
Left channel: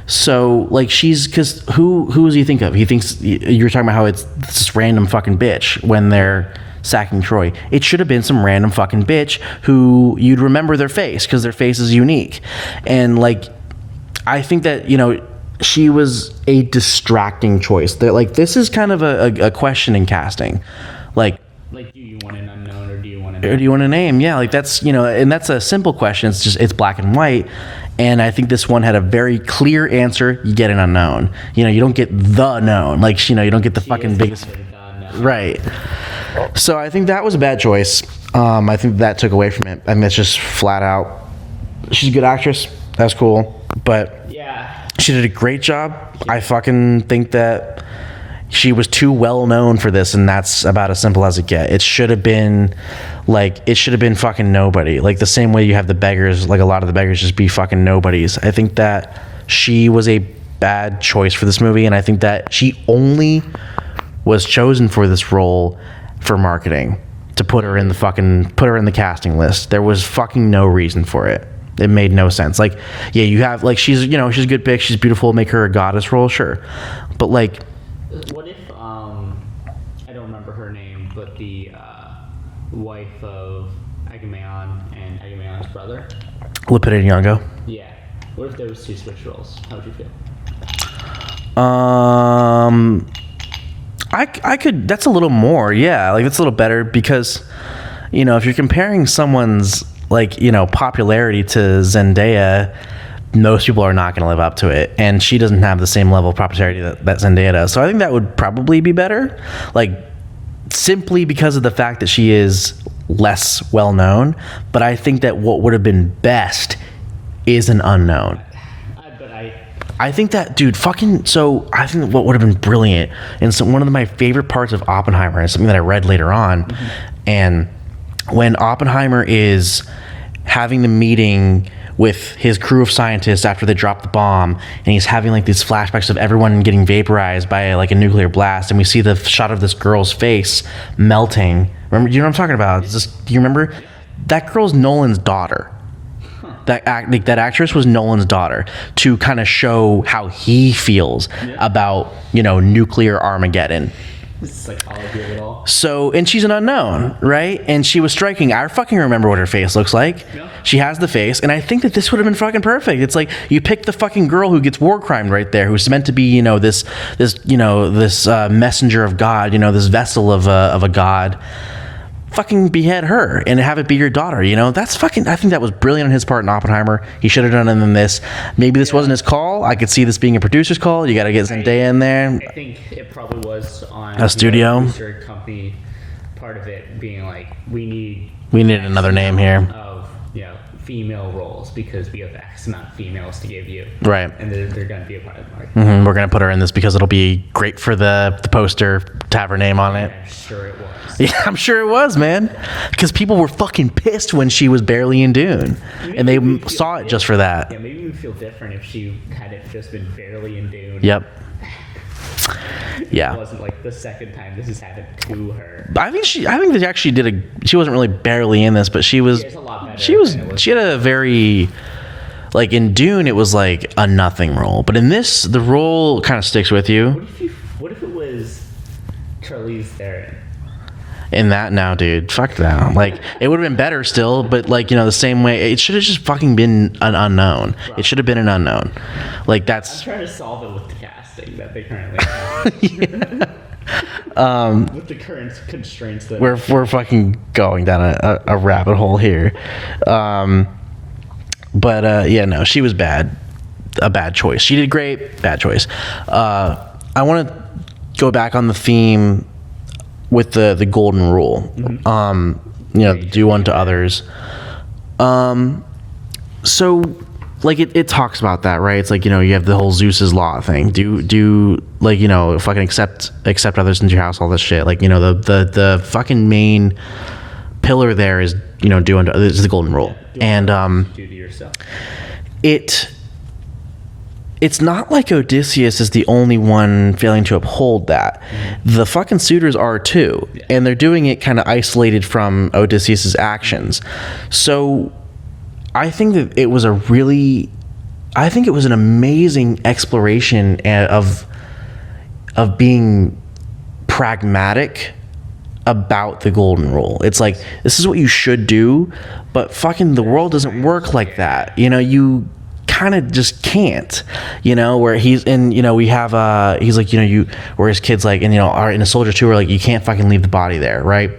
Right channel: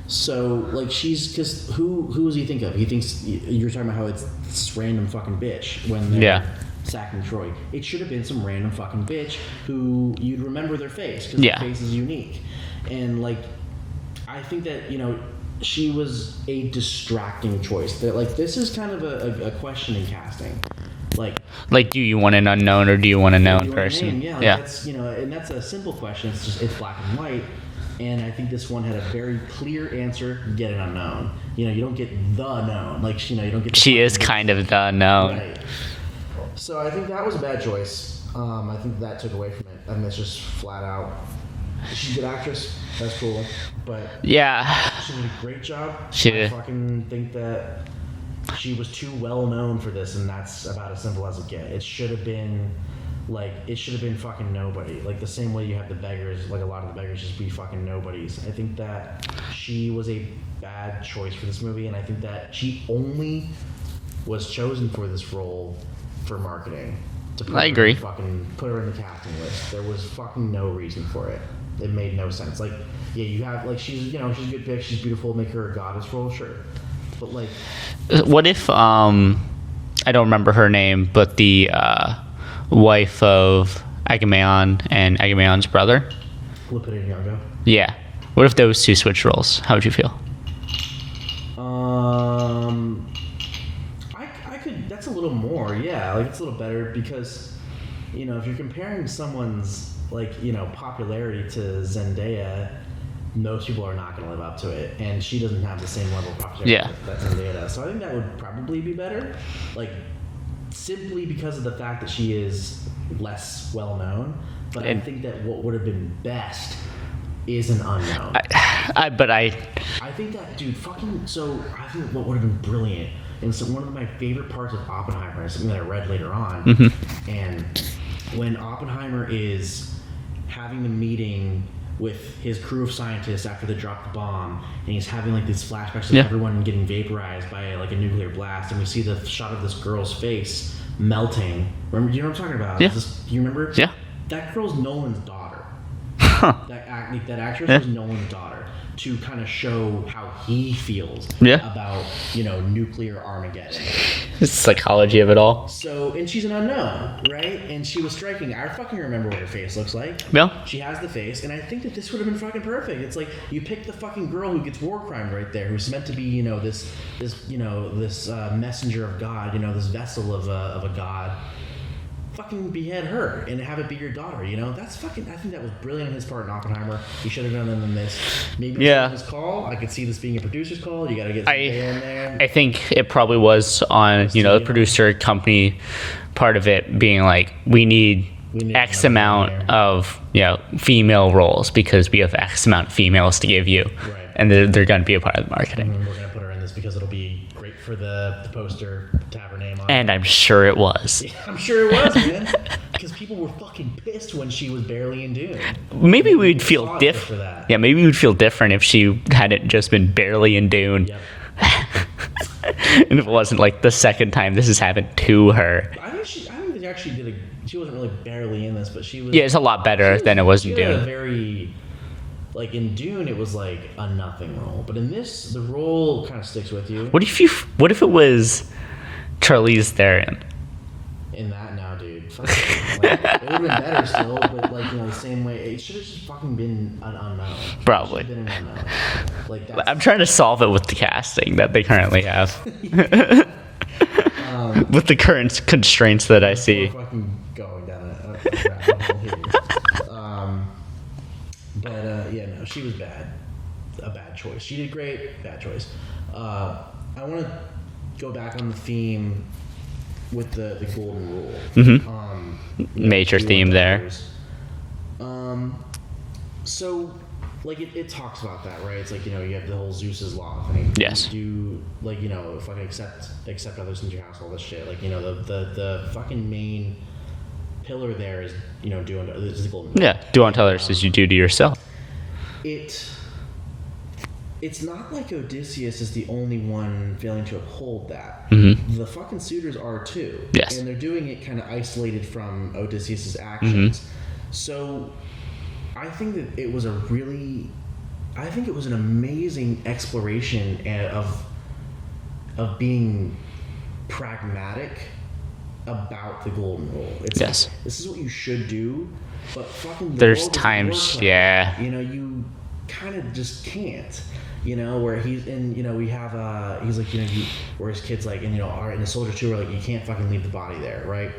So, like, because who does he think of? He thinks, you're talking about how it's this random fucking bitch when they're sacking Troy. It should have been some random fucking bitch who you'd remember their face because their face is unique. And, like, I think that, she was a distracting choice. Like, this is kind of a question in casting. Like, do you want an unknown or do you want to know? Do you want a name? Yeah, like that's, and that's a simple question. It's black and white. And I think this one had a very clear answer. You get an unknown. You don't get the known. Like, you don't get the fucking... She is kind of the known. Right. So I think that was a bad choice. I think that took away from it. I mean, it's just flat out. She's a good actress. That's cool. But yeah, she did a great job. I fucking think that she was too well known for this, and that's about as simple as it gets. It should have been... Like, it should have been fucking nobody. Like, the same way you have the beggars, like, a lot of the beggars just be fucking nobodies. I think that she was a bad choice for this movie, and I think that she only was chosen for this role for marketing. To put her in the casting list. There was fucking no reason for it. It made no sense. Like, yeah, you have, like, she's a good pick, she's beautiful, make her a goddess role, sure. But, like... What if, I don't remember her name, but the, wife of Agamemnon and Agamemnon's brother, Lupita Nyong'o. Yeah. What if those two switched roles? How would you feel? I could. That's a little more. Yeah, like, it's a little better because, if you're comparing someone's popularity to Zendaya, most people are not going to live up to it, and she doesn't have the same level of popularity that Zendaya does. So I think that would probably be better. Like, simply because of the fact that she is less well known, but I think that what would have been best is an unknown. I think that, dude, so I think what would have been brilliant, and so one of my favorite parts of Oppenheimer is something that I read later on, and when Oppenheimer is having the meeting with his crew of scientists after they drop the bomb, and he's having like these flashbacks of everyone getting vaporized by like a nuclear blast, and we see the shot of this girl's face melting. Remember, you know what I'm talking about? Yeah. Do you remember? Yeah. That girl's Nolan's daughter. That actress was Nolan's daughter, to kind of show how he feels about nuclear Armageddon. The psychology of it all. So, and she's an unknown, right? And she was striking. I fucking remember what her face looks like. Yeah. She has the face, and I think that this would have been fucking perfect. It's like you pick the fucking girl who gets war crimed right there, who's meant to be, this messenger of God, this vessel of a god. Fucking behead her and have it be your daughter. That's fucking. I think that was brilliant on his part in Oppenheimer. He should have done it in this. Maybe this wasn't his call. I could see this being a producer's call. You got to get Zendaya in there. I think it probably was on the producer company part of it being like, we need X another amount name here of female roles because we have X amount of females to give you, right? And they're going to be a part of the market. We're going to put her in this because it'll be great for the poster to have her name on it. And I'm sure it was. Yeah, I'm sure it was, man. Because people were fucking pissed when she was barely in Dune. Maybe we'd feel saw it just for that. Yeah, maybe we'd feel different if she hadn't just been barely in Dune. Yep. It wasn't like the second time this has happened to her. I think they actually she wasn't really barely in this, but she was. Yeah, it's a lot better than it was. She had a very, like, in Dune, it was like a nothing role, but in this, the role kind of sticks with you. What if it was Charlize Theron? In that now, dude, fuck that. Like, it would have been better still, but like, the same way, it should have just fucking been an unknown. Probably. It should have been an unknown. Like, that's. I'm trying to solve it with the casting that they currently have. With the current constraints that I see. We're fucking going down a rabbit hole here. But yeah, no, she was bad. A bad choice. She did great. Bad choice. I want to go back on the theme with the golden rule. Major do theme unto there. others. So like it talks about that, right? It's like, you have the whole Zeus's law thing. Do like, fucking accept others into your house, all this shit. Like, the fucking main pillar there is, do unto others, is the golden rule. Yeah, do unto others as you do to yourself. It's not like Odysseus is the only one failing to uphold that. The fucking suitors are too. Yes. And they're doing it kind of isolated from Odysseus's actions. So I think that it was an amazing exploration of being pragmatic about the golden rule. It's like, this is what you should do, but fucking the world doesn't work like that. You kind of just can't, where he's in, we have he's like, where his kids like, and are in a soldier too, where like, you can't fucking leave the body there, right?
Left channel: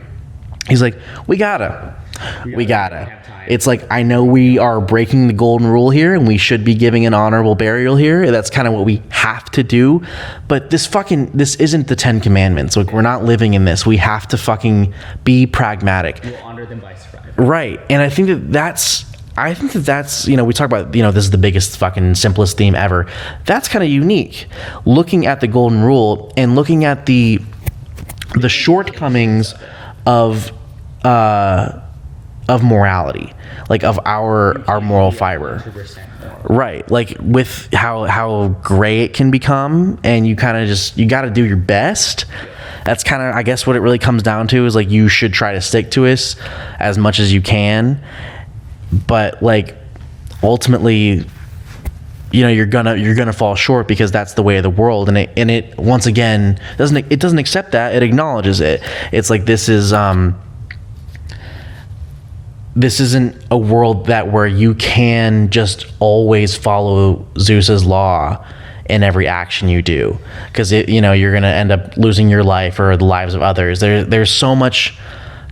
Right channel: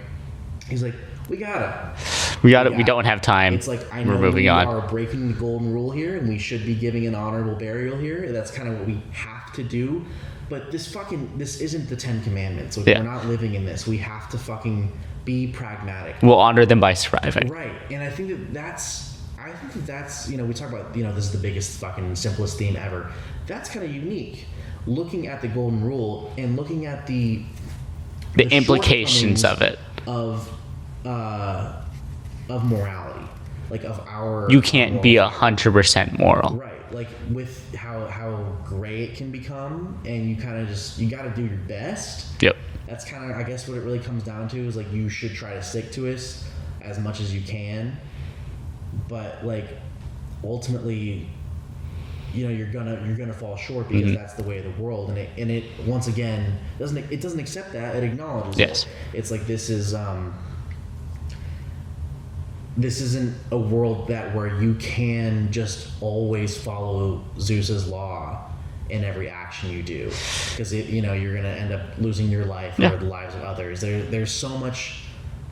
He's like, we gotta. We don't have time. It's like, I know we are breaking the golden rule here, and we should be giving an honorable burial here. That's kind of what we have to do. But this isn't the 10 Commandments. Like, we're not living in this. We have to fucking be pragmatic. We'll honor them by surviving. Right. And I think that's we talk about, this is the biggest fucking simplest theme ever. That's kind of unique. Looking at the golden rule and looking at the shortcomings of it. Of morality, like of our moral fiber. You can't be 100% moral, right? Like with how gray it can become, and you kind of you got to do your best. Yep. That's kind of, I guess, what it really comes down to is like, you should try to stick to it as much as you can, but like ultimately, you're gonna fall short because that's the way of the world, and it once again doesn't accept that. It acknowledges it. It's like, this isn't a world where you can just always follow Zeus's law in every action you do, because you're gonna end up losing your life or the lives of others. There's so much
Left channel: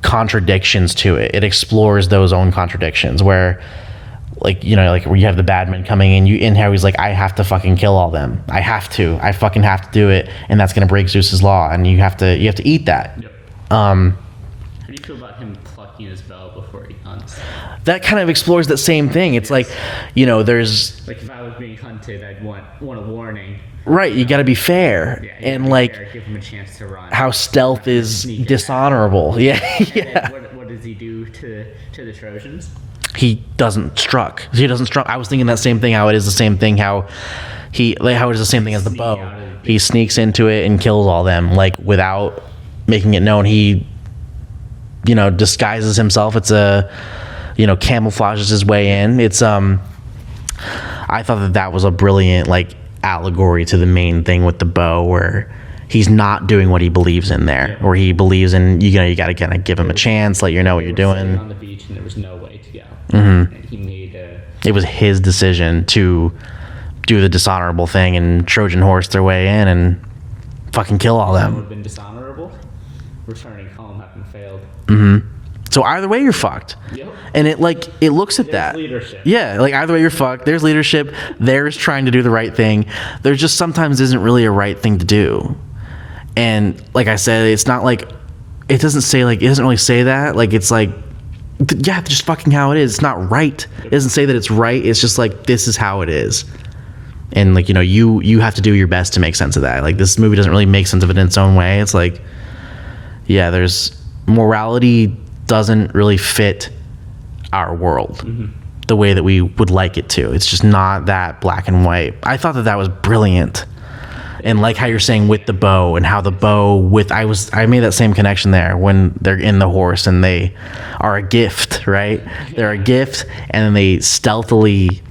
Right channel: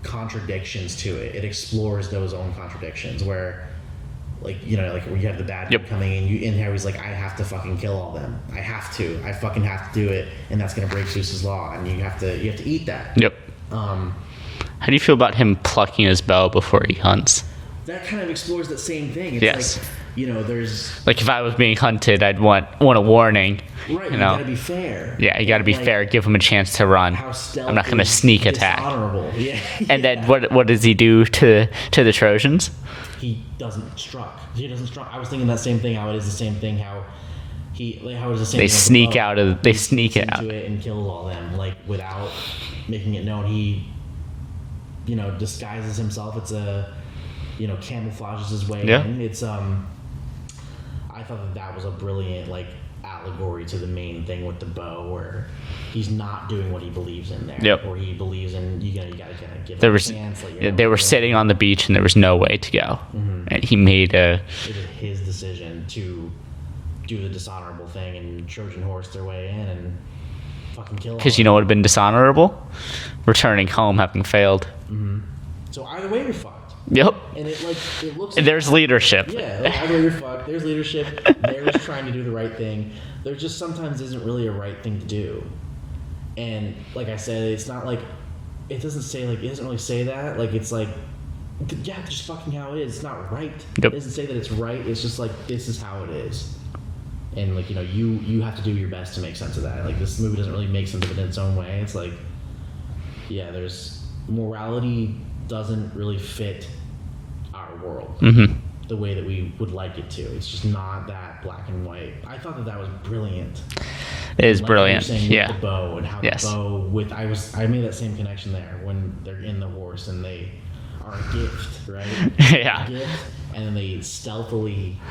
contradictions to it. It explores those own contradictions where, like, where you have the bad man coming in, how he's like, I have to fucking kill all them. I fucking have to do it, and that's gonna break Zeus's law, and you have to eat that. Yep. How do you feel about him plucking his bow before he hunts? That kind of explores that same thing. It's like, there's like, if I was being hunted, I'd want a warning. Right, you gotta be fair. Yeah, you gotta be fair. Give him a chance to run. How stealth I'm not gonna is sneak dishonorable. Yeah. And then what does he do to the Trojans? He doesn't struck. I was thinking that same thing. How it is the same thing. How it is the same thing. As the bow. He sneaks into it and kills all them, like, without making it known. He, disguises himself. It's camouflages his way in. It's I thought that was a brilliant, like, allegory to the main thing with the bow, where he's not doing what he believes in there, or he believes in, you gotta kind of give him a chance, let know what you're doing. They were sitting on the beach and there was no way to go, and he made it was his decision to do the dishonorable thing and Trojan horse their way in and fucking kill all of them. Because what would have been dishonorable? Returning home having failed. So either way, you're fucked. Yep. And it looks at there's that. leadership. Yeah, like, either way, you're fucked. There's leadership. There's trying to do the right thing. There just sometimes isn't really a right thing to do. And like I said, it's not like, it doesn't really say that. Like, it's like, yeah, just fucking how it is. It's not right. Yep. It doesn't say that it's right. It's just like, this is how it is. And like, you have to do your best to make sense of that. Like, this movie doesn't really make sense of it in its own way. It's like, yeah, there's morality doesn't really fit our world the way that we would like it to. It's just not that black and white. I thought that was brilliant. And like, brilliant. How you're saying with the bow, and how the bow I made that same connection there when they're in the horse and they are a gift, right? They're a gift, and then they stealthily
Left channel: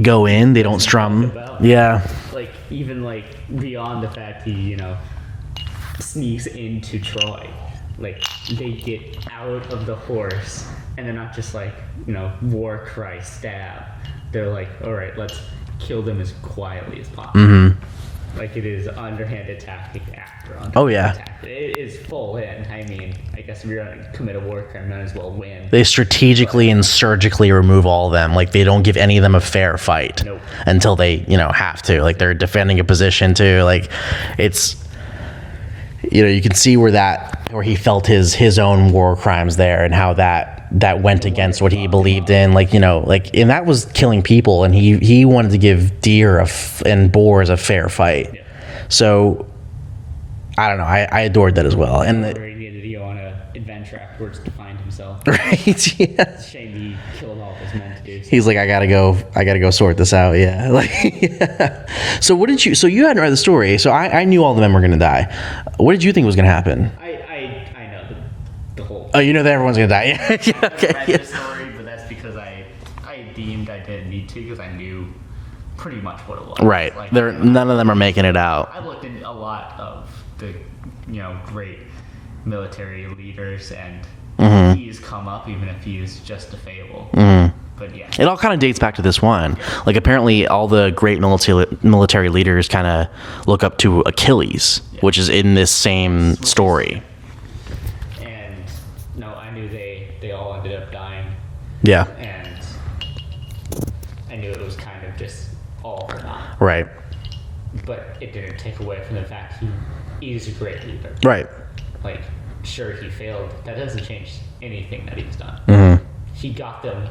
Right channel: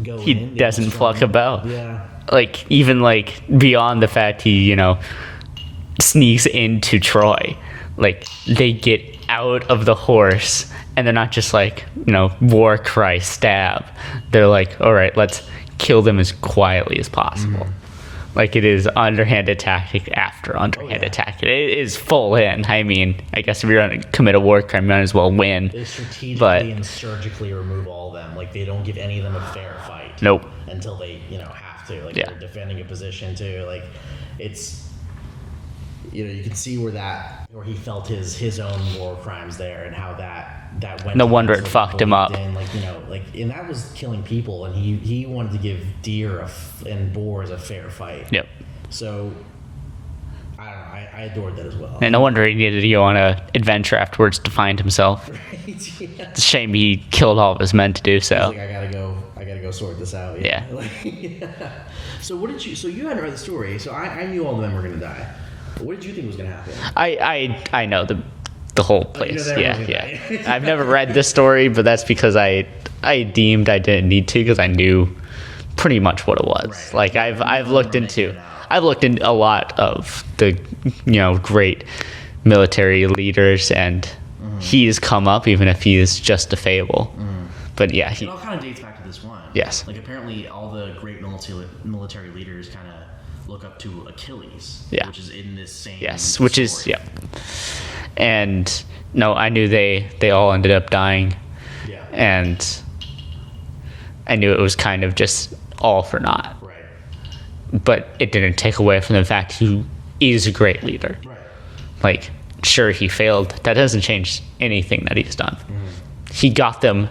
go in. They don't strum. About. Yeah. Like, even like beyond the fact he, sneaks into Troy. Like, they get out of the horse, and they're not just like, war cry, stab. They're like, all right, let's kill them as quietly as possible. Like, it is underhanded tactic after underhanded tactic. It is full in. I mean, I guess if you're going to commit a war crime, you might as well win. They strategically and surgically remove all of them. Like, they don't give any of them a fair fight. Nope. Until they, have to. Like, they're defending a position, too. Like, it's... you can see where he felt his own war crimes there, and how that went against what he believed in. Like, and that was killing people, and he wanted to give deer and boars a fair fight. Yep. So I don't know. I adored that as well. And no wonder he needed to go on an adventure afterwards to find himself. Right. Yeah. It's a shame he killed all of his men to do so. He's like, I gotta go sort this out. Yeah. Like, yeah. So you hadn't read the story, so I knew all the men were gonna die. What did you think was gonna happen? I know the whole place. Oh, you know that everyone's gonna die. Yeah. I've never read this story, but that's because I deemed I didn't need to, because I knew pretty much what it was. Right. Like, none of them are making it out. I've looked into a lot of the great military leaders, and he's come up, even if he is just a fable. But yeah, it all kind of dates back to this one. Yes. Like, apparently all the great military leaders kind of look up to Achilles, which is in this same story. And no, I knew they all ended up dying. Yeah. And I knew it was kind of just all for naught. Right. But it didn't take away from the fact he is a great leader. Right. Like, sure, he failed. That doesn't change anything that he's done. He got them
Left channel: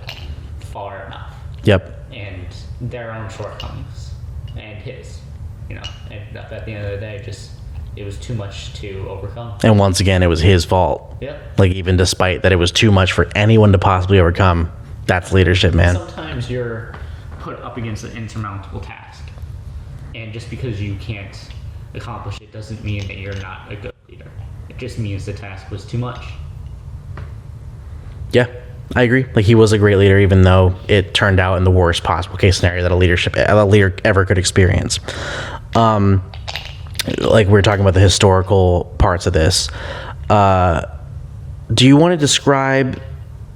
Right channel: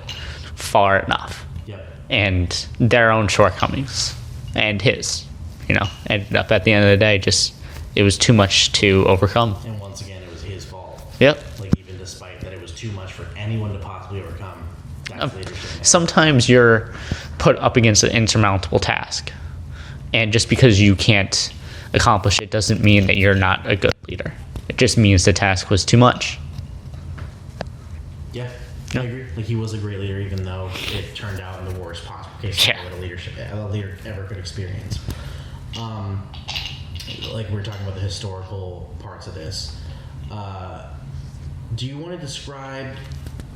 far enough. Yep. And their own shortcomings and his, ended up at the end of the day it was too much to overcome. And once again, it was his fault. Yep. Like, even despite that it was too much for anyone to possibly overcome, that's leadership, man. Sometimes you're put up against an insurmountable task, and just because you can't accomplish it doesn't mean that you're not a good leader. It just means the task was too much. Yeah, I agree. Like, he was a great leader, even though it turned out in the worst possible case scenario that a leader ever could experience. Like, we were talking about the historical parts of this. Do you want to describe,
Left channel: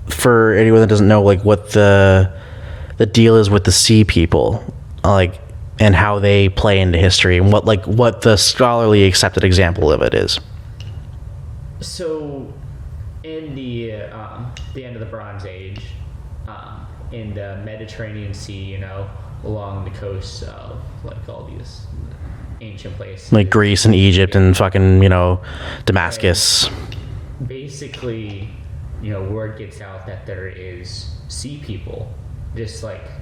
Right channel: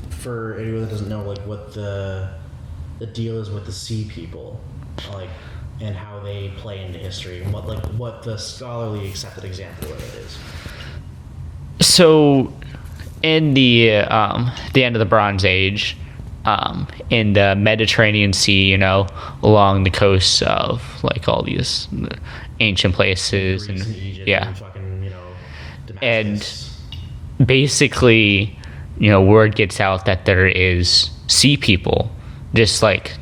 for anyone that doesn't know, like, what the deal is with the sea people, like, and how they play into history, and what the scholarly accepted example of it is? So, in the end of the Bronze Age, in the Mediterranean Sea, along the coasts of, like, all these ancient places, like Greece and Egypt and fucking Damascus. And basically, word gets out that there is sea people, just like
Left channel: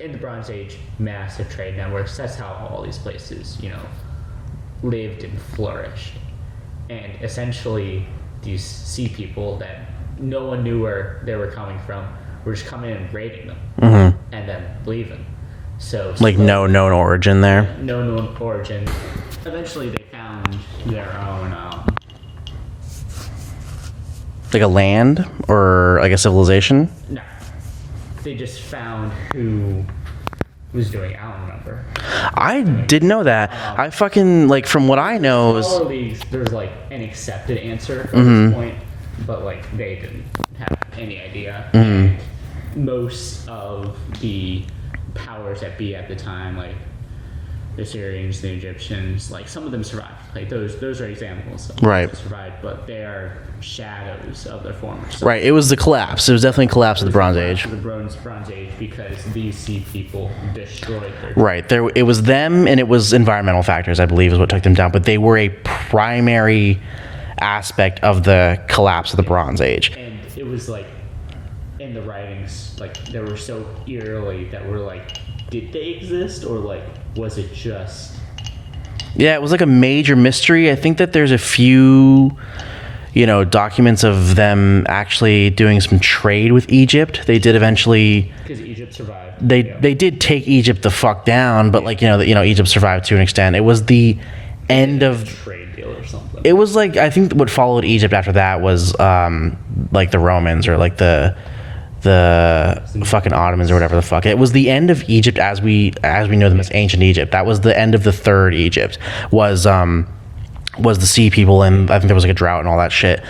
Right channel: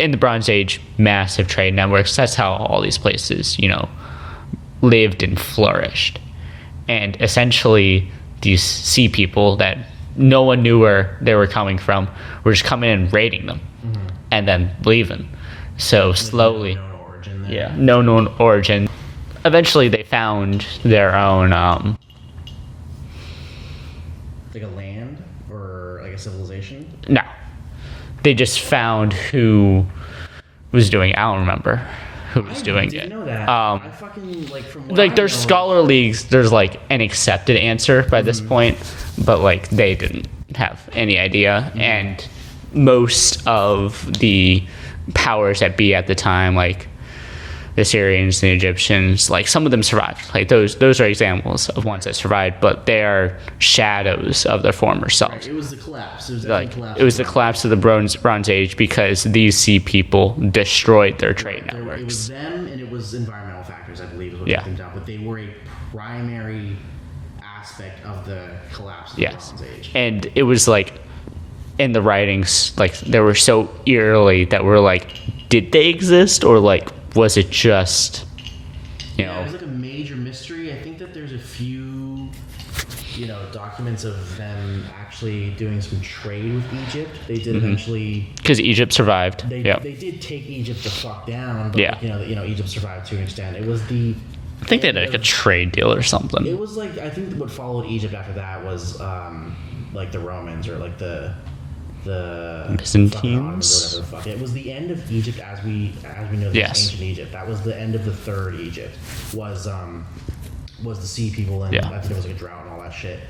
in the Bronze Age, massive trade networks. That's how all these places lived and flourished. And essentially, these sea people that no one knew where they were coming from were just coming in and raiding them, and then leaving. So slowly, like, no known origin there. Yeah, no known origin. Eventually, they found their own, like a land or like a civilization. No, they just found who was doing it. I don't remember. I didn't know that. I fucking, like, from what I know, there's scholar leagues. There's like an accepted answer by this point, but like they didn't have any idea, and most of the powers that be at the time, like the Syrians and the Egyptians, like, some of them survived. Like, those are examples of ones that survived, but they are shadows of their former self. Right. It was the collapse. It was definitely a collapse of the Bronze Age. It was the collapse of the Bronze Age because these sea people destroyed their trade networks. It was them, and it was environmental factors, I believe, is what took them down. But they were a primary aspect of the collapse of the Bronze Age. And it was like, in the writings, like, they were so eerily that we're like, did they exist, or like, was it just it was like a major mystery. I think that there's a few documents of them actually doing some trade with Egypt. They did eventually, because Egypt survived. They did take Egypt the fuck down, but Egypt survived to an extent. It was the end of a trade deal or something. It was like, I think what followed Egypt after that was like the Romans, or like the fucking Ottomans, or whatever the fuck. It was the end of Egypt as we know them as ancient Egypt. That was the end of the third Egypt, was the sea people, and I think there was like a drought and all that shit.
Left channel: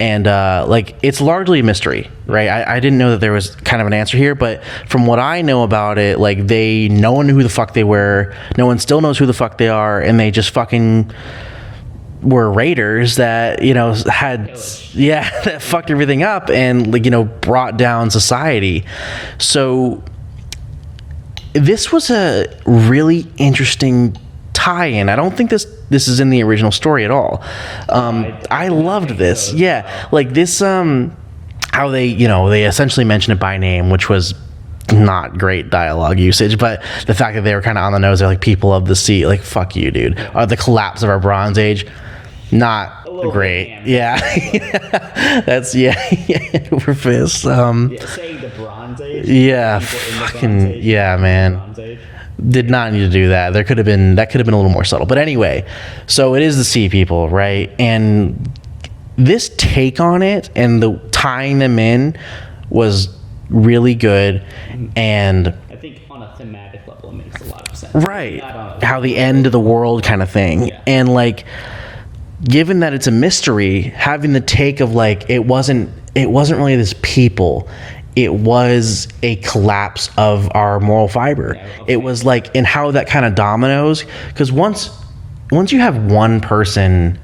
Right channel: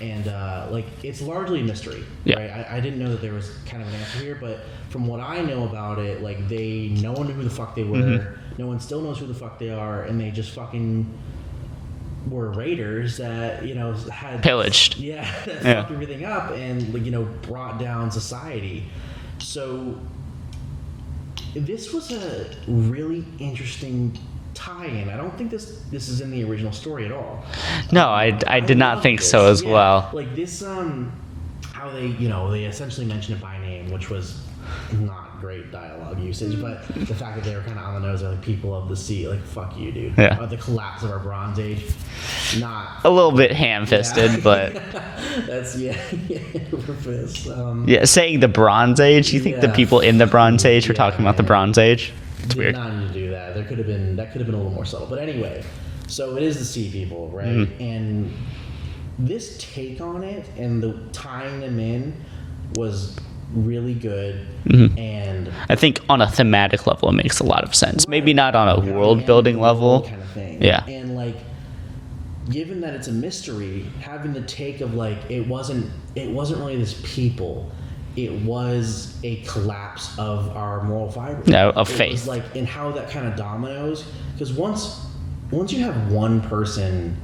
And like it's largely a mystery, right? I didn't know that there was kind of an answer here, but from what I know about it, like no one knew who the fuck they were, no one still knows who the fuck they are, and they just fucking were raiders that had pillaged, that fucked everything up and like brought down society. So this was a really interesting tie-in. I don't think this is in the original story at all. No, I did not think so as well. Like this, how they essentially mention it by name, which was not great dialogue usage, but the fact that they were kind of on the nose, they're like people of the sea, like fuck you, dude. The collapse of our Bronze Age. Not a little great. bit ham-fisted, but that's over fist. Saying the Bronze Age, the people in the Bronze Age are talking about the Bronze Age. Did not need to do that. That could have been a little more subtle. But anyway, so it is the sea people, right? And this take on it and the tying them in was really good. And I think on a thematic level, it makes a lot of sense. Right. Maybe not on a how world the end of the level. world kind of thing. Yeah. And like, given that it's a mystery, having the take of like it wasn't really this people, it was a collapse of our moral fiber. It was like, and how that kind of dominoes, because once you have one person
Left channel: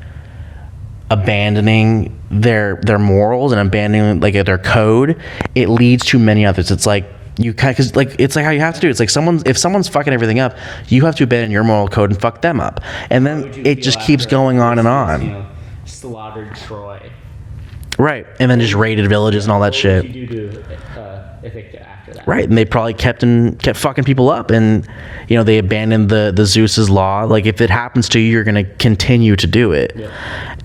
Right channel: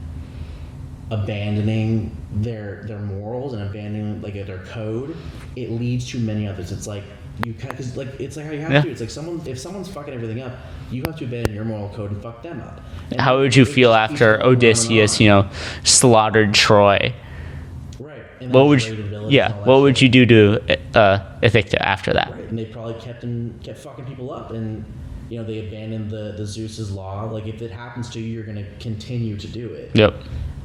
abandoning their morals and abandoning like their code, it leads to many others. It's like you kind of, because like it's like how you have to do. It's like if someone's fucking everything up, you have to abandon your moral code and fuck them up. And how would you feel just after keeps going Odysseus, on and on. Slaughtered Troy? Right, and then just raided villages and all that shit. What would you do to Ithacta after that? Right, and they probably kept fucking people up, and they abandoned the Zeus's law. Like if it happens to you, you're gonna continue to do it. Yep.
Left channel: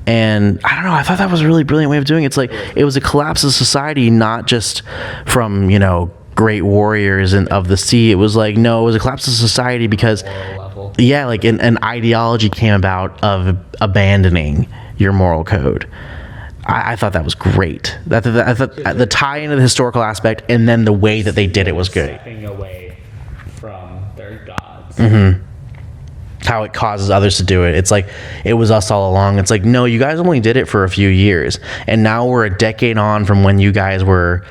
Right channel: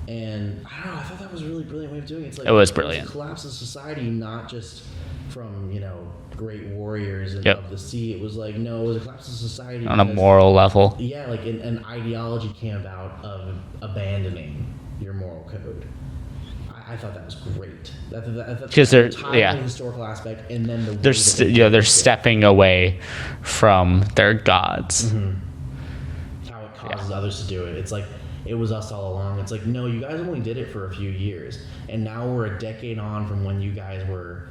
And I don't know. I thought that was a really brilliant way of doing it. It's like it was a collapse of society, not just from great warriors of the sea. It was like it was a collapse of society because on a moral level. Yeah, like an ideology came about of abandoning your moral code. I thought that was great. I thought the tie into the historical aspect and then the way that they did it they're was good. stepping away from their gods. How it causes others to do it. It's like it was us all along. It's like, no, you guys only did it for a few years, and now we're a decade on from when you guys were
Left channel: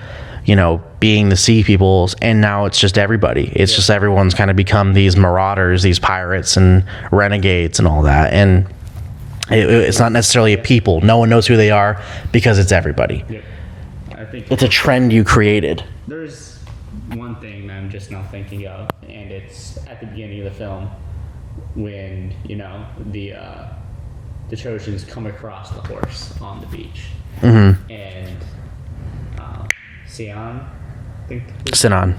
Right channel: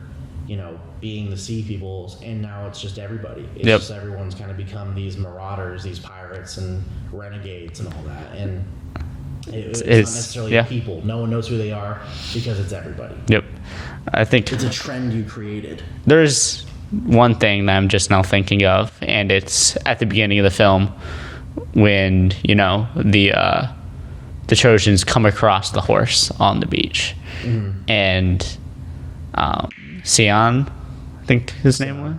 being the sea peoples, and now it's just everybody. It's just everyone's kind of become these marauders, these pirates and renegades and all that. And it's not necessarily a people. No one knows who they are because it's everybody. Yep. I think it's a trend you created. There's one thing that I'm just now thinking of, and it's at the beginning of the film when, the Trojans come across the horse on the beach. And Sinon, I think Sinon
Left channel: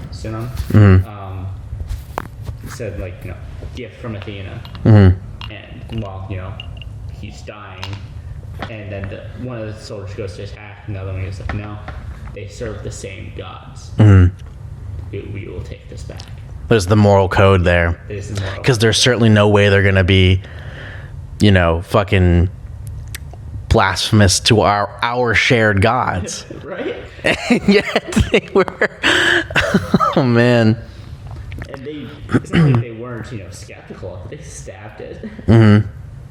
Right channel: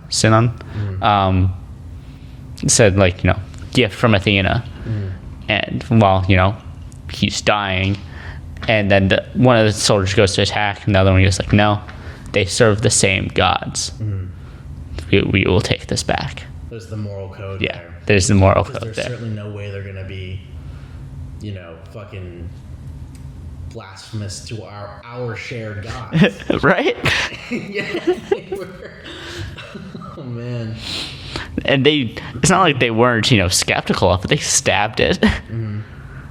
said gift from Athena. And while he's dying, and then one of the soldiers goes to attack, and the other one goes like, no, they serve the same gods. We will take this back. There's the moral code there. There's the moral code because there's certainly no way they're gonna be fucking blasphemous to our shared gods. Right. Yes, they were. Oh man. And it's not like they weren't skeptical of it. They stabbed it.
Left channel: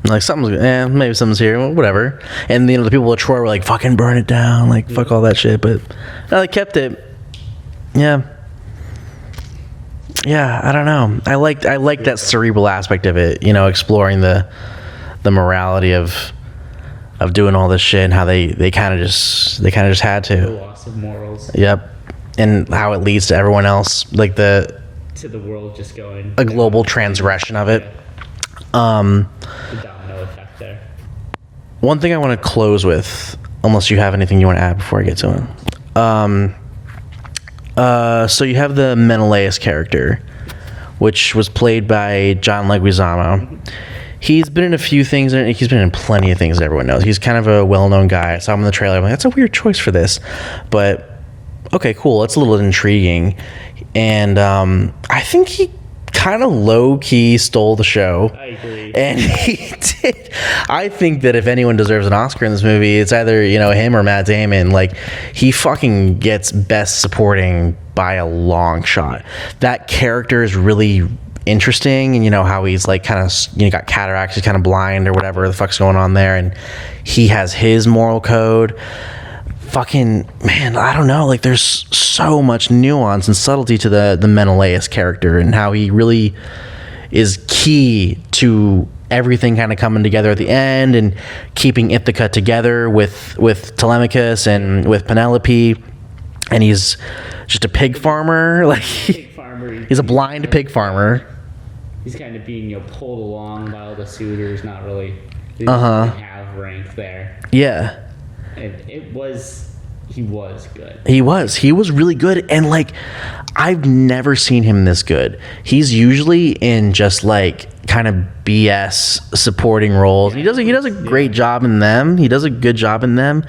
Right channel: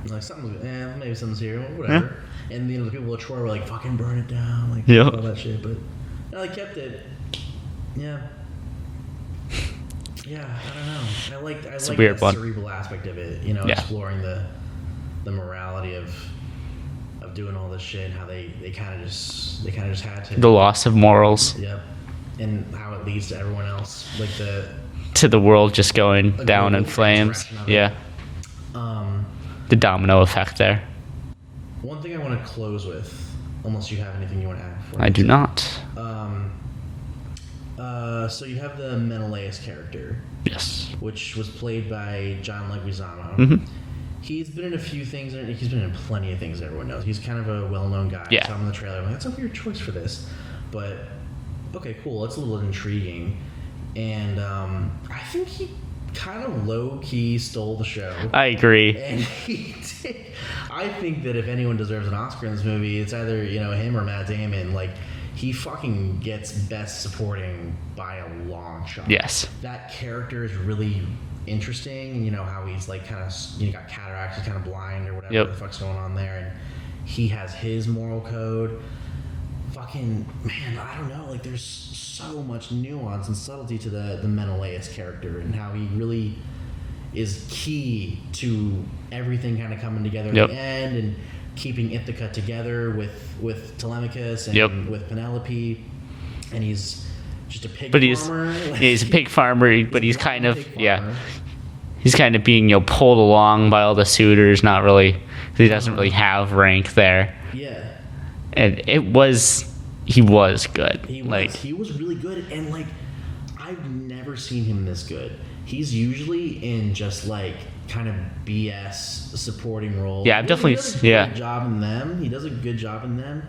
Like maybe something's here, well, whatever. And the people of Troy were like, fucking burn it down, like fuck all that shit. But no, they kept it. Yeah, I don't know. I like that cerebral aspect of it. Exploring the morality of doing all this shit and how they kind of just had to. The loss of morals. Yep, and how it leads to everyone else, like to the world just going a down global transgression of it. Yeah. The domino effect there. One thing I want to close with, unless you have anything you want to add before I get to it. I do not. So you have the Menelaus character, yes, which was played by John Leguizamo. He's been in a few things. He's been in plenty of things that everyone knows. He's kind of a well-known guy. I saw him in the trailer. I'm like, that's a weird choice for this, but okay, cool. It's a little intriguing, and I think he kind of low-key stole the show. I agree. And he did. I think that if anyone deserves an Oscar in this movie, it's either him or Matt Damon. Like, he fucking gets best supporting by a long shot. Yes. That character is really interesting, and how he's like kind of got cataracts, he's kind of blind or whatever the fuck's going on there, and he has his moral code. Fucking man, I don't know, like there's so much nuance and subtlety to the Menelaus character, and how he really is key to everything kind of coming together at the end, and keeping Ithaca together with Telemachus and with Penelope. And he's just a pig farmer. He's a pig farmer. He's a blind pig farmer. Yeah. He's kind of being pulled along by all the suitors. Not really. He doesn't really have rank there. Yeah. And he was good. He was really good, and like I've never seen him this good. He's usually in just like kind of BS supporting roles. Yeah, he does a great job in them. He does a good job in them.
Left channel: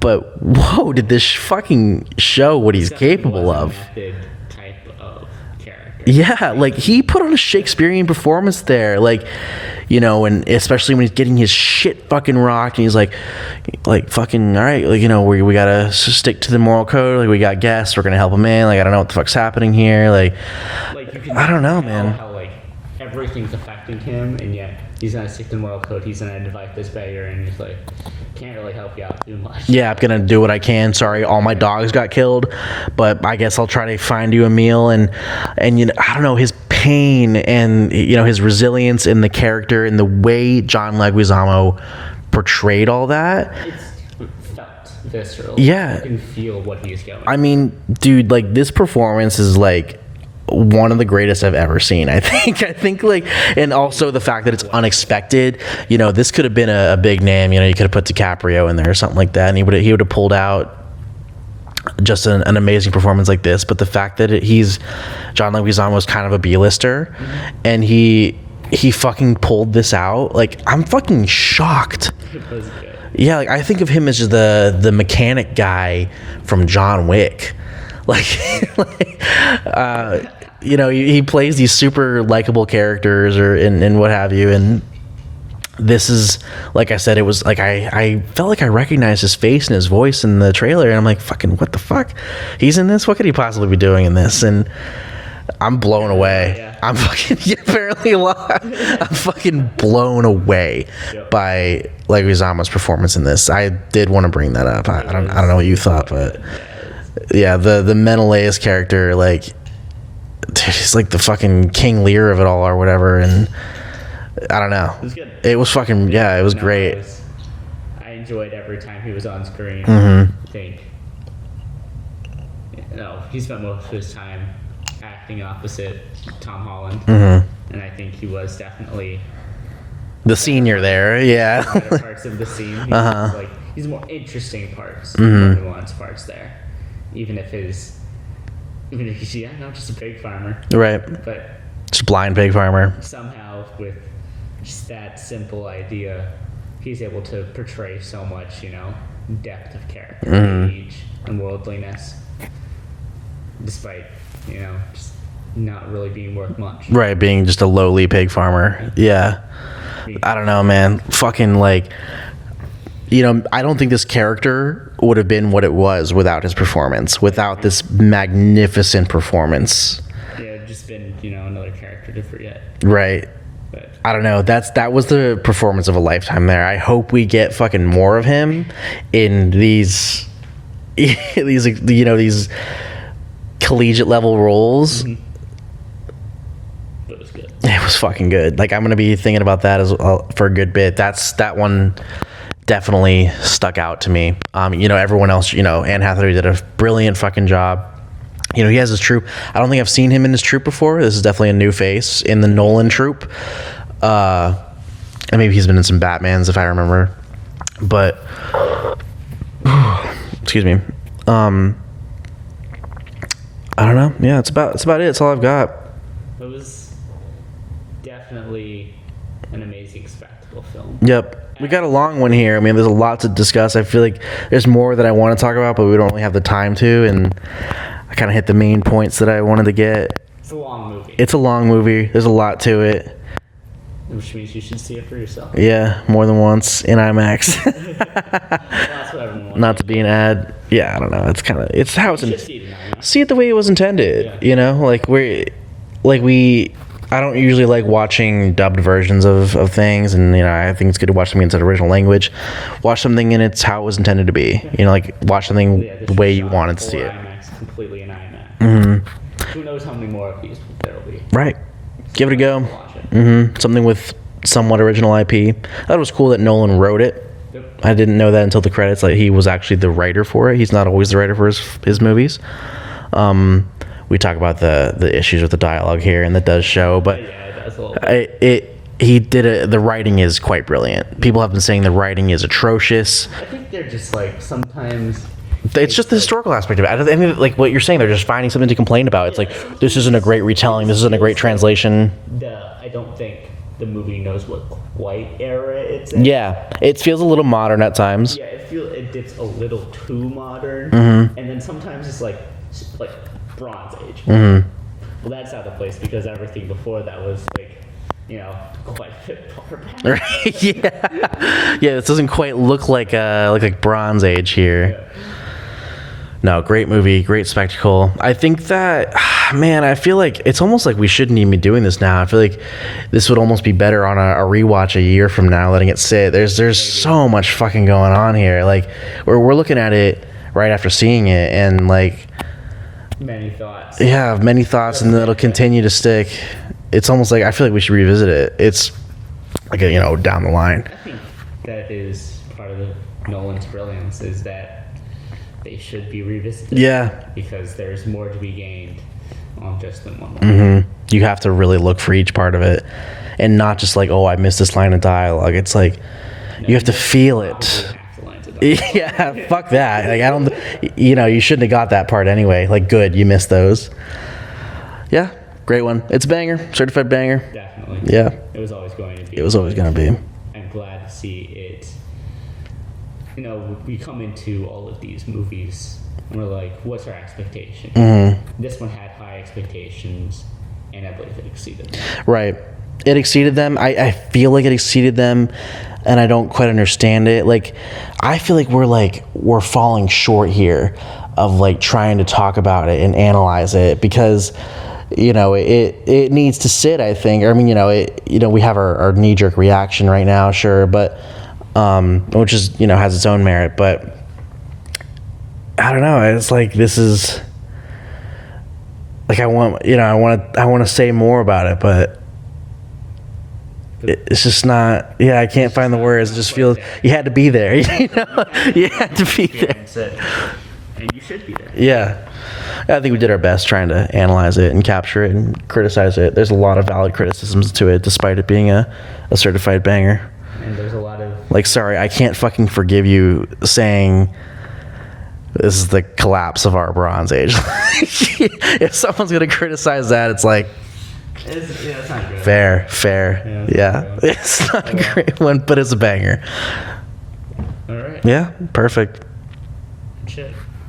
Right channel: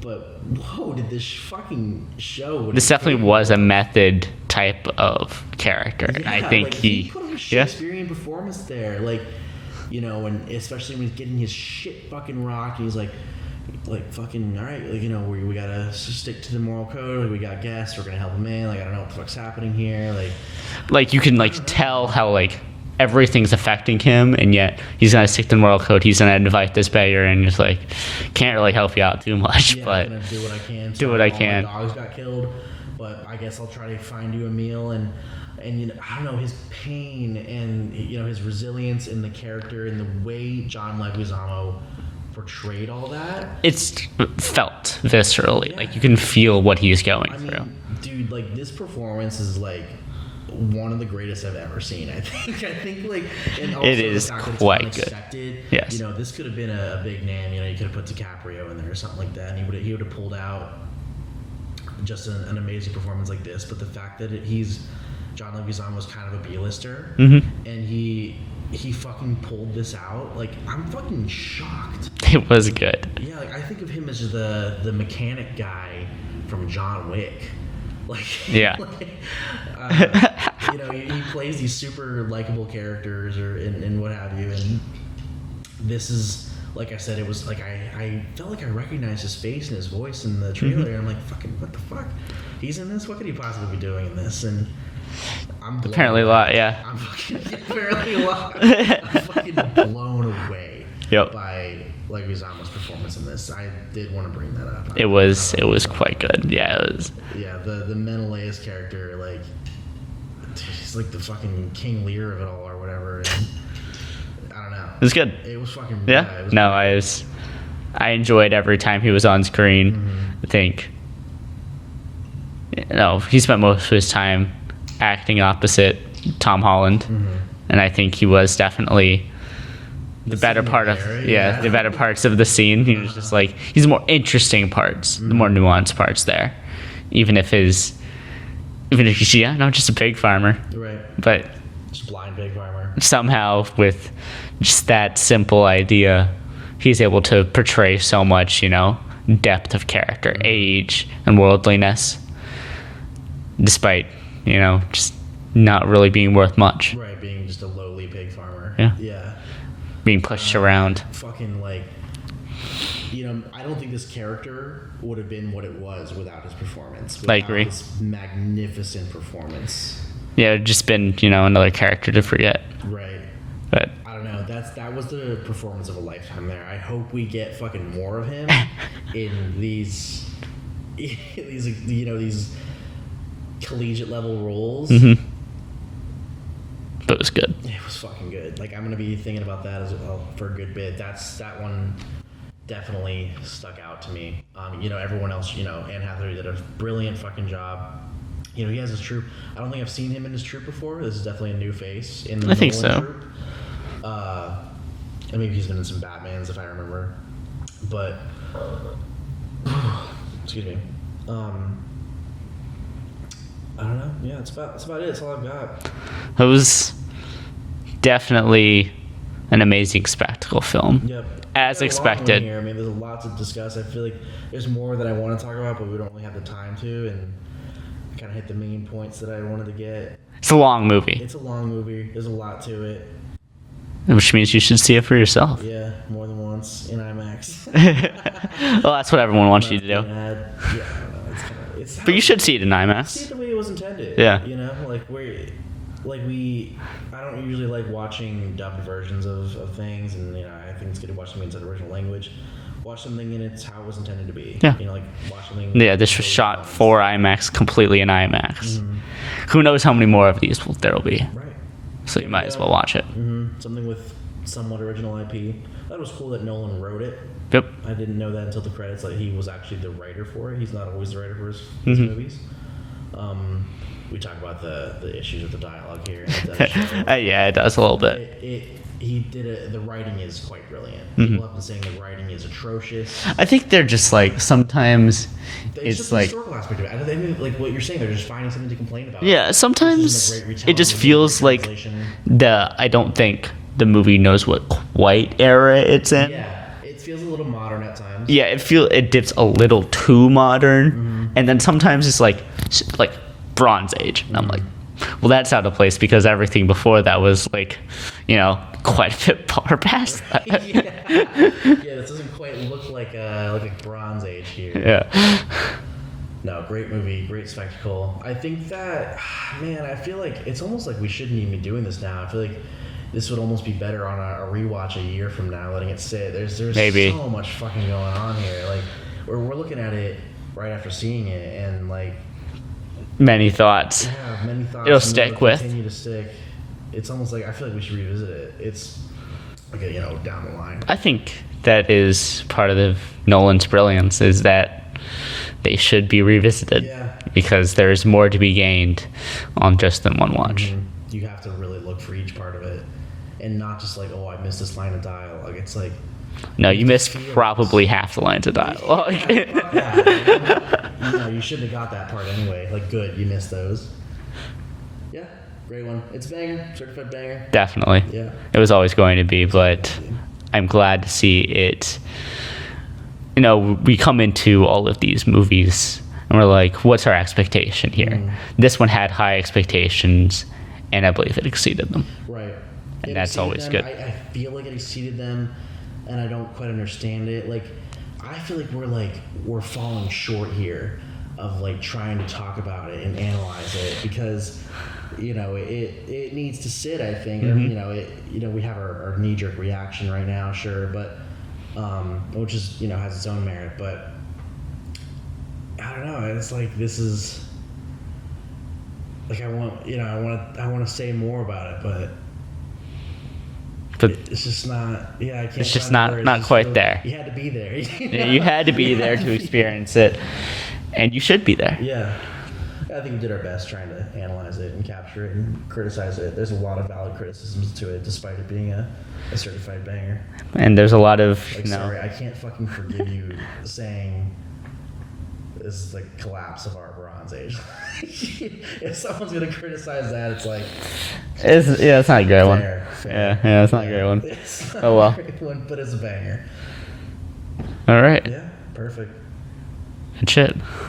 But whoa, did this fucking show what he's capable of? Definitely was a method type of character. Yeah, like he put on a Shakespearean performance there, like and especially when he's getting his shit fucking rocked, and he's like fucking all right, like we gotta stick to the moral code. Like we got guests, we're gonna help him in. Like I don't know what the fuck's happening here. Like you can tell how everything's affecting him, and yet he's gonna stick to the moral code. He's gonna invite this beggar, and just can't really help you out too much. Yeah, I'm gonna do what I can. Sorry, all my dogs got killed, but I guess I'll try to find you a meal. And I don't know, his pain and his resilience in the character and the way John Leguizamo portrayed all that. It's felt viscerally. Yeah, you can feel what he's going. I mean, dude, like this performance is like one of the greatest I've ever seen. I think and also the fact that it's unexpected. Yes. This could have been a big name. You could have put DiCaprio in there or something like that, and he would have pulled out just an amazing performance like this. But the fact that John Leguizamo was kind of a B-lister, and he fucking pulled this out. Like I'm fucking shocked. It was good. Yeah, like I think of him as just the mechanic guy from John Wick. He plays these super likable characters and what have you, and this is, like I said, it was like I felt like I recognized his face and his voice in the trailer, and I'm like, fucking what the fuck, he's in this? What could he possibly be doing in this? And I'm blown away. A lot, yeah. I'm fucking apparently a lot. I'm fucking blown away by Leguizamo's performance in this. I did want to bring that up. I don't know what you thought, quite good. Yeah, it was. Yeah, the Menelaus character, like, dude, he's like the fucking King Lear of it all or whatever, and I don't know. It was good. It was fucking it was great. I enjoyed every time he was on screen. I think. He spent most of his time acting opposite Tom Holland, and I think he was definitely the senior there. The better parts of the scene. He's more interesting parts, more nuanced parts there. Even if he's just a pig farmer, right? But just a blind pig farmer. Somehow, with just that simple idea, he's able to portray so much, depth of character, age, and worldliness, despite just not really being worth much. Right, being just a lowly pig farmer. Yeah. Being pushed I don't know, around. man. Fucking I don't think this character would have been what it was without his performance, without this magnificent performance. Yeah, it'd just been, another character to forget. Right. But I don't know. That was the performance of a lifetime there. I hope we get fucking more of him in these collegiate level roles. But it was good. It was fucking good. Like, I'm gonna be thinking about that as well for a good bit. That one definitely stuck out to me. Everyone else, Anne Hathaway did a brilliant fucking job. He has his troupe. I don't think I've seen him in his troupe before. This is definitely a new face in the Nolan troupe. And maybe he's been in some Batmans if I remember. But excuse me. I don't know. Yeah, that's about it. That's all I've got. It was definitely an amazing spectacle film. Yep. We got a long one here. I mean, there's a lot to discuss. I feel like there's more that I want to talk about, but we don't really have the time to, and I kind of hit the main points that I wanted to get. It's a long movie. There's a lot to it. Which means you should see it for yourself. Yeah, more than once in IMAX. Well, that's what everyone wants you to do. Not to be an ad. Yeah, I don't know. It's how you should see it in IMAX. See it the way it was intended. Yeah. I don't usually like watching dubbed versions of things, and I think it's good to watch something in its original language. Watch something in its how it was intended to be. Yeah. Like watch something this the way was you shot wanted for to. IMAX, completely in IMAX. Who knows how many more of these there will be? Right. So Give it a might go. as well watch it. Something with somewhat original IP. I thought it was cool that Nolan wrote it. Yep. I didn't know that until the credits. Like he was actually the writer for it. He's not always the writer for his movies. We talk about the issues with the dialogue here, and that does show. But yeah, it does a little bit. The writing is quite brilliant. People have been saying the writing is atrocious. I think they're just like sometimes. It's just the historical aspect of it. I mean, like what you're saying, they're just finding something to complain about. Yeah, it's like, sometimes this isn't a great retelling. It just This isn't a great feels translation. Like I don't think the movie knows what quite era it's in. Yeah, it feels a little modern at times. Yeah, it dips a little too modern, and then sometimes it's like Bronze Age. And I'm like, well, that's out of place because everything before that was like, quite a bit far past that. Yeah, this doesn't quite look like Bronze Age here. Yeah. No, great movie, great spectacle. I think that, man, I feel like it's almost like we shouldn't even be doing this now. I feel like this would almost be better on a rewatch a year from now, letting it sit. There's Maybe. so much fucking going on here. Like, we're looking at it right after seeing it, and like, Many thoughts. yeah, many thoughts, and it'll continue to stick. It's almost like I feel like we should revisit it. It's like down the line. I think that is part of Nolan's brilliance is that they should be revisited. Yeah. Because there's more to be gained on just than one watch. You have to really look for each part of it, and not just like, oh, I missed this line of dialogue. It's like, No, you have to missed feel probably it. half the lines of dialogue. Yeah, fuck that. Like, I don't, you shouldn't have got that part anyway. Like, good, you missed those. Yeah, great one. It's a banger, certified banger. Definitely. Yeah, It was always going to be. it was always gonna be. I'm glad to see it. We come into all of these movies and we're like, what's our expectation here? This one had high expectations, and I believe it exceeded them. Right, it that's exceeded always them. good. I feel like it exceeded them, and I don't quite understand it. Like, I feel like we're falling short here of like trying to talk about it and analyze it because it needs to sit, I think. I mean, we have our knee-jerk reaction right now, sure, but which is has its own merit, but I don't know. It's like this is like I want to say more about it, but it's just not. Yeah, I can't find the words. Not it just quite feels there. You had to be there. Yeah, you had to be You there had to to be experience it, and you should be there. Yeah. I think we did our best trying to analyze it and capture it and criticize it. There's a lot of valid criticisms to it, despite it being a certified banger. And there's a lot of Sorry, I can't fucking forgive you saying this is the collapse of our Bronze Age. If someone's gonna criticize that, it's like it's not a great fair. Yeah, it's not a great one. It's not a great one, but it's a banger. one. All right. Yeah, perfect. Good shit.